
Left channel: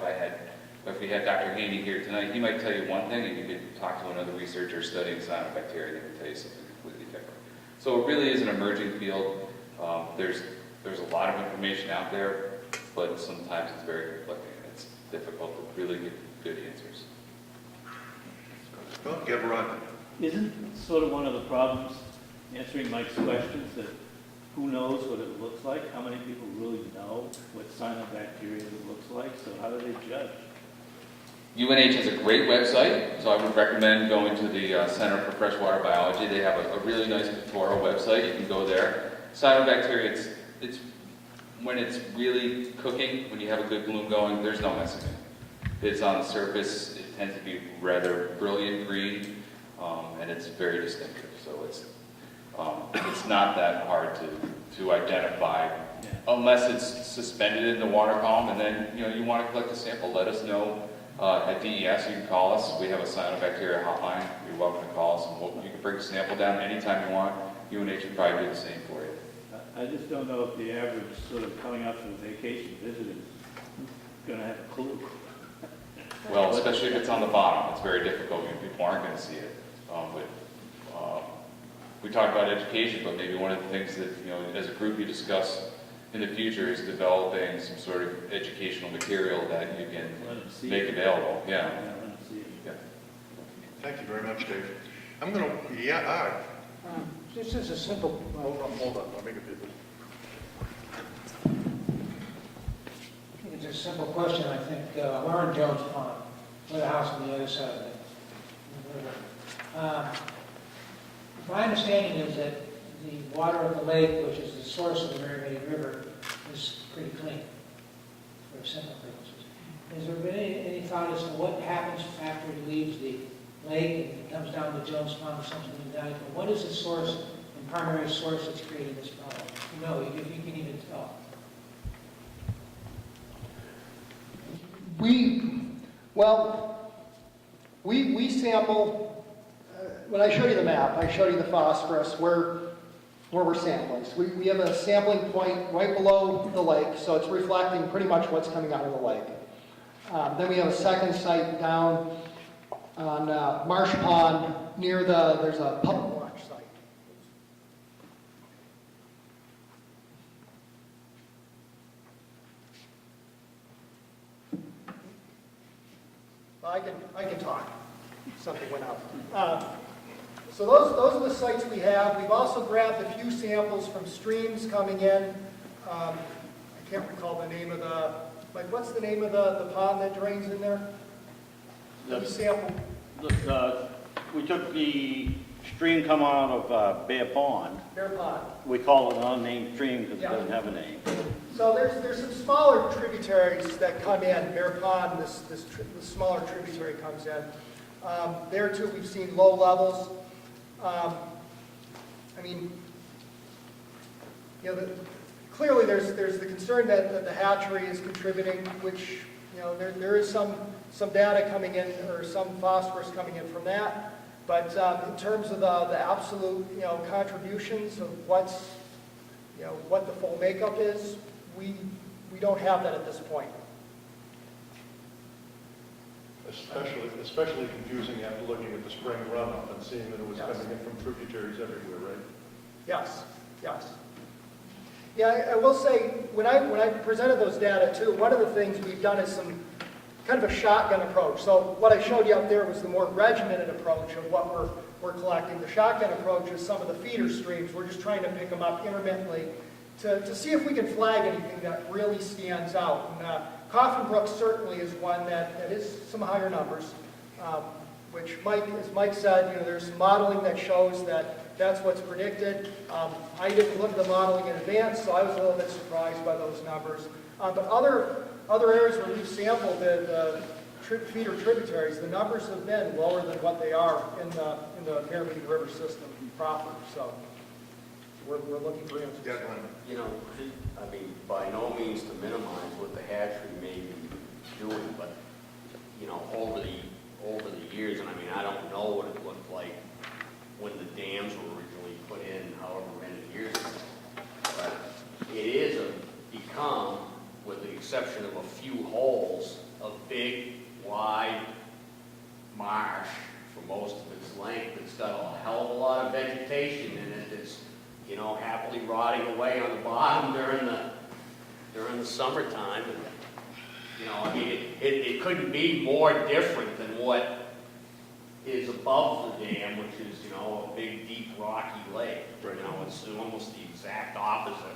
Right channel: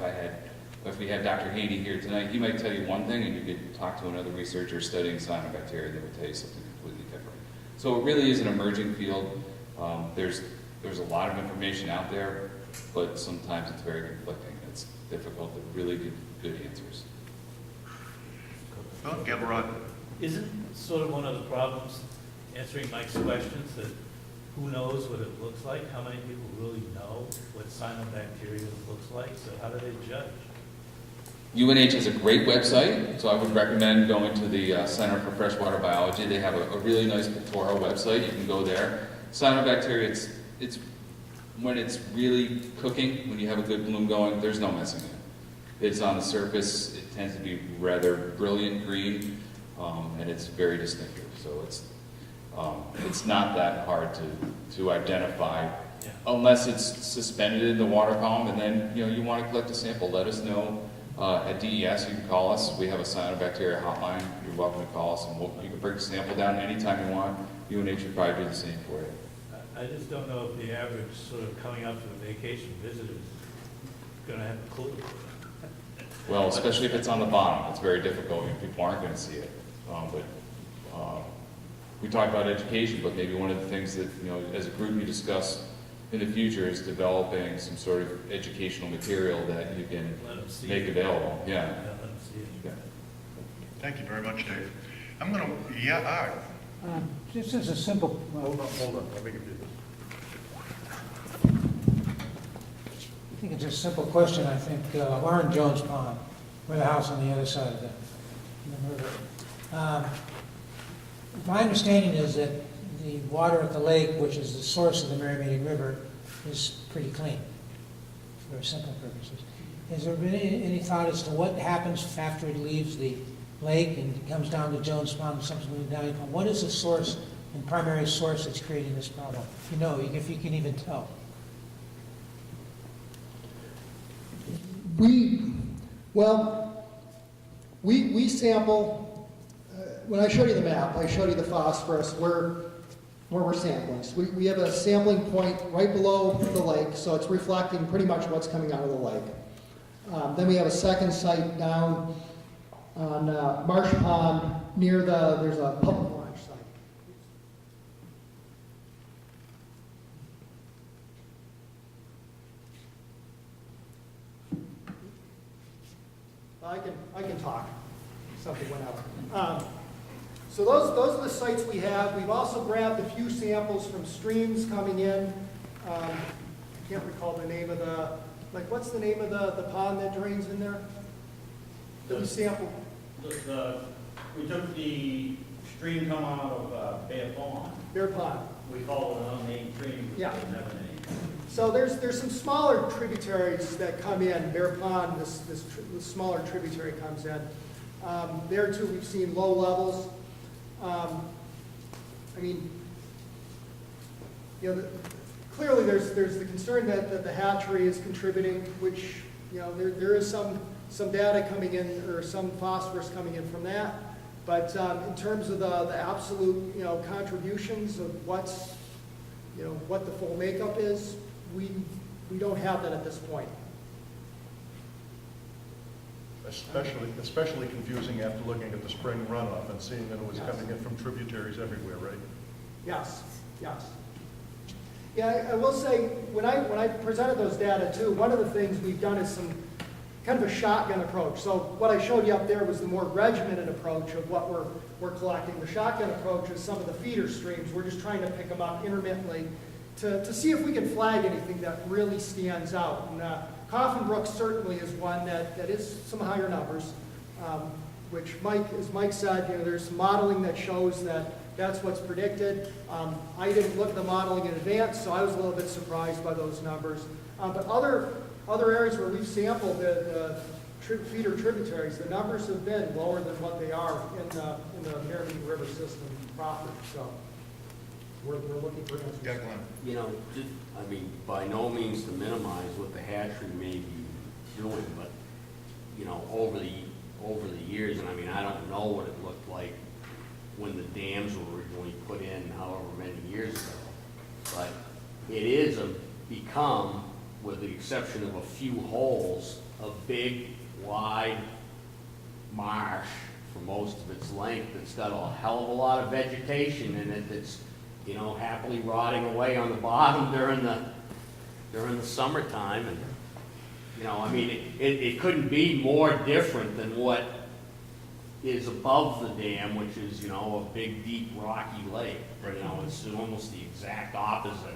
if we had Dr. Haney here tonight, he might tell you one thing, and you could talk to another researcher studying cyanobacteria that would tell you something completely different. So it really is an emerging field. There's a lot of information out there, but sometimes it's very conflicting. It's difficult to really get good answers. Well, get Rod. Isn't sort of one of the problems answering Mike's questions that who knows what it looks like, how many people really know what cyanobacteria looks like, so how do they judge? UNH has a great website, so I would recommend going to the Center for Freshwater Biology. They have a really nice pictorial website. You can go there. Cyanobacteria, it's when it's really cooking, when you have a good bloom going, there's no messing with it. It's on the surface. It tends to be rather brilliant green, and it's very distinctive. So it's not that hard to identify, unless it's suspended in the water column, and then you want to collect a sample. Let us know. At DES, you can call us. We have a cyanobacteria hotline. You're welcome to call us, and you can bring a sample down anytime you want. UNH would probably do the same for you. I just don't know if the average sort of coming up from vacation visitor is going to have a clue. Well, especially if it's on the bottom, it's very difficult. People aren't going to see it. We talk about education, but maybe one of the things that, as a group you discuss in the future is developing some sort of educational material that you can make available. Yeah. Yeah. Thank you very much, Dave. I'm going to, This is a simple, hold on, I'll make it big. I think it's a simple question. I think Warren Jones Pond, with a house on the other side of the river. My understanding is that the water at the lake, which is the source of the Merrimack River, is pretty clean for simple purposes. Has there been any thought as to what happens after it leaves the lake and it comes down to Jones Pond or something down? What is the source, the primary source that's creating this problem? If you can even tell. We sample, when I showed you the map, I showed you the phosphorus where we're sampling. So we have a sampling point right below the lake, so it's reflecting pretty much what's coming out of the lake. Then we have a second site down on Marsh Pond near there's a public launch site. I can talk. Something went out. So those are the sites we have. We've also grabbed a few samples from streams coming in. I can't recall the name of what's the name of the pond that drains in there? We sampled. We took the stream come out of Bear Pond. Bear Pond. We call it an unnamed stream because Yeah. it doesn't have a name. So there's some smaller tributaries that come in. Bear Pond, this smaller tributary comes in. There too, we've seen low levels. Clearly there's the concern that the hatchery is contributing, which there is some data coming in, or some phosphorus coming in from that. But in terms of the absolute contributions of what the full makeup is, we don't have that at this point. Especially confusing after looking at the spring runoff and seeing that it was coming in from tributaries everywhere, right? Yes. Yeah, I will say, when I presented those data too, one of the things we've done is some kind of a shotgun approach. So what I showed you up there was the more regimented approach of what we're collecting. The shotgun approach is some of the feeder streams. We're just trying to pick them up intermittently to see if we can flag anything that really stands out. And Coffin Brook certainly is one that is some higher numbers, which as Mike said, there's some modeling that shows that's what's predicted. I didn't look at the modeling in advance, so I was a little bit surprised by those numbers. But other areas where we've sampled the feeder tributaries, the numbers have been lower than what they are in the Merrimack River system proper. So we're looking for answers. Yeah, Glenn. By no means to minimize what the hatchery may be doing, but over the years, and I don't know what it looked like when the dams were originally put in, however many years ago, but it is become, with the exception of a few holes, a big, wide marsh for most of its length. It's got a hell of a lot of vegetation in it that's happily rotting away on the bottom during the summertime, and it couldn't be more different than what is above the dam, which is a big, deep, rocky lake. Right. It's almost the exact opposite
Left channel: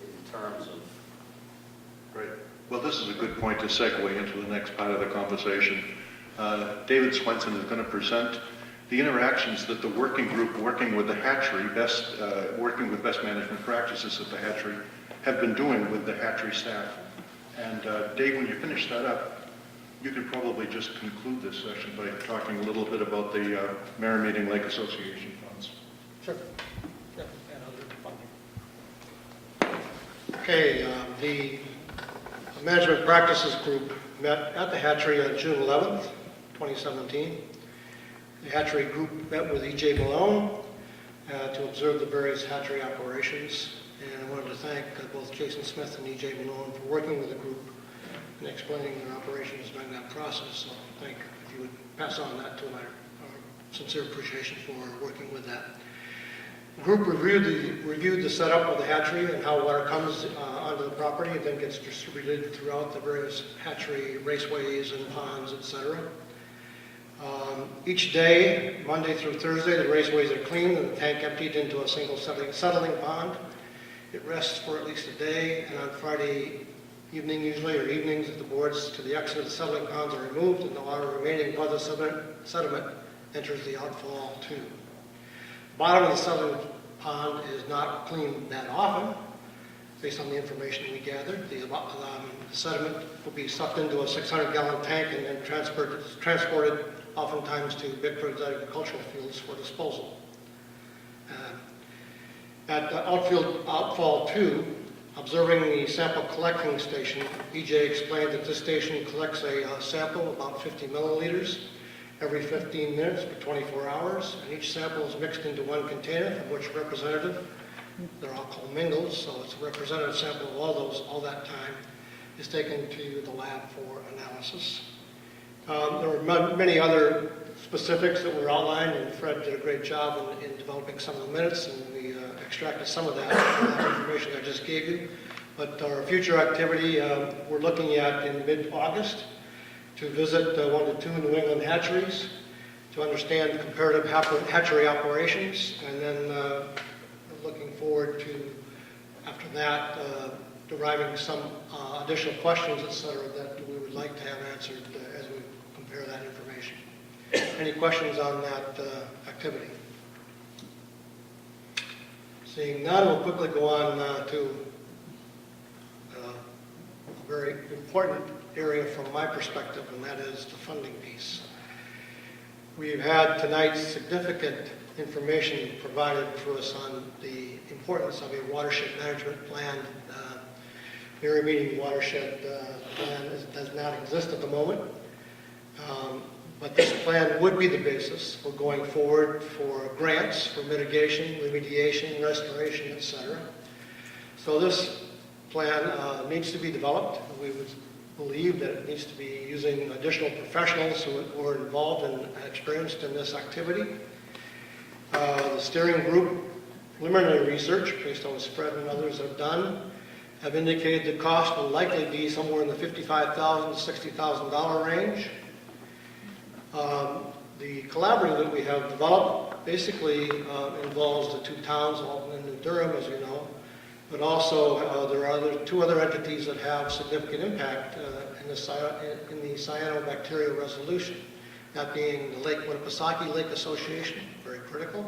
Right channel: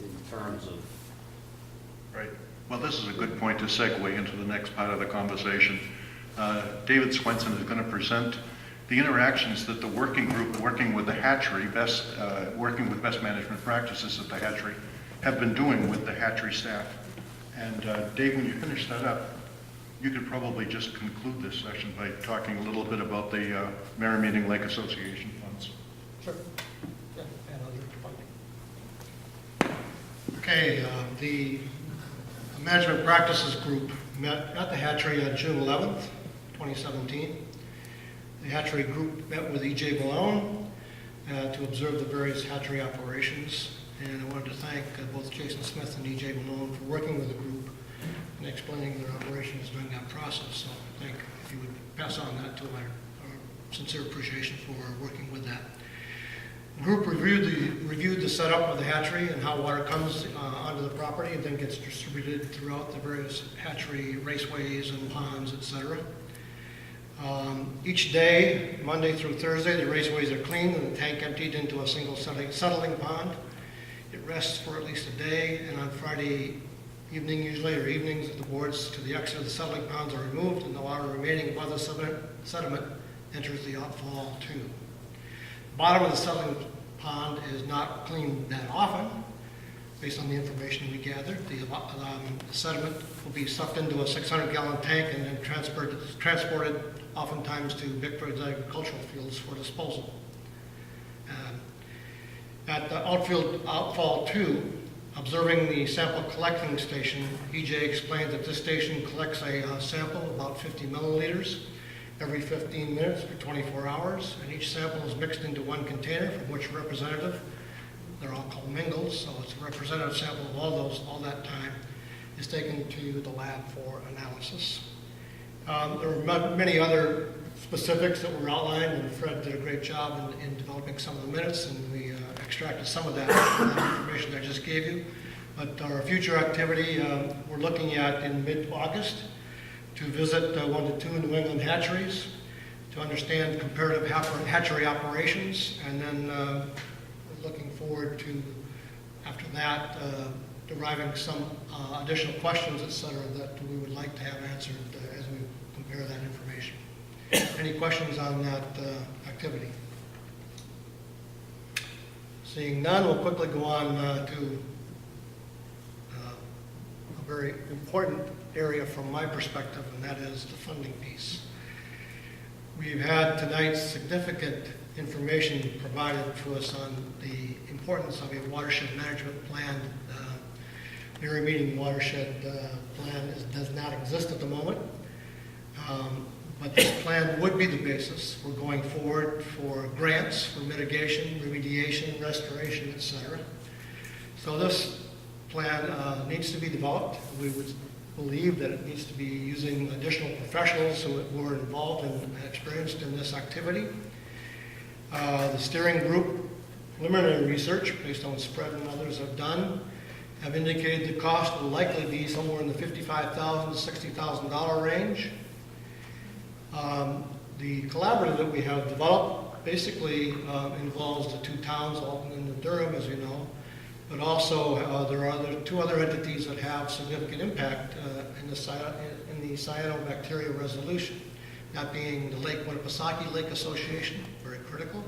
in terms of Right. Well, this is a good point to segue into the next part of the conversation. David Swenson is going to present the interactions that the working group working with the hatchery, working with best management practices at the hatchery, have been doing with the hatchery staff. And Dave, when you finish that up, you could probably just conclude this session by talking a little bit about the Merrimack Lake Association funds. Sure. Okay, the Management Practices Group met at the hatchery on June 11th, 2017. The hatchery group met with E.J. Malone to observe the various hatchery operations. And I wanted to thank both Jason Smith and E.J. Malone for working with the group and explaining their operations during that process. So if you would pass on that to our sincere appreciation for working with that. The group reviewed the setup of the hatchery and how water comes onto the property and then gets distributed throughout the various hatchery raceways and ponds, etc. Each day, Monday through Thursday, the raceways are cleaned and the tank emptied into a single settling pond. It rests for at least a day, and on Friday evening usually, or evenings, the boards to the exit of the settling ponds are removed and the water remaining above the sediment enters the outfall tube. The bottom of the settling pond is not cleaned that often. Based on the information we gathered, the sediment will be sucked into a 600-gallon tank and then transported oftentimes to Bickford's agricultural fields for disposal. At the outfall 2, observing the sample collecting station, EJ explained that this station collects a sample, about 50 milliliters, every 15 minutes for 24 hours, and each sample is mixed into one container from which a representative, they're all called mingles, so it's a representative sample of all that time, is taken to the lab for analysis. There are many other specifics that were outlined, and Fred did a great job in developing some of the minutes, and we extracted some of that information I just gave you. But our future activity, we're looking at in mid-August to visit 1 to 2 New England hatcheries to understand comparative hatchery operations, and then looking forward to, after that, deriving some additional questions, et cetera, that we would like to have answered as we compare that information. Any questions on that activity? Seeing none, we'll quickly go on to a very important area from my perspective, and that is the funding piece. We've had tonight significant information provided to us on the importance of a watershed management plan. Merrimack watershed plan does not exist at the moment, but this plan would be the basis for going forward for grants for mitigation, remediation, restoration, etc. So this plan needs to be developed. We would believe that it needs to be using additional professionals who are involved and experienced in this activity. The steering group preliminary research, based on what Fred and others have done, have indicated the cost will likely be somewhere in the $55,000 to $60,000 range. The collaborative that we have developed basically involves the 2 towns, Alton and Durham, as you know, but also there are 2 other entities that have significant impact in the Cyanobacteria resolution, that being the Lake Winnipesaukee Lake Association, very critical,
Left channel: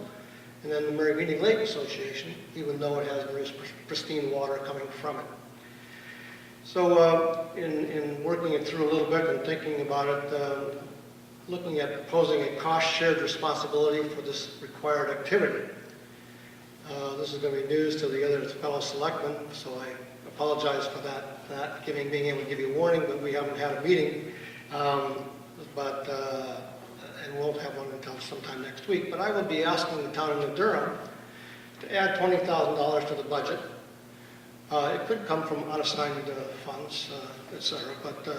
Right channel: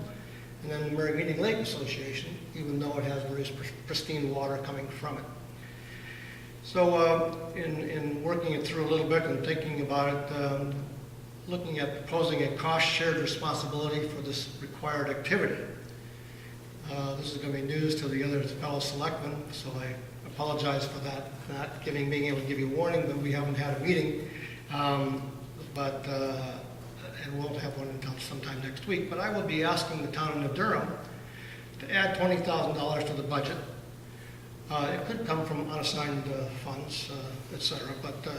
and then the Merrimack Lake Association, even though it has very pristine water coming from it. So in working it through a little bit and thinking about it, looking at proposing a cost-shared responsibility for this required activity. This is going to be news to the other fellow selectmen, so I apologize for that, not being able to give you a warning, but we haven't had a meeting, and won't have one until sometime next week. But I will be asking the town of Durham to add $20,000 to the budget. It could come from unassigned funds, etc. But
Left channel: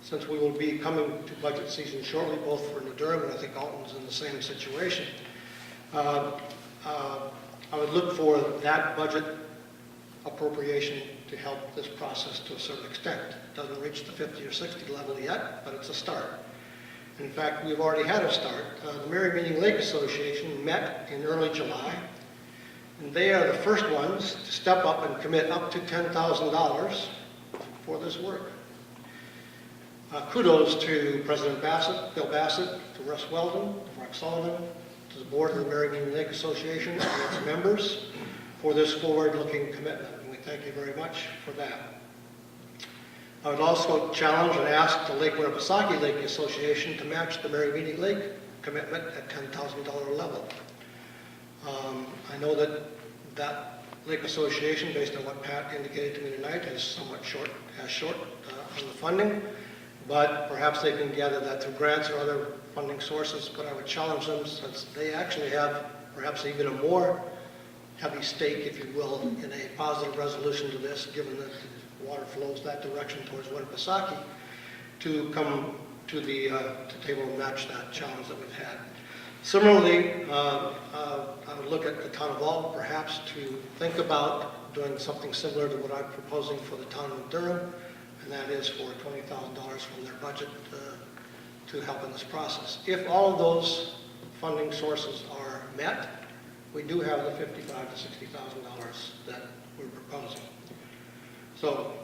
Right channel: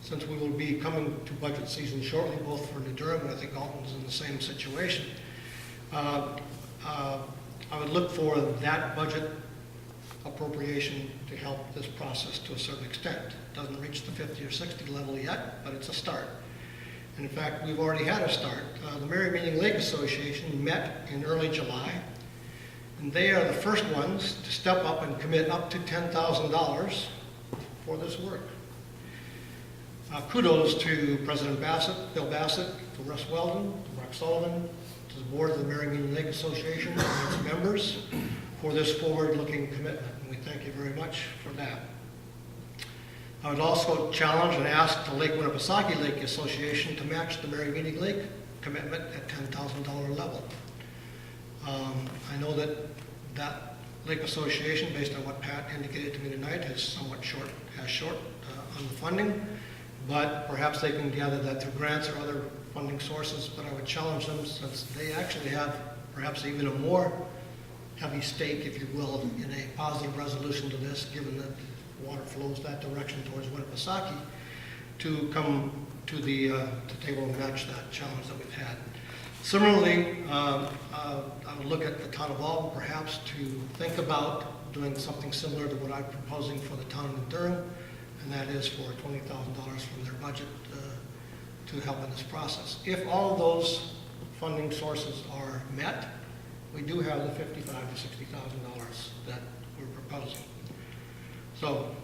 since we will be coming to budget season shortly, both for New Durham and I think Alton's in the same situation, I would look for that budget appropriation to help this process to a certain extent. It doesn't reach the 50 or 60 level yet, but it's a start. And in fact, we've already had a start. The Merrimack Lake Association met in early July, and they are the first ones to step up and commit up to $10,000 for this work. Kudos to President Bill Bassett, to Russ Weldon, to Mark Sullivan, to the board of the Merrimack Lake Association and its members for this forward-looking commitment, and we thank you very much for that. I would also challenge and ask the Lake Winnipesaukee Lake Association to match the Merrimack Lake commitment at $10,000 level. I know that Lake Association, based on what Pat indicated to me tonight, is somewhat short on the funding, but perhaps they can gather that through grants or other funding sources. But I would challenge them, since they actually have perhaps even a more heavy stake, if you will, in a positive resolution to this, given that the water flows that direction towards Winnipesaukee, to come to the table and match that challenge that we've had. Similarly, I would look at the town of Alton perhaps to think about doing something similar to what I'm proposing for the town of Durham, and that is for $20,000 from their budget to help in this process. If all of those funding sources are met, we do have the $55,000 to $60,000 that we're proposing. So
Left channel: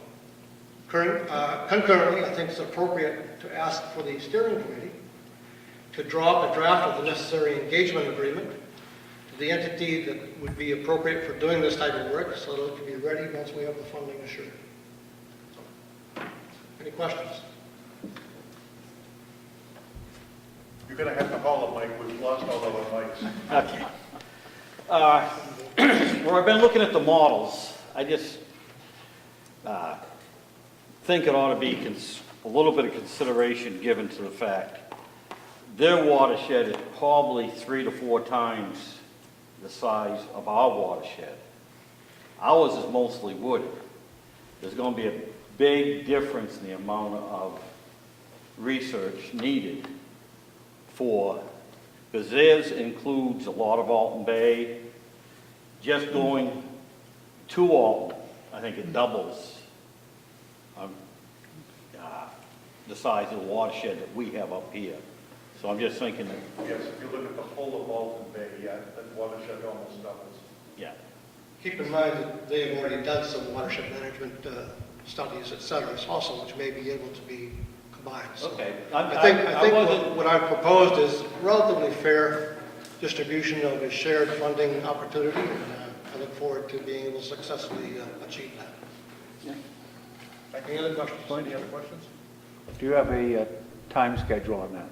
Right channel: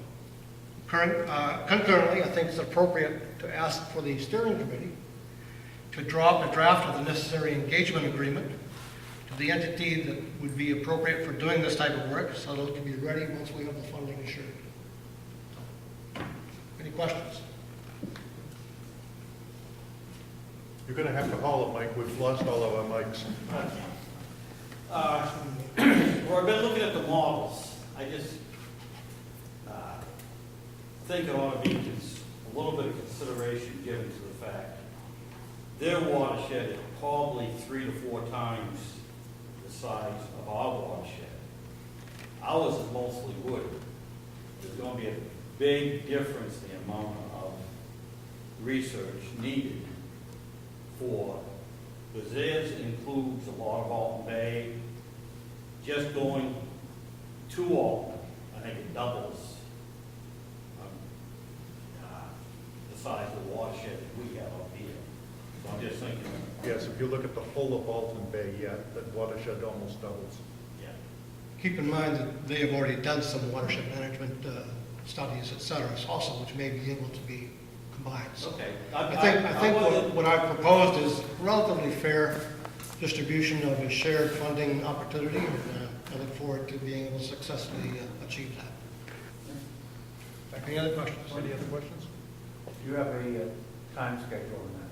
concurrently, I think it's appropriate to ask for the steering committee to draw up a draft of the necessary engagement agreement to the entity that would be appropriate for doing this type of work, so that it can be ready once we have the funding assured. So, any questions? You're going to have to haul it, Mike. We've lost all of our mics. Okay. Where I've been looking at the models, I just think it ought to be a little bit of consideration given to the fact their watershed is probably 3 to 4 times the size of our watershed. Ours is mostly wooded. There's going to be a big difference in the amount of research needed for, because theirs includes a lot of Alton Bay. Just going to Alton, I think it doubles the size of the watershed that we have up here. So I'm just thinking that, Yes, if you look at the whole of Alton Bay, yeah, that watershed almost doubles. yeah. Keep in mind that they have already done some watershed management studies, et cetera, also, which may be able to be combined. So Okay. I think what I've proposed is relatively fair distribution of a shared funding opportunity, and I look forward to being able to successfully achieve that. Yeah. Any other questions? Any other questions? Do you have a time schedule on that?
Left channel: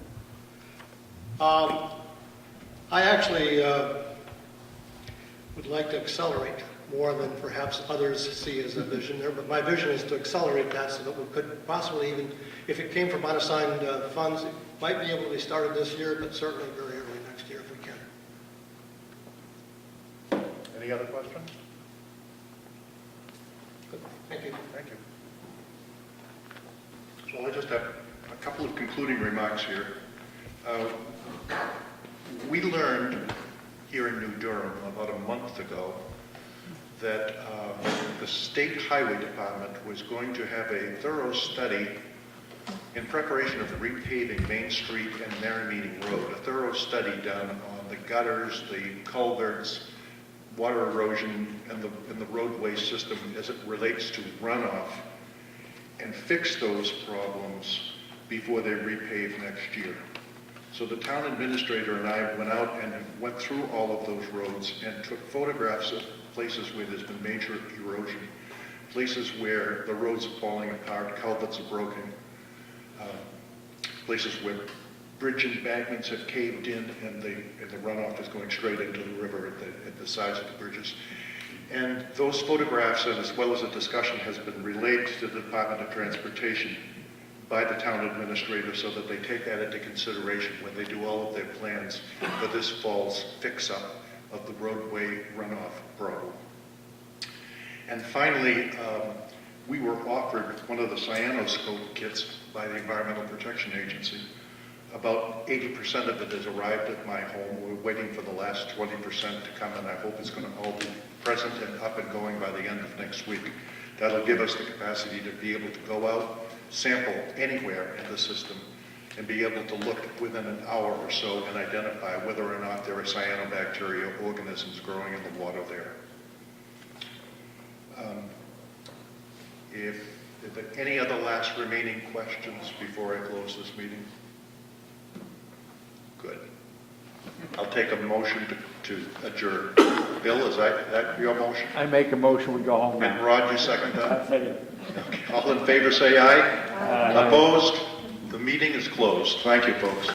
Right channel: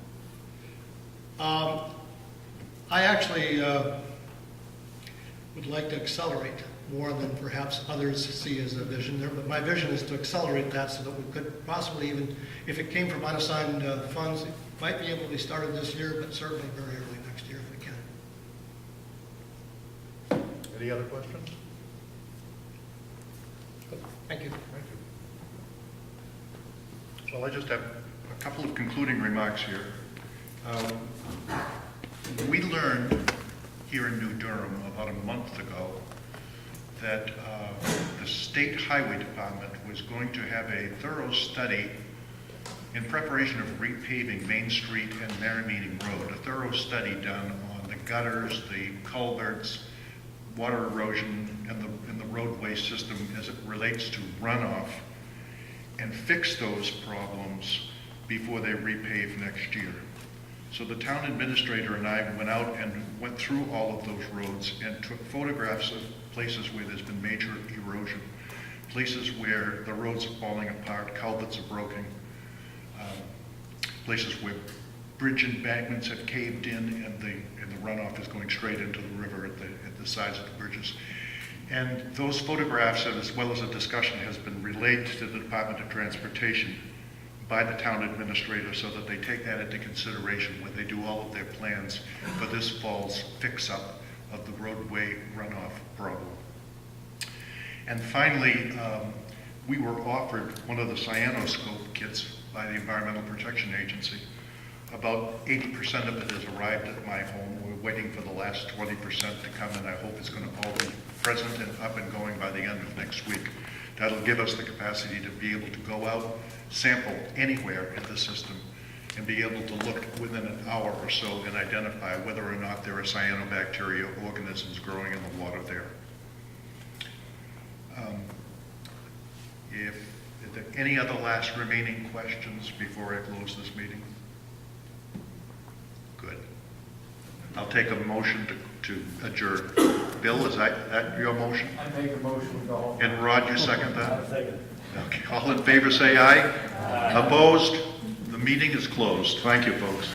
I actually would like to accelerate more than perhaps others see as a vision there, but my vision is to accelerate that so that we could possibly even, if it came from unassigned funds, it might be able to be started this year, but certainly very early next year if we can. Any other questions? Good. Thank you. Thank you. Well, I just have a couple of concluding remarks here. We learned here in New Durham about a month ago that the State Highway Department was going to have a thorough study in preparation of repaving Main Street and Merrimeeting Road, a thorough study done on the gutters, the culverts, water erosion, and the roadway system as it relates to runoff, and fix those problems before they repave next year. So the town administrator and I went out and went through all of those roads and took photographs of places where there's been major erosion, places where the roads are falling apart, culverts are broken, places where bridge embankments have caved in and the runoff is going straight into the river at the sides of the bridges. And those photographs, and as well as a discussion, has been relayed to the Department of Transportation by the town administrator so that they take that into consideration when they do all of their plans for this fall's fix-up of the roadway runoff problem. And finally, we were offered one of the Cyanoscope kits by the Environmental Protection Agency. About 80% of it has arrived at my home. We're waiting for the last 20% to come, and I hope it's going to all be present and up and going by the end of next week. That'll give us the capacity to be able to go out, sample anywhere in the system, and be able to look within an hour or so and identify whether or not there are cyanobacteria organisms growing in the water there. If Is there any other last remaining questions before I close this meeting? Good. I'll take a motion to adjourn. Bill, is that your motion? I make a motion, we go home And now. Rod, you second that? Second. Okay. All in favor, say aye. Opposed? The meeting is closed. Thank you, folks.